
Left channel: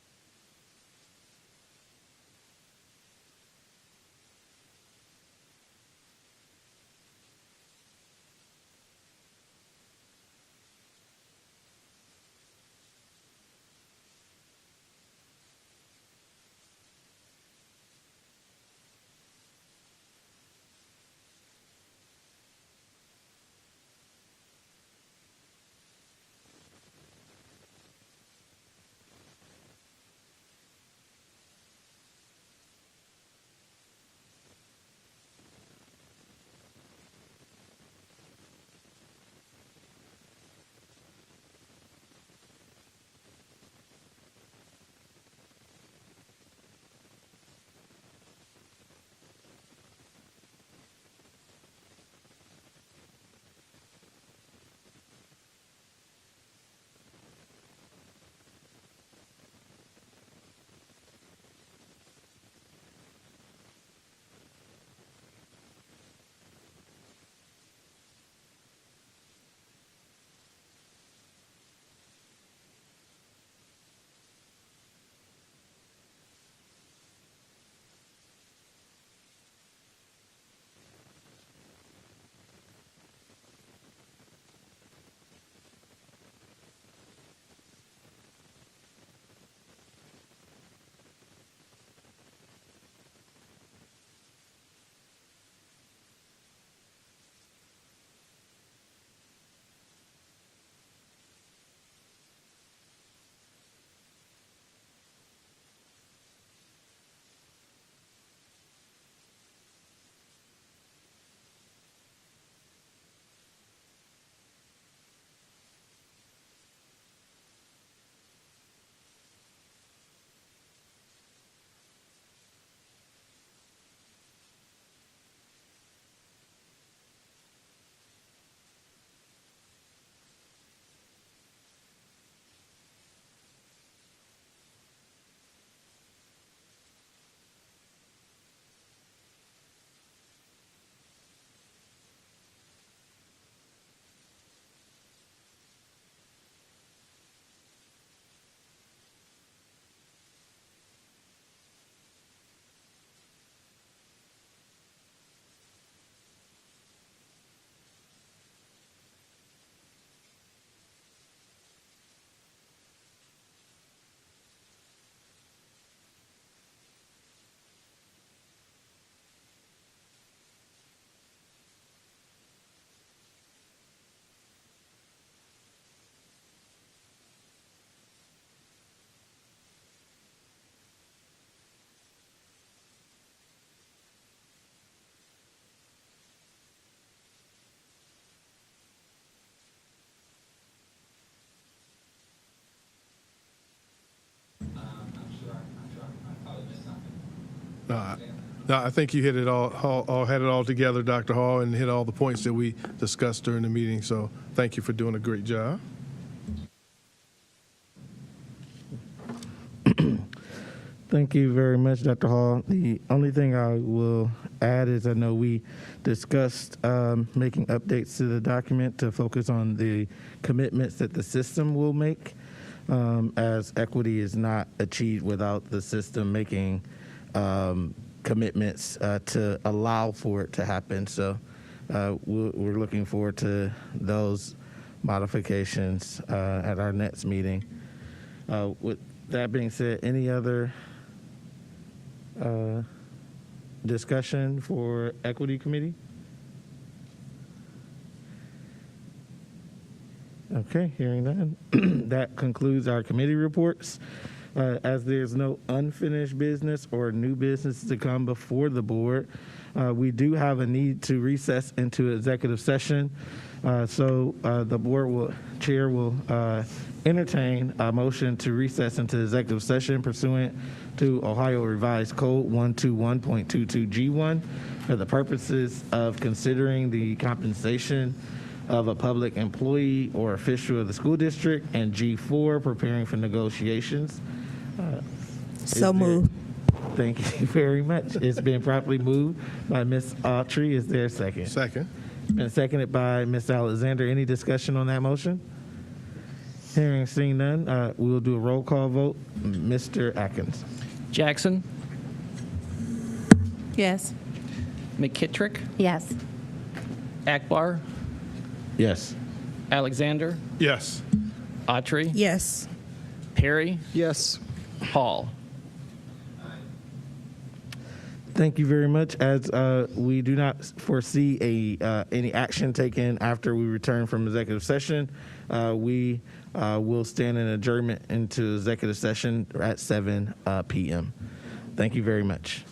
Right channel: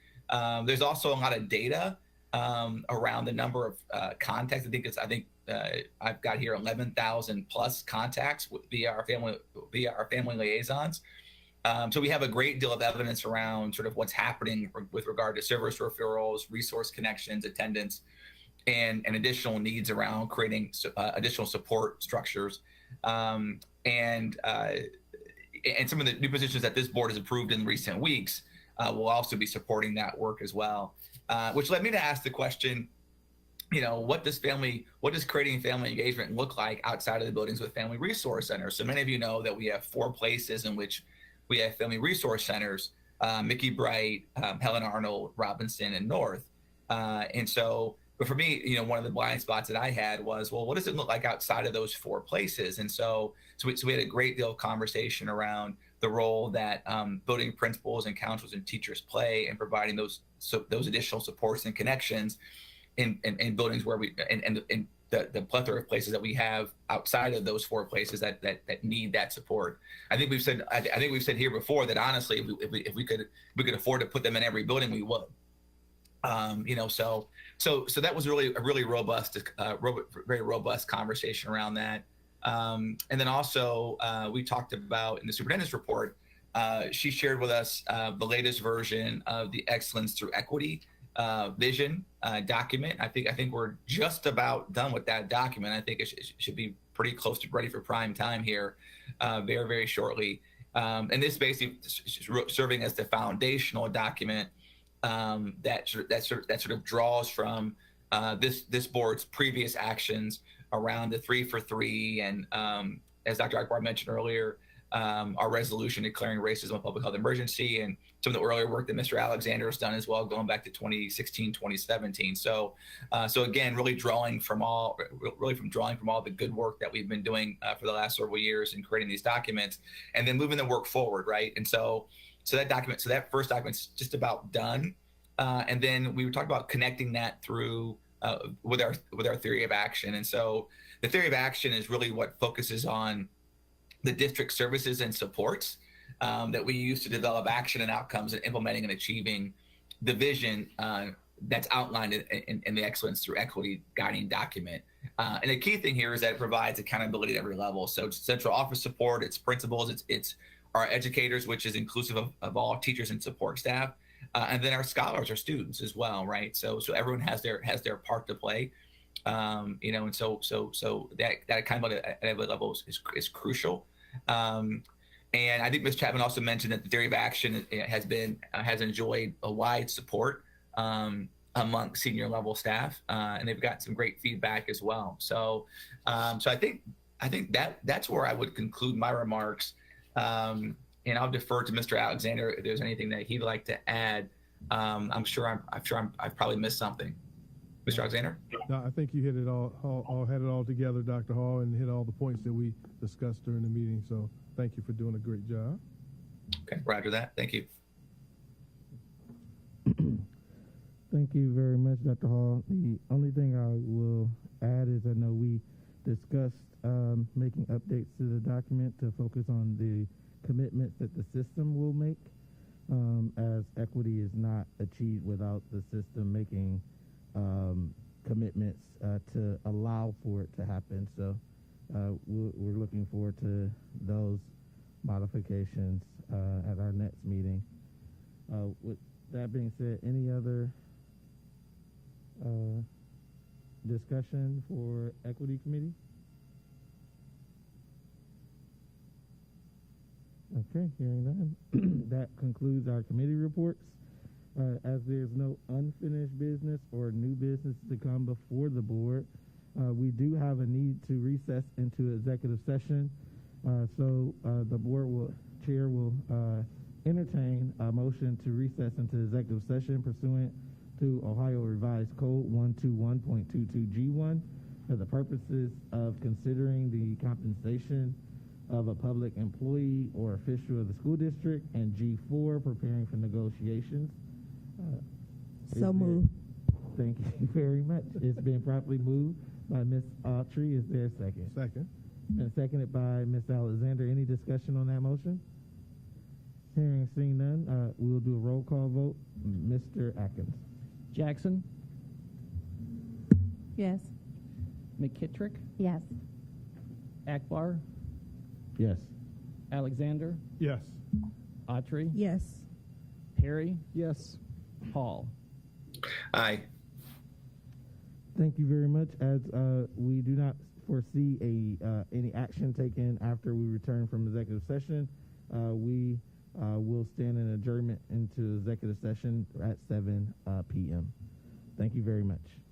There's also a lot of data around the number of contacts. I think I've got here 11,000 plus contacts via our family liaisons. So we have a great deal of evidence around sort of what's happening with regard to service referrals, resource connections, attendance, and additional needs around creating additional support structures. And some of the new positions that this board has approved in recent weeks will also be supporting that work as well. Which led me to ask the question, you know, what does creating family engagement look like outside of the buildings with family resource centers? So many of you know that we have 4 places in which we have family resource centers: Mickey Bright, Helen Arnold, Robinson, and North. And so, but for me, you know, one of the blind spots that I had was, well, what does it look like outside of those 4 places? And so we had a great deal of conversation around the role that building principals and counselors and teachers play in providing those additional supports and connections in buildings where and the plethora of places that we have outside of those 4 places that need that support. I think we've said here before that honestly, if we could afford to put them in every building, we would. You know, so that was really a really robust, very robust conversation around that. And then also we talked about in the superintendent's report, she shared with us the latest version of the Excellence Through Equity vision document. I think we're just about done with that document. I think it should be pretty close to ready for prime time here very, very shortly. And this basically serving as the foundational document that sort of draws from this board's previous actions around the 3 for 3 and as Dr. Akbar mentioned earlier, our resolution declaring racism a public health emergency, and some of the earlier work that Mr. Alexander has done as well, going back to 2016, 2017. So again, really drawing from all the good work that we've been doing for the last several years in creating these documents, and then moving the work forward, right? And so that first document's just about done, and then we were talking about connecting that through with our theory of action. And so the theory of action is really what focuses on the district services and supports that we use to develop action and outcomes and implementing and achieving the vision that's outlined in the Excellence Through Equity guiding document. And the key thing here is that it provides accountability at every level. So it's central office support, it's principals, it's our educators, which is inclusive of all teachers and support staff, and then our scholars, our students as well, right? So everyone has their part to play, you know, and so that accountability at every level is crucial. And I think Ms. Chapman also mentioned that the theory of action has enjoyed a wide support among senior level staff, and they've got some great feedback as well. So I think that's where I would conclude my remarks. And I'll defer to Mr. Alexander if there's anything that he'd like to add. I'm sure I've probably missed something. Mr. Alexander? No, I think you hit it had it all together, Dr. Hall, and hit all the points that we discussed during the meeting. So thank you for doing a great job. Okay, roger that. Thank you. Thank you very much, Dr. Hall. The only thing I will add is I know we discussed making updates to the document to focus on the commitments that the system will make, as equity is not achieved without the system making commitments to allow for it to happen. So we're looking forward to those modifications at our next meeting. With that being said, any other discussion for Equity Committee? Okay, hearing that, that concludes our committee reports. As there's no unfinished business or new business to come before the board, We do have a need to recess into executive session. So the chair will entertain a motion to recess into executive session pursuant to Ohio Revised Code 121.22G1 for the purposes of considering the compensation of a public employee or official of the school district, and G4, preparing for negotiations. So moved. Thank you very much. It's been properly moved by Ms. Autry. Is there a second? Second. Been seconded by Ms. Alexander. Any discussion on that motion? Hearing, seeing none, we'll do a roll call vote. Mr. Atkins. Jackson, Yes. McKittrick, Yes. Akbar, Yes. Alexander, Yes. Autry, Yes. Perry, Yes. Hall. Aye. Thank you very much. As we do not foresee any action taken after we return from executive session, we will stand in adjournment into executive session at 7 p.m. Thank you very much.